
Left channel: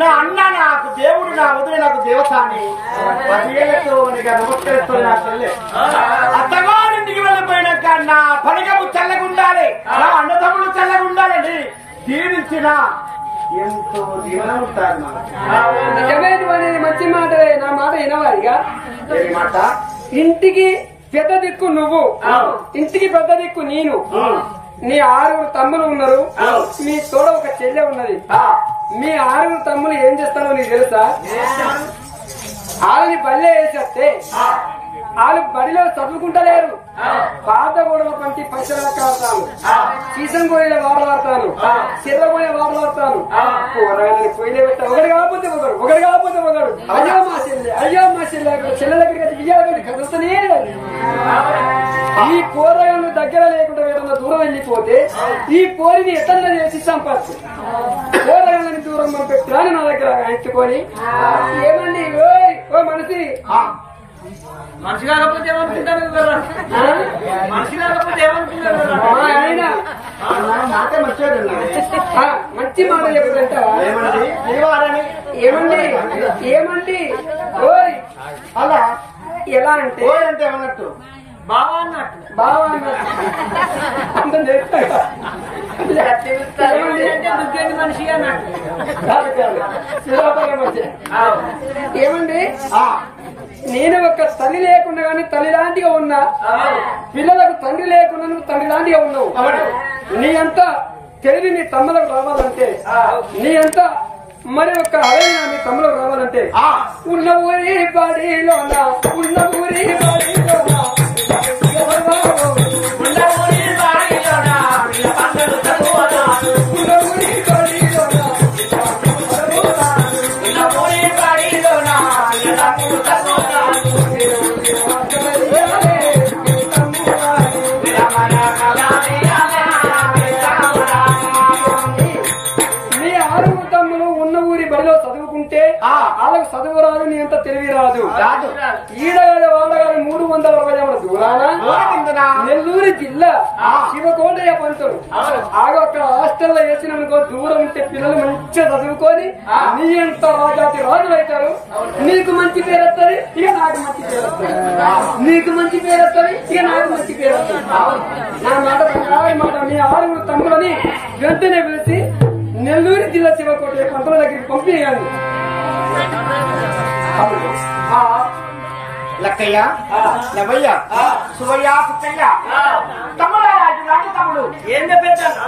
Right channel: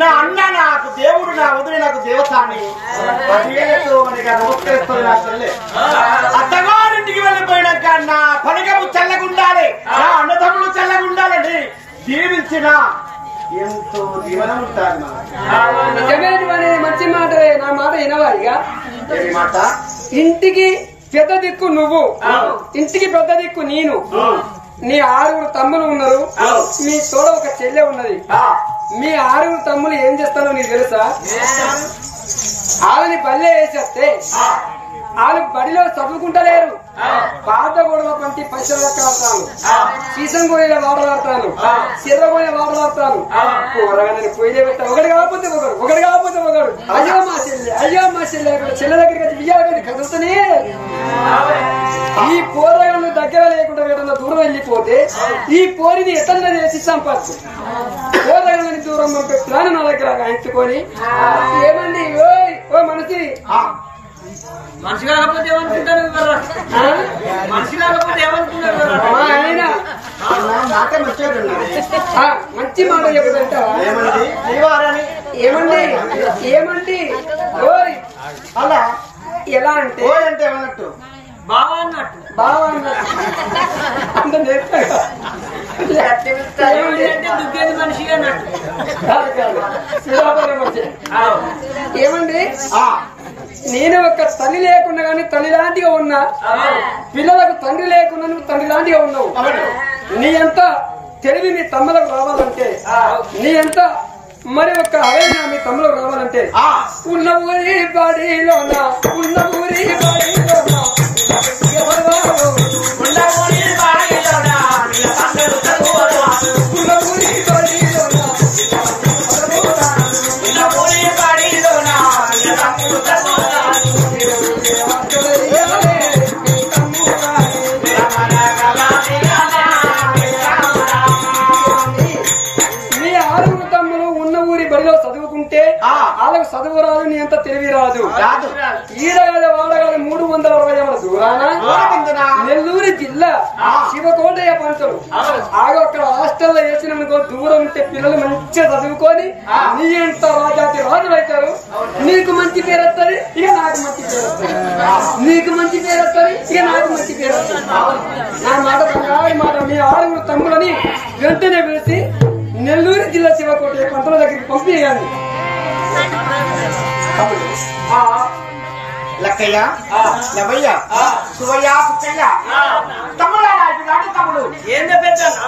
నా అన్న నాకు దేవుడు, నా వదిలే నాకు దేవత అని 10 ఏళ్లతో నమస్కరిస్తుంది నా చెల్లె. అత్తగారింటికి వెళ్ళిపోయినాక నా పనిగము చల్లగుండాలి, నా అన్నదమ్ములు చల్లగుండాలని దీవించిన ఎంతో దీవనం ఉంటారు. నిజమేది మంచి మాట. నా మాట వినవాలిగా. ఏమి మాట? ఇంటికి పెద్ద దిక్కు నువ్వు, ఇంటికి పెద్ద దిక్కు నేను. నీ 6 తమ్ములు ఉన్నారు, నీ తోడ ఒక చెల్లె ఉన్నది. మీ 6 తమ్ములు ఏం చేస్తారో నీకు తెలుసా? వాళ్ళని బల్లె వేసేస్తే వాళ్ళు బడిలో చదువుకుంటలేరు. పాత గొడవ పంటి పైసలు లెక్కలాడతాను, సీసం గోయల వాడలాడతాను, సిర్ర గోయ వాడలాడతాను. పొయ్యిలో పెట్టా ఒకటి కాకపోతే ఒకడు అయ్యా మా చెల్లె, అయ్యా మా చెల్లె చెల్లె దగ్గరికి బియ్యాలి కదులుతూనే. ఈ పోరగాళ్ళు దగ్గర లేకుండా ఏదన్నా దూరం వెళ్ళిపోతే ఈ పోరిని ఎతన్నా చేసి సంపాదించు. పోరగాళ్ళని దూరం పెట్టుకుని నా దగ్గర ఎంచుకొని ఏమండి ఓ మనిషి మనిషి కాకపోతే ఏమనుకుంటారు, మనిషి కాకపోతే ఏమనుకుంటారు. మా ఆయన నాకే మంచిగా ఉన్నది. మంచి మాట చెప్పుకుంటారా? ఏమండి ఏమండి ఓయ్ అలా ఎలా అంటే ఓయ్ అంటే ఏమన్నట్టు? బావా అన్నట్టు. బావా అన్నట్టు అంటే నేర్పా. ఏమండి అంటే దుగ్గేది మనిషి అన్నట్టు. ఏమండి నేను ఒక తల్లి లేకుండా కానీ తల్లి లాంటిగా ఉన్నా, పిల్లలకు తండ్రి లేకుండా నువ్వు తండ్రి లాంటిగా ఉన్నావు. నీ ఎంత తెలివి నీ తమ్ములకు రావాలంటే, నీ ఎంత మరి ఒక అలైన నీ తమ్ములకు రావాలంటే ఉన్న ఊరి బాడీలోన ఉన్న ఊరి బాడీలోన ఎవరు ఉన్న ఊరి బాడీలోన ఉన్న ఊరి బాడీలోన నీ ఆరుగురు తమ్ములు ఉన్న ఊరి బడిలో చదువుకుంటే వాళ్ళకు చదువు రాదు, నీ ఎంత తెలివి రాదు. ఈడగాలి వాడగాలి 360 దూరాన నెల్లూరు జిల్లా శివకోటయ్య పంటలు ఆగా ఒక హాస్టల్లో వేసిననుకో దూరం ఉంటే పిల్లలు మంచిగా చదువుకొని నీ ఎంత రాజాతి రాజులు అవుతారు. నీకు మంచి పేరు వస్తుంది, ఇక నాకు మంచి పేరు వస్తుంది. నీకు మంచి పేరు వస్తుంది, ఇక నాకు మంచి పేరు వస్తుంది. నా మాట మాట నీ ఆరుగురు తమ్ములని వెంటనే పిలిచి నెల్లూరు జిల్లా శివకోటయ్య పంటల దగ్గరికి పంపించండి. లక్కయ్య, లవయ్య, సువయ్య, సుక్కయ్య, తమ్ముడు తమ్ముడు ఏం చెప్పేస్తాను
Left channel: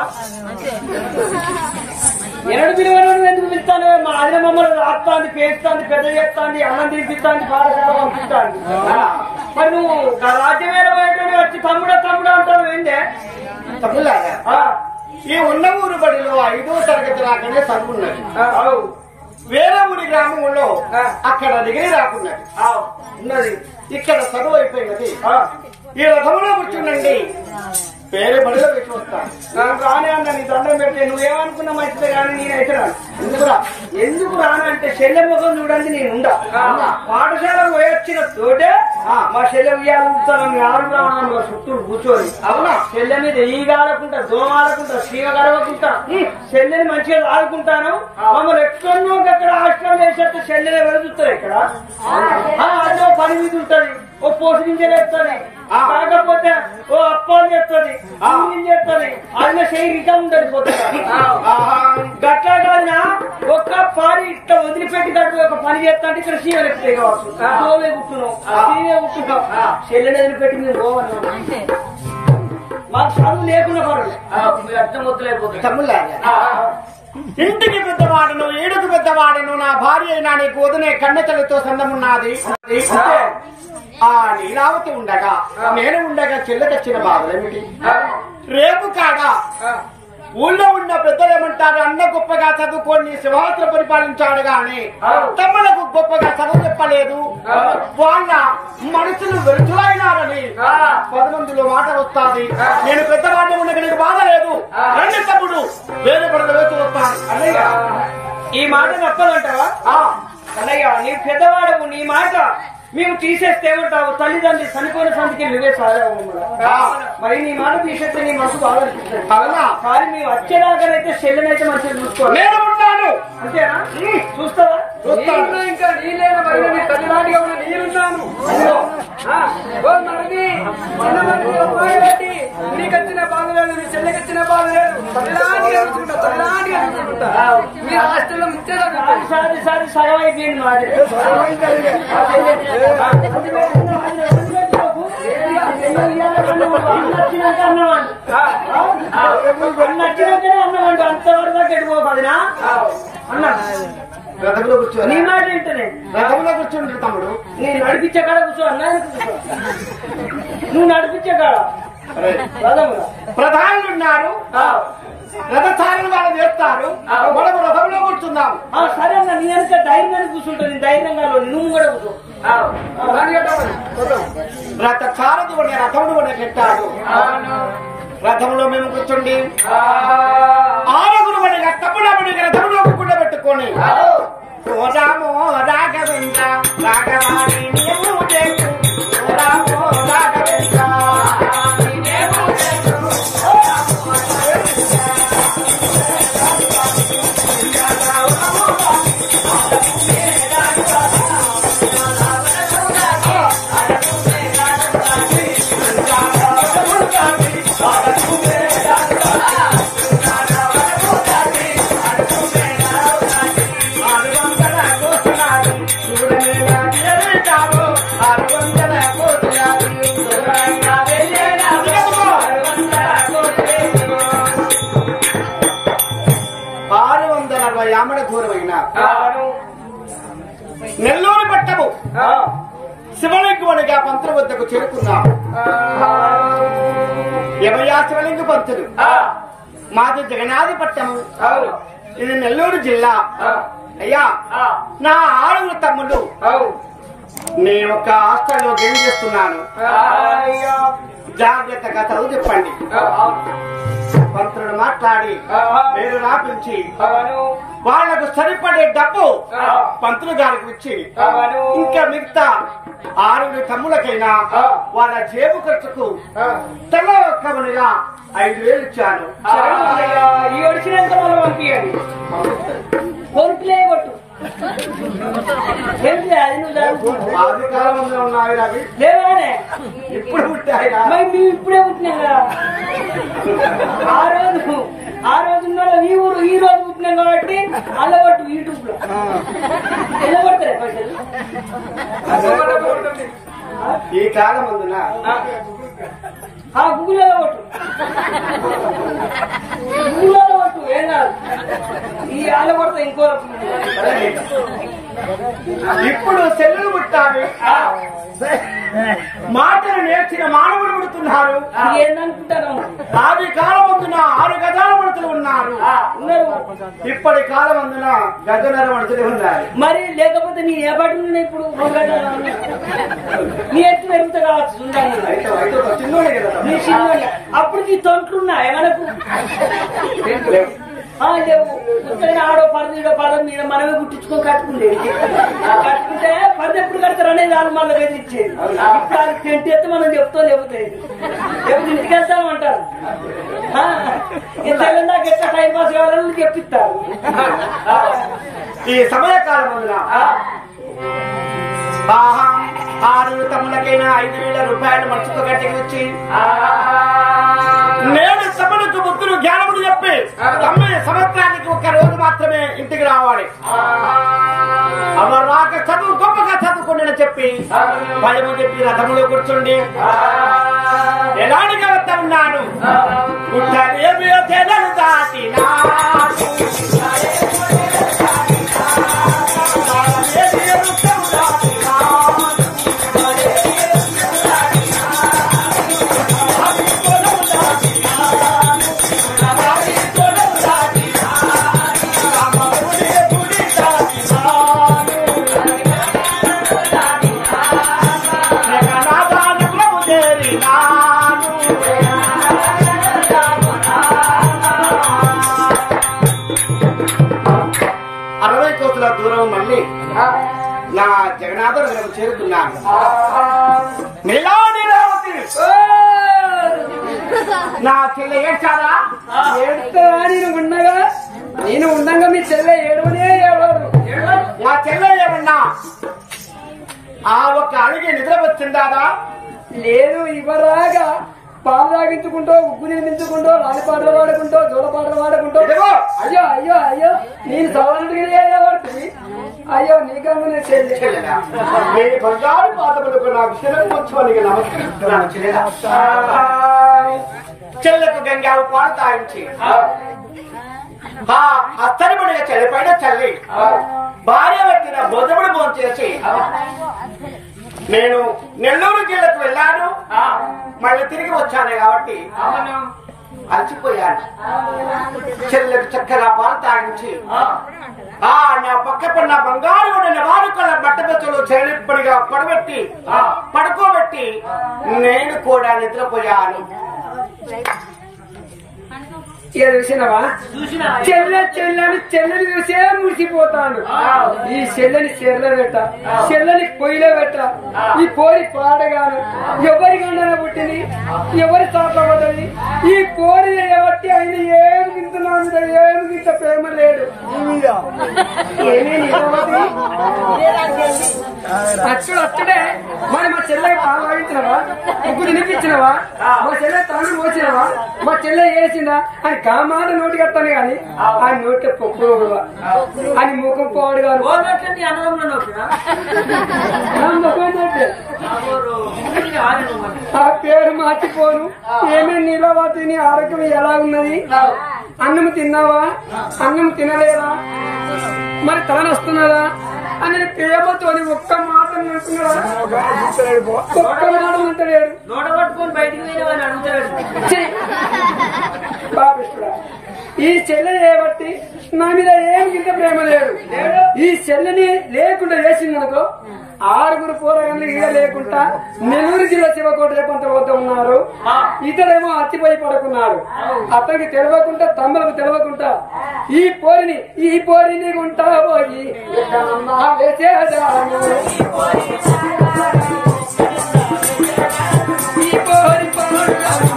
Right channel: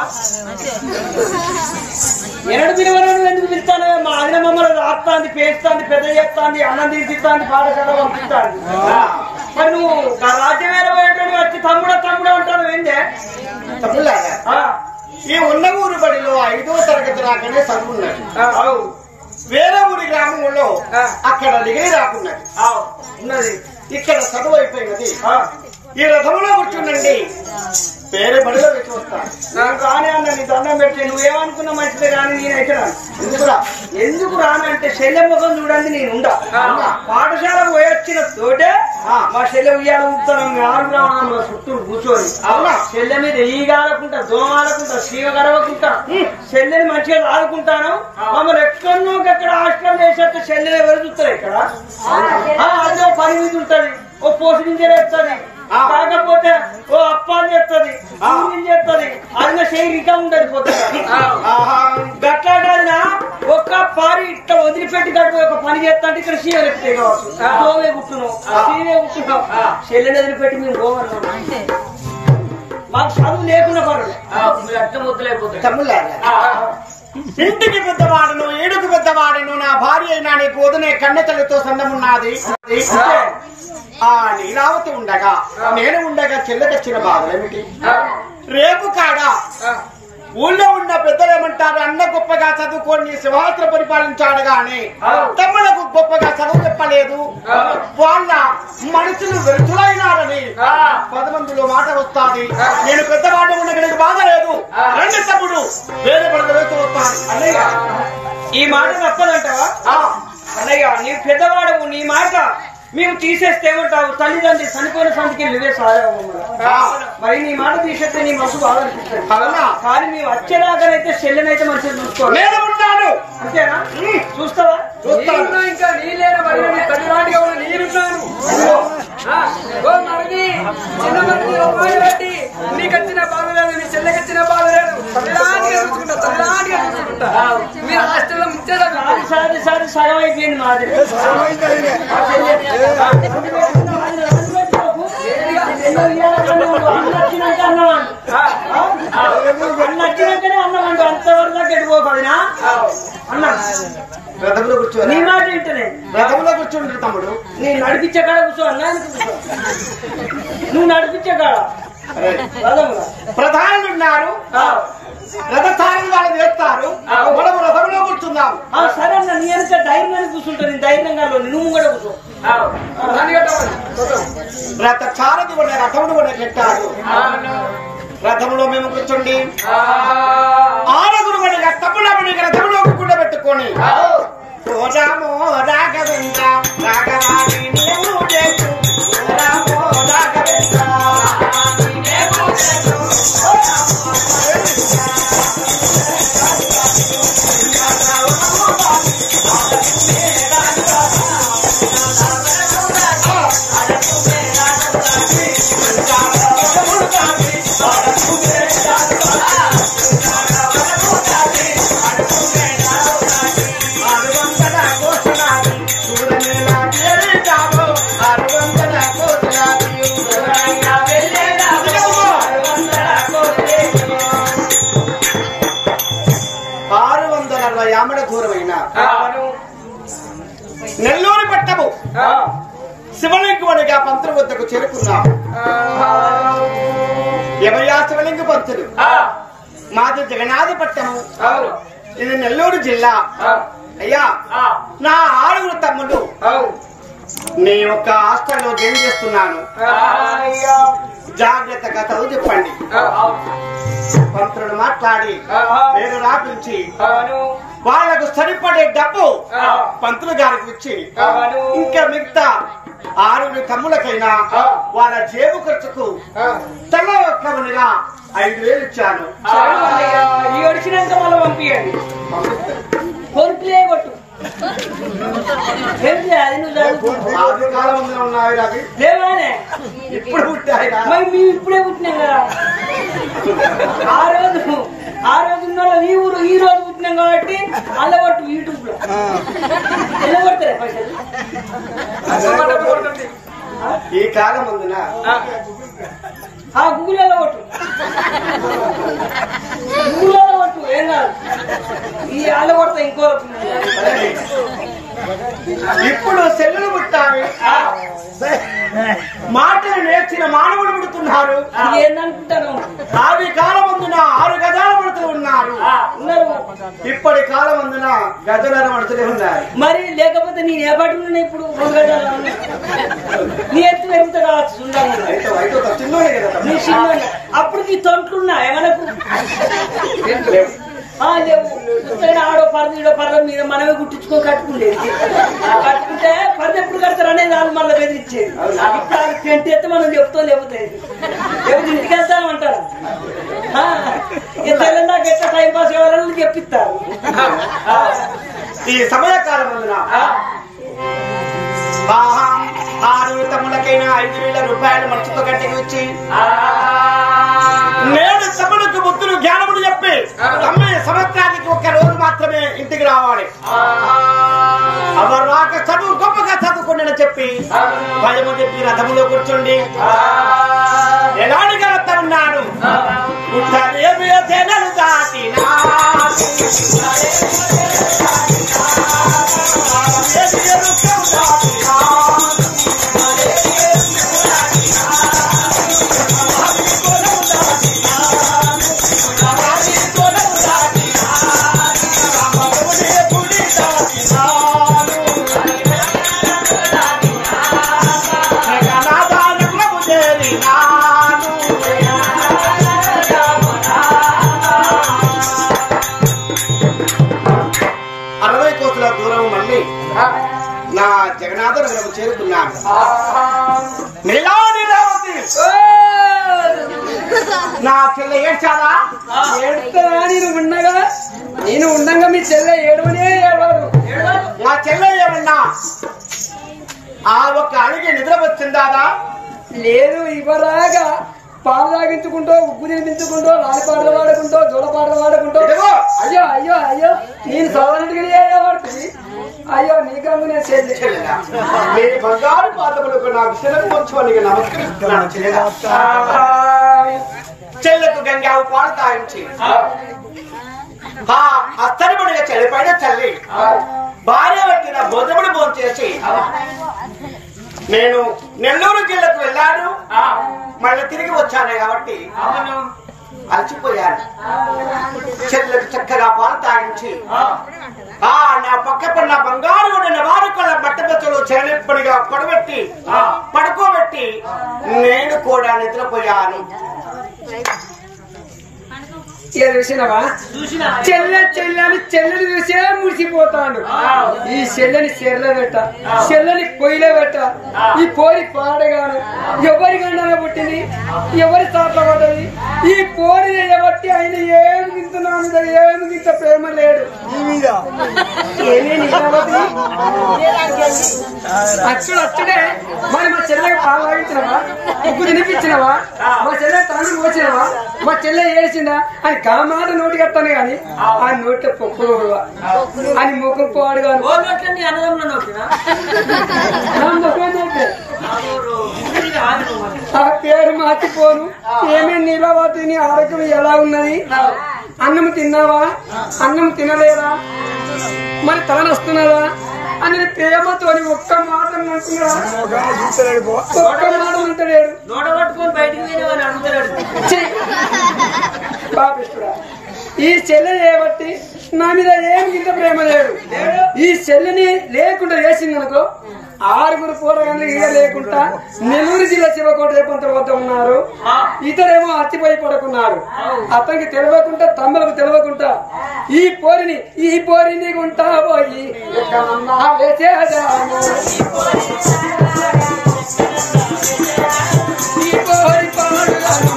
ఎరడు పిలువను ఎందుకు పిలుస్తాను? మా అన్న మమ్మల్ని రాస్తాంది, పేస్తాంది, పెద్ద చేస్తాంది, అన్నం తీసిస్తాంది, పాఠశాల పంపిస్తాంది. మరి నువ్వు రాజ్యమేర వచ్చి తమ్ముడు తమ్ముడు అంటాను ఏందే? తమ్ముళ్ళారా, ఈ ఉన్న ఊరు బడిలో 5వ తరగతి రాకనే చదువున్నది. వేరే ఊరి గ్రామంలో అక్కడ డిగ్రీ రాకున్నది. ఇక్కడ చదువు అయిపోయినది. ఈ రథములో కూర్చుండండి, వేరే బడిలో పెట్టి వస్తాను. నాకు రానే అన్నా, నీ దండం పెట్టి నువ్వేమనుకున్నా మంచిదే కానీ నేనైతే రాను. ఎందుకు రానంటే శల్య ముఖం చూడండి, నేను ఉండా పాఠశాల పోయొచ్చిన తోటే మా శల్య ఉయ్యాల ఉంటాను. ఆరులో ఉన్నాం చుట్టూ కూర్చొని శల్య మీద ఈగాలకుంటా, దోమాలకుంటా, సీమ గరవకుంటా శల్యని మంచిగా ఆడుకుంటాను. మమ్మల్ని ఎక్కడో అక్కడ హాస్టల్ వేసేస్తే శల్యనే వెలుగుతారు. ఇక్కడ అదే పని మీద ఉంటది, ఓ పోషించే వేస్తుంది, కాకపోతే ఓ అప్పాలు చెప్తుంది, చెప్తుంది. అది చేయి ఇంకా ఉండదు పోతుంది. గట్లా కాదునా ఒక్క పారి ఇట్లా వదిలిపెట్టి గట్టు ఒక పని చేస్తా అంటే ఇక్కడ సీమ ఎత్తాయి కావచ్చు. గోవే కుట్టున్నాం, సీమే కుట్టున్నాం, చెల్లెని వదిలిపెట్టి మేము పోవన్నాం. మాకు చదువు లేకుండా పర్వాలేదు, అర్థం వద్దులేకపోతుంది. తమ్ముళ్ళారా, ఇంటికి పెద్దవాడను, ఏడుకు పెద్దవాడను, నా భార్య అయినా నీకు వదిలే కన్నతలతో సందమున్నది. ఆ నీలావతి ఉండగా నేను ఉండగా చెల్లెకొచ్చిన బాధలేమిటి? రేపు కాగా ఊళ్ళో ఉన్న పెద్దలేమంటారు, అన్న గొప్పగా చదువుకొని సింహాసన పరిపాలించాడు గాని తమ్ములకు గొప్పగా చదువు చెప్పలేదు. వాళ్ళ మనుషులు వ్యర్థులైనారని 10 మందిలో మాట వస్తాది. నేను పెద్దవాడు ఉండగలిగి బాధ లేదు. రండి తమ్ముడు, వేరే పడత వేస్తూ వస్తాను. అన్నయ్య ఈ మాట తప్పదంటావా? అన్నయ్య నీ పెద్దవాడవు, నీ మాట మేము తీసేస్తే ఏమంటావు? తల్లిదండ్రి చనిపోయిన సంతికి నువ్వే సాధవు. మరి నీ మాట తీసేస్తే నీ మనసు బాగా అనిపిస్తుంది. కానీ నీవు వచ్చేదాకానైతే చెల్లెనైతే మంచిగా చూసుకోవాలి. నేను ఉంటాను, అంతేనా? చూస్తావా? చూస్తాను. ఇంకా నీళ్ళైనా మరి నీ తల్లినాటిగా ఉన్న నీరుంటాను. నీకు వచ్చిన బాగలేదు, నీ చెల్లెకొచ్చిన బాగలేదు, తల్లినాటిగా చూసుకుంటా, తల్లినాటిగా చూసుకుంటా. మీ హాస్టల్లో ముచ్చట సారి సారి సగం అయిపోయింది మాది. అన్నచ్చినాక అన్నవాడు అన్నవాడు అంతవరకు గట్టిపోకదినా అన్న రథంలో కూర్చో. నీ మాట ఏంటనే రథంలో కూర్చుంటారు తమ్ముడు. నేను నడిపించే కాడ కూర్చో అన్నా, నువ్వు నడిపించే కాడ రథముగా ప్రధానులు ఉన్నారు, రథచారులు వాళ్ళు చేస్తారు. మనము రథంలో కూర్చుందాం. సరే అన్న, నీ వెనక ధైర్యాన్ని కూర్చుంటుంది, ధైర్యంగా నువ్వు కూడా కూర్చో. రథచారది ఉన్న రథముడు కూడా కట్టాడు. రథములో మేము కూర్చోండి. 6 పడిగా తప్పులపడిగా రథములో కూడబెట్టుకొని ఓ రామో రాఘవేంద్ర రాఘవాణి నీవు చేసు, ఓ రామో రాఘవేంద్ర యామడ దూరమైన నెల్లూరు పట్టము శివలింగునిగా పంతుల వద్దకు చేరుకున్నాము. ఎవయా శివలింగ పంతులు? మాది జగన్నాథ పట్టము, ఇది నెల్లూరు జిల్లా. అయ్యా, నా 6 తమ్ముళ్ళు నీ యొక్క హాస్టల్లో జాయిన్ చేస్తున్నాను, జాగ్రత్తగా చదువు చెప్పండి. పంతులను మాట్లాడి పేరు రాపించి వాళ్లకు సరిపడే డబ్బు పంతులు గారికి ఇచ్చి ఇంకా మిగతా 6 తమ్ములకైనా వాళ్ళ జేబు ఖర్చుకు తల ఒక్కమునిగా 5,000 ఇచ్చాను. ఈ వచ్చినాక వాళ్ళు పంపించండి. కోరికలే కొట్టు ఆది కాలం ఉన్నాయి రవి, లేవానే ఇప్పుడు పుట్టాయిరా. మేము ఇప్పుడే పుట్టినాం కదా. ఆ రోజు ఈ ఊరు ఈ రోజు పుట్టినాం కాబట్టి అల్లబట్టు యూట్యూబ్ లో ఎలా కొడతారే పైసలు. ఈ కాలం అందున గూగుల్లో కొట్టు, గూగుల్లో కొట్టు, ఏం కాదు. ఈ అల్ల కొడతా ఇంకో ఇప్పుడు సెల్లులు పుట్టావి, మాటలు నేర్చిన మానవుడు పుడుతున్నారు. ఏందనుకుంటాను. ఆది కాలమందున 6 గజాల మనుషులు ఉన్నారు. ఇప్పటి కాలమందున గజనర మనుషులే ఉన్నారు. మరి లేకపోతే నీ ఏ బట్టి ఇప్పుడు 2 గజాలు నీ ఎత్తు పెరుగుతా కావచ్చు. చిన్నోడే కదా. నీ చిన్న అప్పుడు నీ తొంట్లున్నాయి మనకు లేవు. ఆడో పరద ఈడో పరద మీద మనమే గుట్టించుకొని కట్టుకుండేది. కట్టుకుంటే పరద ఎప్పుడు కడతారనే దాని మళ్ళీ బెదిరించేది. పెంటి ఎత్తే మనం చెప్తాం, లేకపోతే ఇంటికి వెళ్తాను అంటారు. తెలంగాణ ఎట్లా టైం పాస్ కావాలని చెప్పిస్తారు. ఈ సమయకాలం అందున 6 తమ్ములకైనా 5,000 రూపాయలు మనసుతో గట్టికి వచ్చి నేను తమ్ములకు బుద్ధులు జ్ఞానములు చెప్పి తమ్మే సంవత్సరానికి 1 రోజు మాత్రమే ఇంటికి రావాలి. అవరు రాక చదువు గొప్పగా చదువుకోండి చెప్పి భయము చెప్పి రథములో కూర్చోండి. ఎలాంటిగా వస్తా ఉన్నాను గుట్టలేమి తెనలు దాటినా దూరం మళ్ళీ నా జగన్నాథ నగరం చేరుకున్నాను. నా చెల్లె ఏడ్చాదా? నేను ఉండగా మీ చెల్లె ఏడవనే ఏడవారు. మా చెల్లె ఏమన్నా ఆ ఒక్క అలిగి నిద్ర వచ్చిందాదా? లేదు, ఇవ్వరాగా పాలు తాగించుకుంటూ ఉగ్గు నిందించుకుంటూ రాని పాటలు పాడుకుంటూ జోడ పాటలు పాడుకుంటూ అయ్యో అయ్యో అయ్యో నేను సవరణగిరి పడుతుంది. అయ్యో నీకమ్మ నేను చెల్లెలా మీ బంగారు పాదములకు నాకు శిలకు వచ్చి నమస్కరిస్తున్నాను. చెల్లెలా చెల్లెకు గంగావు పాలు తాగించి అస్తరిపడిగా చెల్లిపైన చల్లి భార్య పెట్టిన భోజముడు భోజనం చేసి నేను నెల్లూరు జిల్లాకు వెళ్ళాను. మళ్ళీ తిరిగి వచ్చాను కాబట్టి అలసిపోయాను. చెల్లెకు చక్కగా పాలు తాగించి నా పక్క పడిన బంగారు వండిన వారుకల బట్టబెచ్చలు చెల్లిప్పడిగా పడబెట్టి పడుకోబెట్టి నేను కూడా నిద్రపోయాను. చూసినవా చెల్లని చూసే మురిసిపోతాడు. ఈ చెల్లని చెర్లో పెట్ట, చెల్లని పొయ్యిలో పెట్ట, ఈ పోరి పాడగాను ఎవరికన్నా పుట్టింది, ఎవరి తాత పడ్డది, ఈ పోరి చేయబట్టి ఆయన ఏమి తింటున్నాను, ఏమి ఇంత ప్రేమ లేడు. అచ్చుడే మరి మా చెల్లెకి పాలు తాగించినవా, ఉగ్గు తినిపించినవా, మా చెల్లె తాను మోసినవా, మా చెల్లె వేసిందా అని కామాట నోటి కట్టాను కానీ ఆ నోటి పొక్కు అని ముఖం పోవాడు కాదు. ఆ పేరు మార్చిపోను. ఏమేమి నీలవాతిని ఆరోగ్యం ఎలా ఉన్నది, అన్నం తిన్నావా, అన్నం తినలేదా, మరి తలనొస్తున్నదా అని ప్రేమతోని ఒక్క మాట అంటున్నాడా? ఒక్క మాట అంటలేడు. నోట పట్టుకొని బయటికి పోయినావని అడుగుతాడు. పాపిస్తుడా, ఈ చెల్లె చేయబట్టి నా మీద ఏమి ఇంత ప్రేమ లేడు. ఈ చెల్లెని లేకుండా చేసిందనుకో 6 పోరగాళ్ళు ఇక లేకుండా నెల్లూరు జిల్లా శివకోట రేపంత వద్ద ఉన్నారు. ఇతడేమో అత్తిపోయి పడుకున్నారు. అతనికి తెలియకుండా తమ్ములకు తెలియకుండా ఈ పోరిని గుంటా పోయి ఎక్కడన్నా వేసేదాను. ఈ పోరి పాడుగాను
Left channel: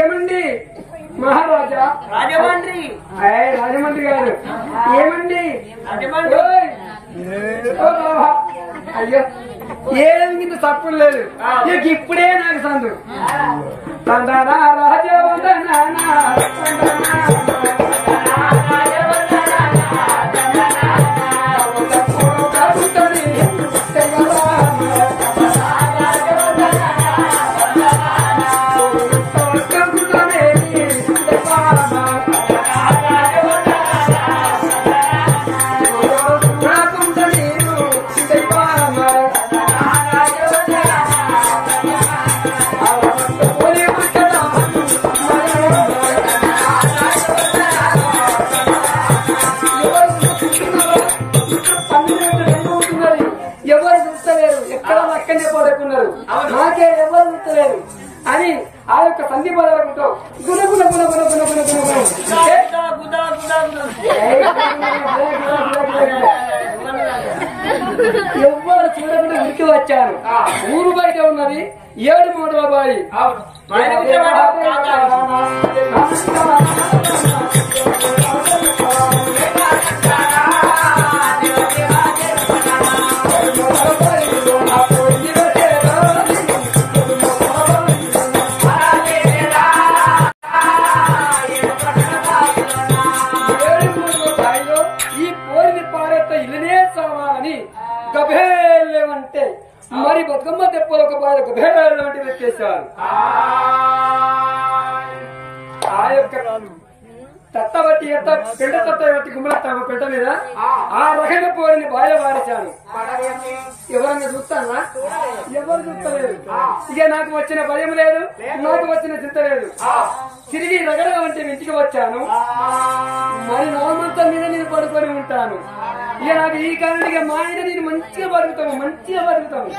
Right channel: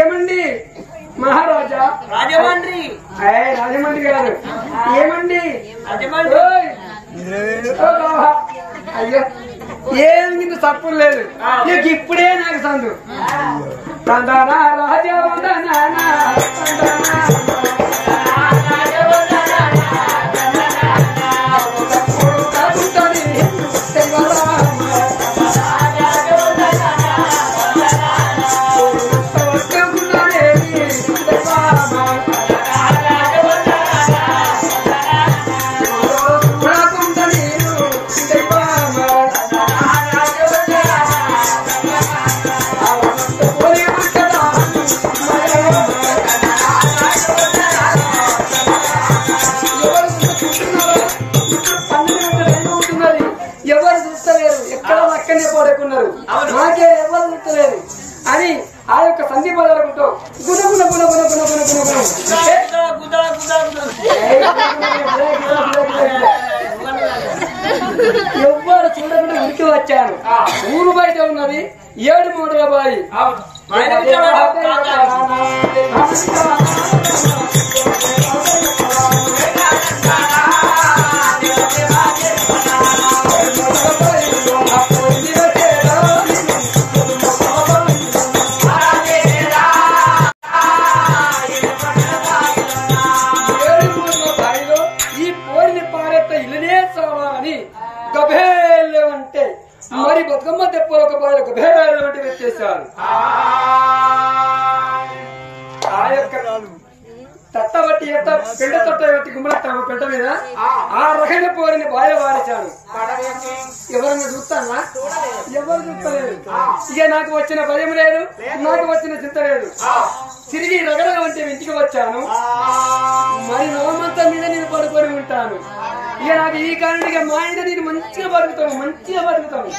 ఏమండి మహారాజా? రాజమండ్రి. రాజమండ్రి గారు ఏమండి? ఓయ్! ఓ బాబా, అయ్యో ఏం కింద తప్పు లేదు. నీకు ఇప్పుడే నాకు సందు రాజా పడుకున్నారు. నాకే ఎవరు గుర్తులేరు అని ఆ యొక్క సంధి పదాలతో గుణ గుణ గుణ గుణ గుణ గుణ గుణ ఎవ్వరు చూడకుండా ఉరికి వచ్చాను. ఊరు బయట ఉన్నది 7 మూటల బాయి. గభేళ్ళమంటే మరి బతుకమ్మ తెప్పలు ఒక బాయిలో గభేళ్ళమంటే పెట్టేశారు. ఆ యొక్క తట్ట బట్టి ఎత్త పెంట తట్ట బట్టి గుమ్మలెత్తాము పెంట మీద ఆ రకమైన పోరిని బాయిలో వారేశాను. ఎవరన్నా చూస్తానా? ఎవరు చూస్తలేదు. ఇక నాకు వచ్చిన భయం లేదు, నాకు వచ్చిన చింత లేదు. తిరిగి రగడగా అంటే ఇంటికి వచ్చాను. మరి నవమంతం మీద నేను పడుకొని ఉంటాను. ఇక నాకు ఈ కారణంగా మా ఆయన నేను మంచిగా బతుకుతాము, మంచిగా బతుకుతాము.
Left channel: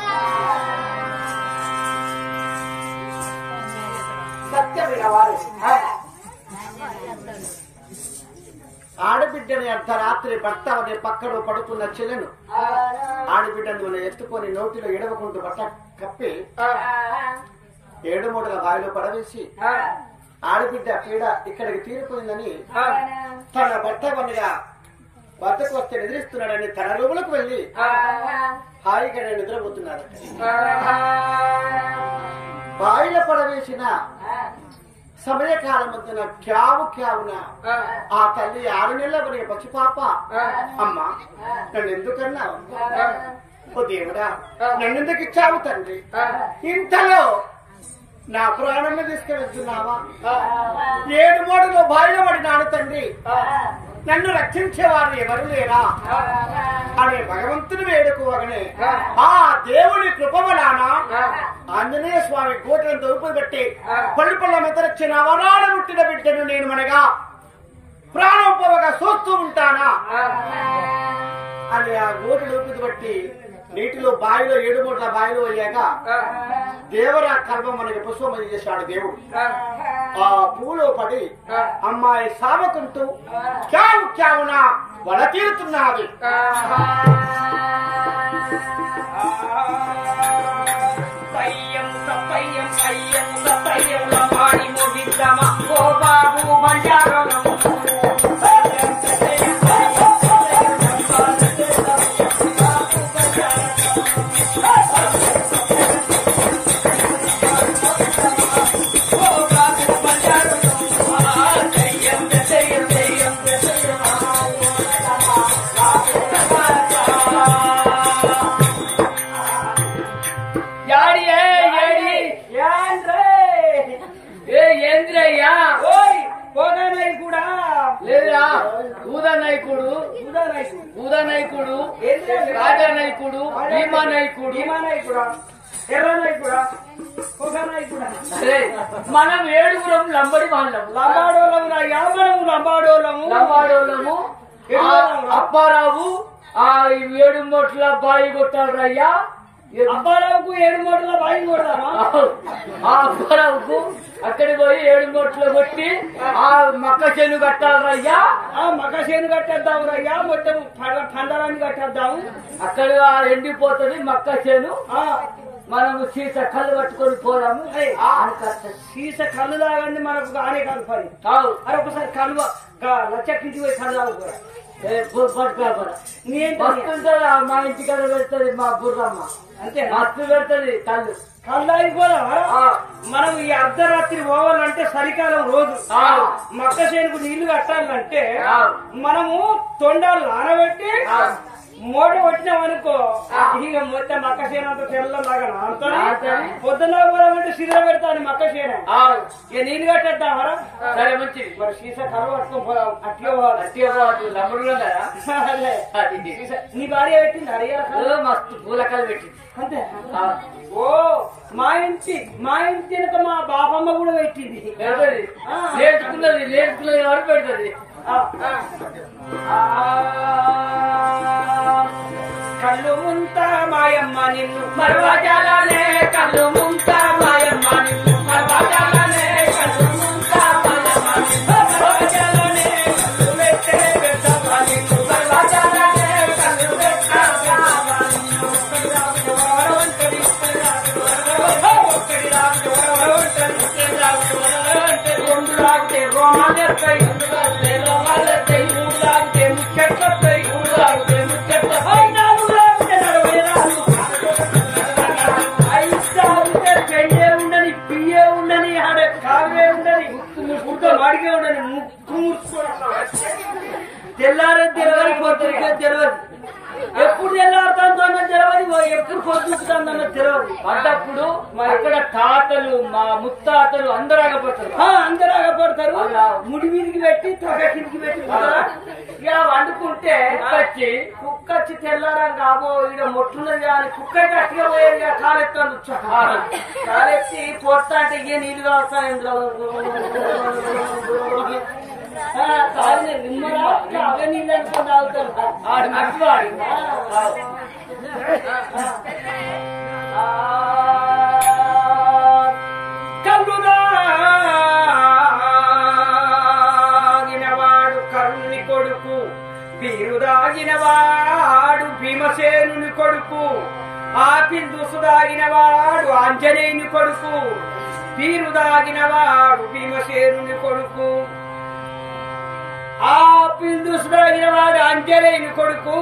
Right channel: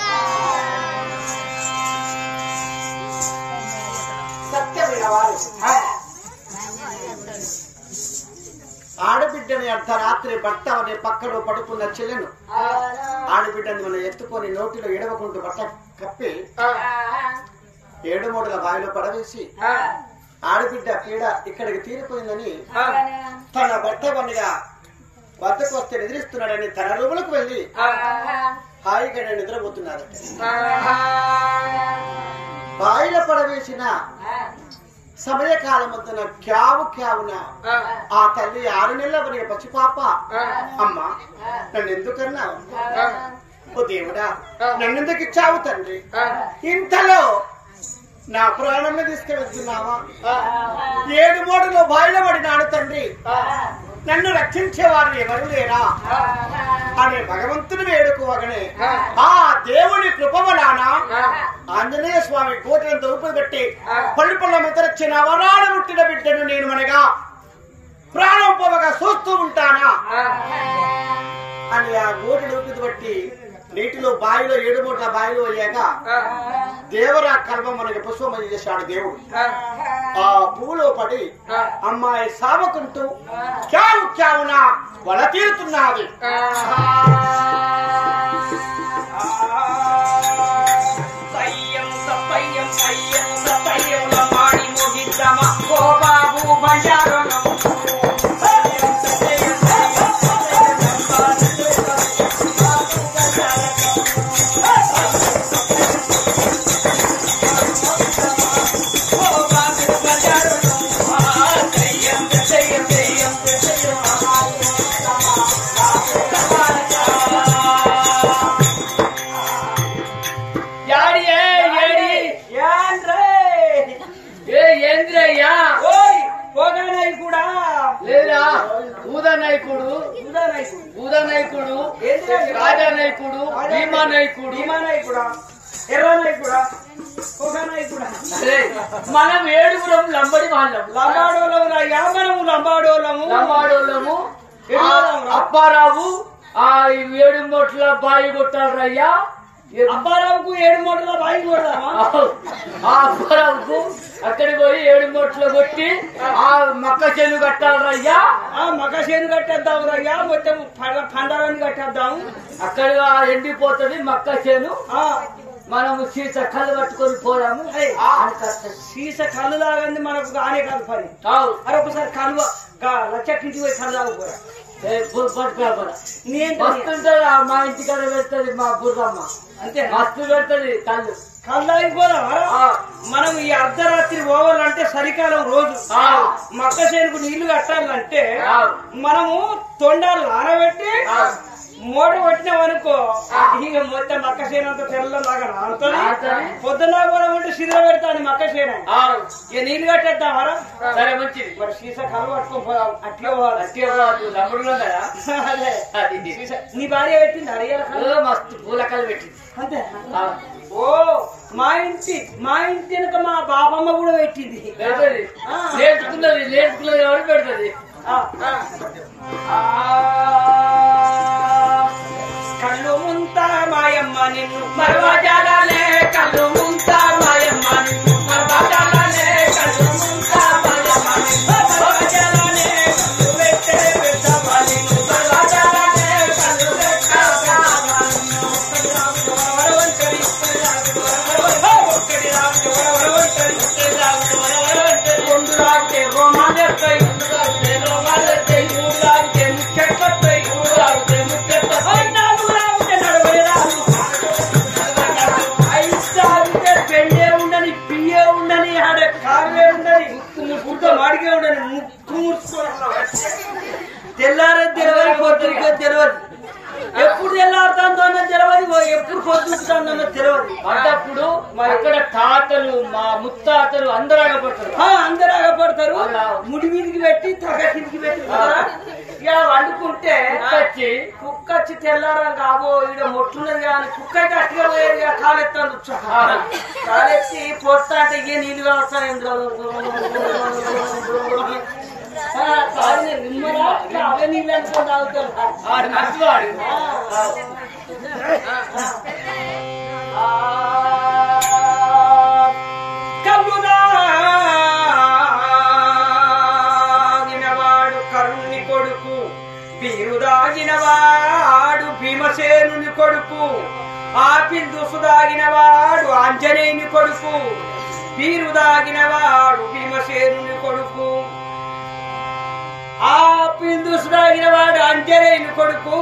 ఆడబిడ్డని అర్ధరాత్రి భర్త అనే పక్కలో పడుకున్న చెల్లెను ఆడబిడ్డని మనం ఎత్తుకొని నోటిలో ఎడవకుంటూ బట్ట కప్పి 7 మూటల బావిలో పడవేసి ఆడబిడ్డ పీడ ఇక్కడికి తీరిపోయిందని తన భర్త పనిగా వద్దకు వస్తే నిద్రిస్తున్నాడని తన రూములకు వెళ్లి హాయిగా నిద్రపోతున్నాడట. బావిలో పడవేసిన సమయకాలం మధ్యన క్యావున ఆ తల్లి 6 నెలల వరకు పసిపాప అమ్మా నన్ను ఎందుకన్నావు? ఓ దేవుడా నన్నెందుకు ఇచ్చావు తండ్రి? ఇంతలో నా ప్రాణంలో తీసుకెళ్తున్నావా? 7 మూటలో బావిలో పడినాడు తండ్రి, నన్ను రక్షించేవారు ఎవరు లేరా అనే భగవంతుని వేడుకోవగానే ఆ దేవుని కృపవలాన ఆంజనేయ స్వామి కోటలను తలుపులు పెట్టి పళ్ళు పళ్ళ మెతరచ్చిన వరాలు ముట్టిన బిడ్డను నేను మనగా ప్రాణం పోవగా చూస్తూ ఉంటానా అని ఆ గోటను ఊపిది బట్టి నీటిలో బావిలో 7 మూటల బావిలో అయ్యాక దేవరా కల్పం మనకి పుష్పమని చేశాడు దేవుడు. ఆ పువ్వులో పడి అమ్మాయి సామకుంటూ క్యావున వల తీరుతున్నది. నాయకుడు రాజా నాయకుడు భీమా నాయకుడు ఎర్ర నాయకుడా నాయకుడా మనం ఏడుగురం లంబడి వాళ్ళం లంబాడోళ్ళము అప్పారావు ఆ 7 మూటల బాయి కొట్టాడు రయ్యా అప్పారావుకు 7 మూటల బాయి కొడదామా ఆ అప్పారావుకు అక్కడికి పోయి 7 మూటలు కొట్టి ఆ మక్క చేను కట్టాలి రయ్యా ఆ మక్క చేను కట్టేద్దాం రయ్యా మొత్తం పండరాన్ని కట్టేద్దాము అక్కడ ఎండిపోతుంది మక్క చేను మనము సీస కళ్ళు పట్టుకొని పోదాము సీస కళ్ళు లాగంది మనకు ఆనే కాదు పని అరే ఒకసారి కళ్ళు లచ్చక్కింటికి పోయి కళ్ళు లాగు కూడా వస్తుంటదా మా ఇంటికాడ పెడుతుంది మా బుర్రమ్మ అంతే మస్తు పెడుతుంది కళ్ళు కళ్ళు అయిపోదాం మనం ఈ అర్ధరాత్రి పోవాలంటే చలికాలం రోజు మక్క చేనుకు నీళ్లు కట్టాలంటే మనము తొండాలు నానబెట్టి మూట పట్టినామనుకో ఇక మొత్తం మక్క చేనంత తెల్లలాగా నానుతుంది పొద్దున్న పోదామంటే సిరిగ పెడతాను మక్క చేన ఇక నీళ్ళు కట్టేద్దామరా సరే మంచిది మరి సీసా కళ్ళు పట్టుకొని పోదాం అట్టిగా పోవాలి లంబడులో కదా నీ భార్య పెట్టింది అడిగారు మస్తు పూలకలు పెట్టింది అంతే ఓ మా ఇంటి వెనక మా బాబమ్మ కూడా పెట్టింది పెడుతుంది నేర్చుకున్నది ఎవరు పెడుతుంది కళ్ళు ముంతా మాయమ్మ నిన్ను మరవజాలే కళ్ళు ముంతా మాయమ్మ నిన్ను మరవజాలే కళ్ళు ముంతా మాయమ్మ నిన్ను మరవజాలే కళ్ళు వెచ్చే పెద్దమ్మ నిన్ను మరవజాలే కళ్ళు వెచ్చే వరవంటరి ఒక్కడి రావిడి వరవంటరి రెండు రావిడి రోమాలెత్తాయి మూడు రావిడి ముచ్చెట్లొస్తాయి పెళ్ళే ఉండని పియ్యే ఉండని ఆడ కావే ఉండని ముక్కు మాడికే ఉండని ముక్కు తెల్లారే తెలవని పొద్దుకే తెలియదు ఎప్పుడు తెల్లారుతాందో తెలియదు ఎప్పుడు పొద్దుకుంటానో తెలియదు పడ్డప్పుడు అక్కడ తాతలు మా ముత్తాతలు అందరూ ఆగపడతారు ముడి మీదికి పెట్టి తొగ కిందికి పెట్టి ఇలా వండుకుంటే కుక్క వచ్చి తెల్లారం కాబో ఇక మొట్లున్నది కానీ కుక్క అయితే అట్టిగా పోయేది కాలెత్తాను కాలెత్తి పొట్ట అంటే ఏ నీళ్ళు కావస్తాయి అవే నీళ్ళు అనుకుని తాగుతారు కళ్ళు దాగినవాడు కరుణుని కొడుకు బీరు దాగినవాడు భీమసేనుని కొడుకు ఆపిల్ దుసు దాగినవాడు ఆంజనేయుని కొడుకు బీరు దాగినవాడు భీమసేనుని కొడుకు ఆపిల్ దుసు దాగినవాడు ఆంజనేయుని కొడుకు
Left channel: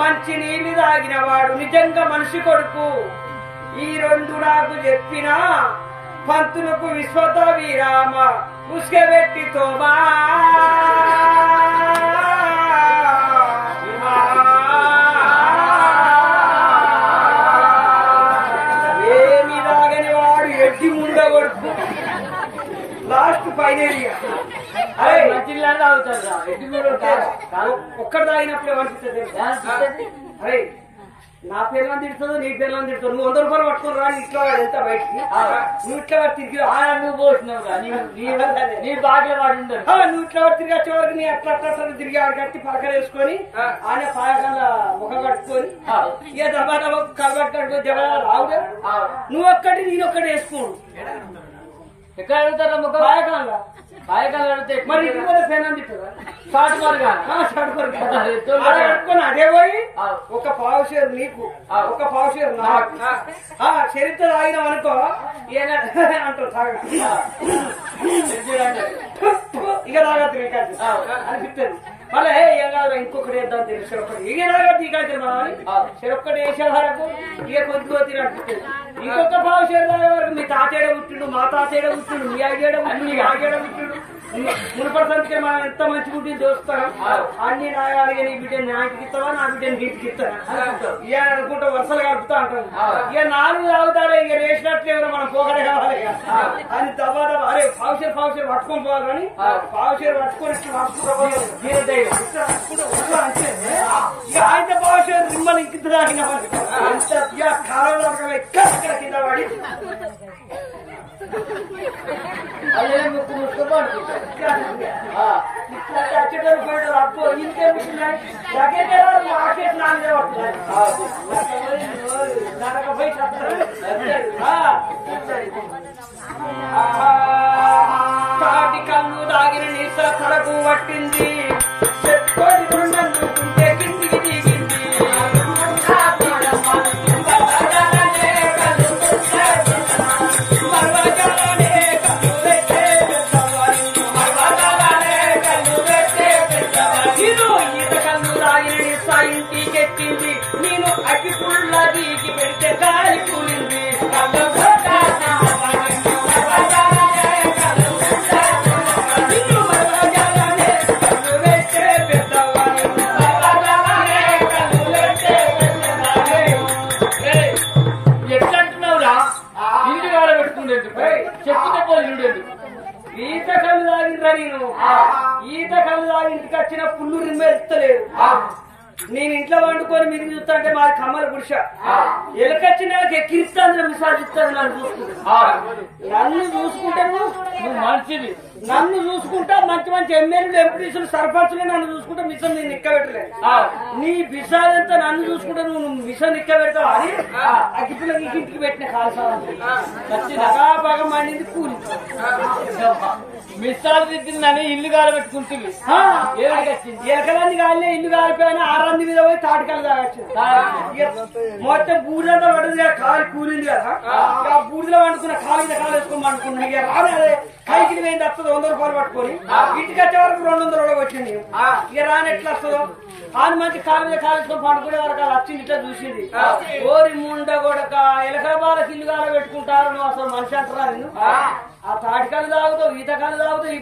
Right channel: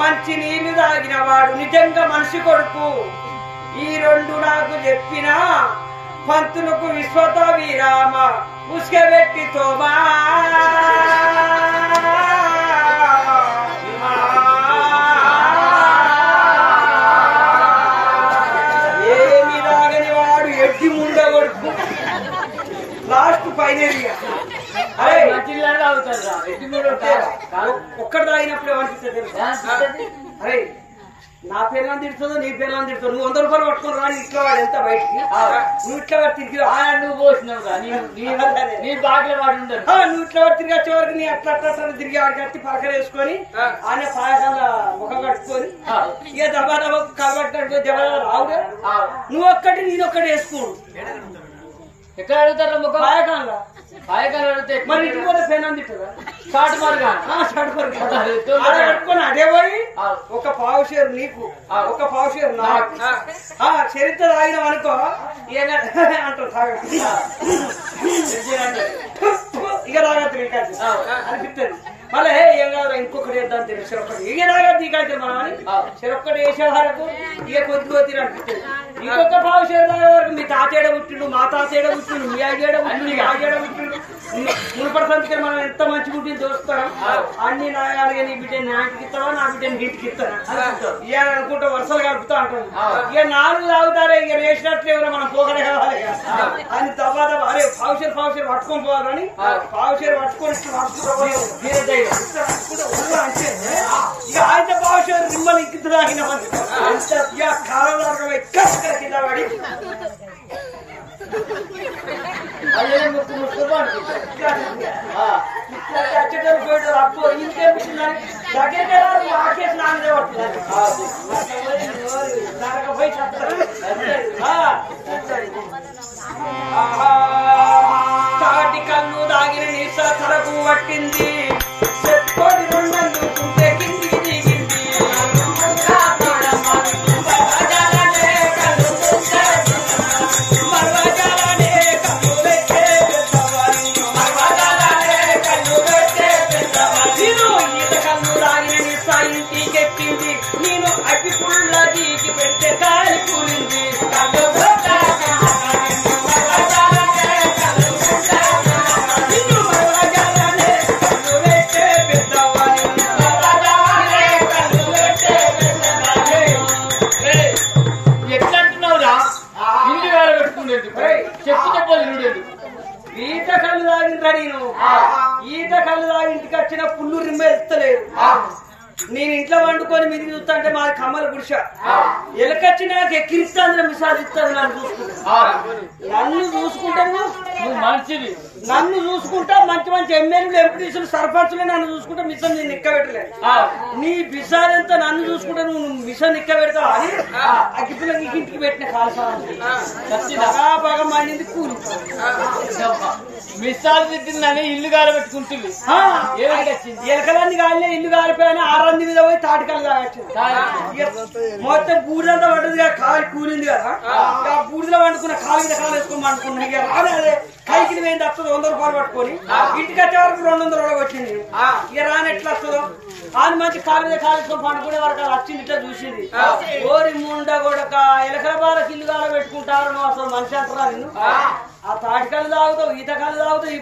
మంచి నీళ్లు దాగినవాడు నిజంగా మనిషి కొడుకు ఈ రెండు నాకు చెప్పిన పంతులకు విశ్వత విరామ ఉసుకెబెట్టి తోమా ఏమి దాగని వాడు ఎడ్డి ముండ కొడుకు లాస్ట్ ఫైనల్ ఒక్కటి తాగినప్పుడు ఏమనిపిస్తుంది అరే నా పేర్లను తిడుతుందో నీ పేర్లను తిడుతుంది నువ్వు 100 రూపాయలు పట్టుకుని రా ఇంట్లో వాడు ఎంత బయటికి నువ్వు ఇట్లా వాడు తిరిగి నువ్వు పోసినావు నీ బాగా వాడు ఉండదు నువ్వు ఇట్లా వాడు తిరిగి వచ్చే వరకు నీ అట్లా తిరిగి ఆడి కట్టి పలకలు వేసుకొని ఆయన పాయకాల ముఖం కట్టుకొని ఇక దబా దబా కలబట్టి కట్టుకొని దెబ్బ రావుగా నువ్వు ఒక్కటి నేను ఒక్కటి వేసుకోడు ఎక్కడ అడుగుతారు ముఖం పాయకాలు అడిగితే మరి ఇంటి కూడా పెన్ తిట్టదా షార్ట్ మార్గా పెట్టుకుని అదే పోయి ఒక పావు షేర్ నీకు ఒక పావు షేర్ నాకు చరిత్ర తాగినాం అనుకో అంటారు ఇక తాగద్దు అనిపిస్తుంది మళ్ళీ ఏం కాదు ఇంకొకటి వేద్దాం తెలియదు చెరొక్కటి ఇక తాగద్దు ఇక మనం అని చెరొక్కటి వేసే వరకు ఇక కొద్దిగా తీరు అనిపిస్తుంది ఇంకొక పావు షేర్ తాగే వరకు మీ తాతేడ పుట్టిండు మా తాతేడ పుట్టిండు మీ ఆగేడ పుట్టిండు ఆగేడ పుట్టిండు మునుపటి సంతకి మనం ఎంత మంచి గుడ్డి చూస్తాం అన్ని నాయాలుగా నీ బిడ్డ నాటికి ఇస్తావా నా బిడ్డ నీటికి ఇస్తారా ఇక అనుకుంటా వరుసలు కలుపుతా అంటాం ఇక 4 తాగుతారే ఇక రేసినట్లు ఎవరో మనం పోగలే కావాలి అని తర్వాత అరే పావుషేరు పట్టుకొని పోవాలని పావుషేరు పట్టుకొని అంటే ఇక ఆయన పావుషేరు నిమ్మలు ఇంకింత తాగిన ఇక కాలంలో ఎక్కడ కింద పడి అదే ముక్కు ముట్టుకో అచ్చేటప్పుడు పోయేటప్పుడు అప్పు ఇంకేమిటిందని దగ్గరికి ఆకేసి నాన్నదే పడుతుంది దానికి పోయి చెప్తారు తాటి కళ్ళు దాగిన నీస తలకు పట్టింది చెట్టుకోటి రెండనుకుంటే కిందికి దిగింది ఇంటికెక్కింది నేను అగ్గి పుల్ల దీకి పెడితే కాలి కూలింది ఎట్లంటున్నావురా ఇల్లు కాల పెట్టుకుండేది చెప్పు తప్పదు ఇల్లు ఈత కళ్ళు తాగిందా నేను ఈత కళ్ళు తాగింటికి వచ్చిన పుల్లు రిమ్మ ఎత్తలేదు నేను ఇంట్లో వండుకొని మీరు చూస్తా అంటే మాది కమ్మల గుడిస ఎలకొచ్చి నాకు ఎక్కిరిస్తాను మిసాలు ఇస్తాను నన్ను చూసుకుంటాను మంచిది నన్ను చూసుకుంటా మంచి మంచి ఎమ్మెల్యేలు ఎంపీసీలు సర్పంచులు నన్ను చూసుకుంటా మిషన్ నేను నిక్క పెట్టలేదు నీ బిసాలు ఎంత నన్ను చూసుకుంటా నువ్వు మిషన్ నిక్క పెడతావు అని అగ్గిపిల్లకి ఇంటికి పెట్టిన కాల్సాలని బాగా మండింది కూలి మిస్సాలు తిట్టిందని ఇల్లు కాల పెట్టుకుంటుంది ఎలకలన్నీ కాలే ఇల్లు కాలిపోయినా 6 మీద పోయి తాటికల్లు తాగచ్చు మొత్తం బూడిదంతా పడ్డది కదా కాలు కూలింది కదా ఆ బూడిలో వండుకున్న కాలు మీద కాలు వేసుకొని వండుకున్నా ఇక రానే కైకి వేయండి వస్తుంది 100 రూపాయలు పట్టుకొని ఇంటికి వచ్చే వరకు 200 కూడా వచ్చింది ఇక రాని ఎట్లా వస్తుందో ఆయన మంచి కాలు మీద కాలు వేసుకొని పండుకునే వరకు అది వచ్చింది ఇట్లా చూసింది ఓరి ముండ కూడా ఎలకల బాలకి ఇల్లు కాల పెట్టుకుంటారు నువ్వు అసలు మనిషి అంటారా నిన్ను ఆ తాటికల్లు తాగుతావు ఈత కళ్ళు తాగుతావు ఈ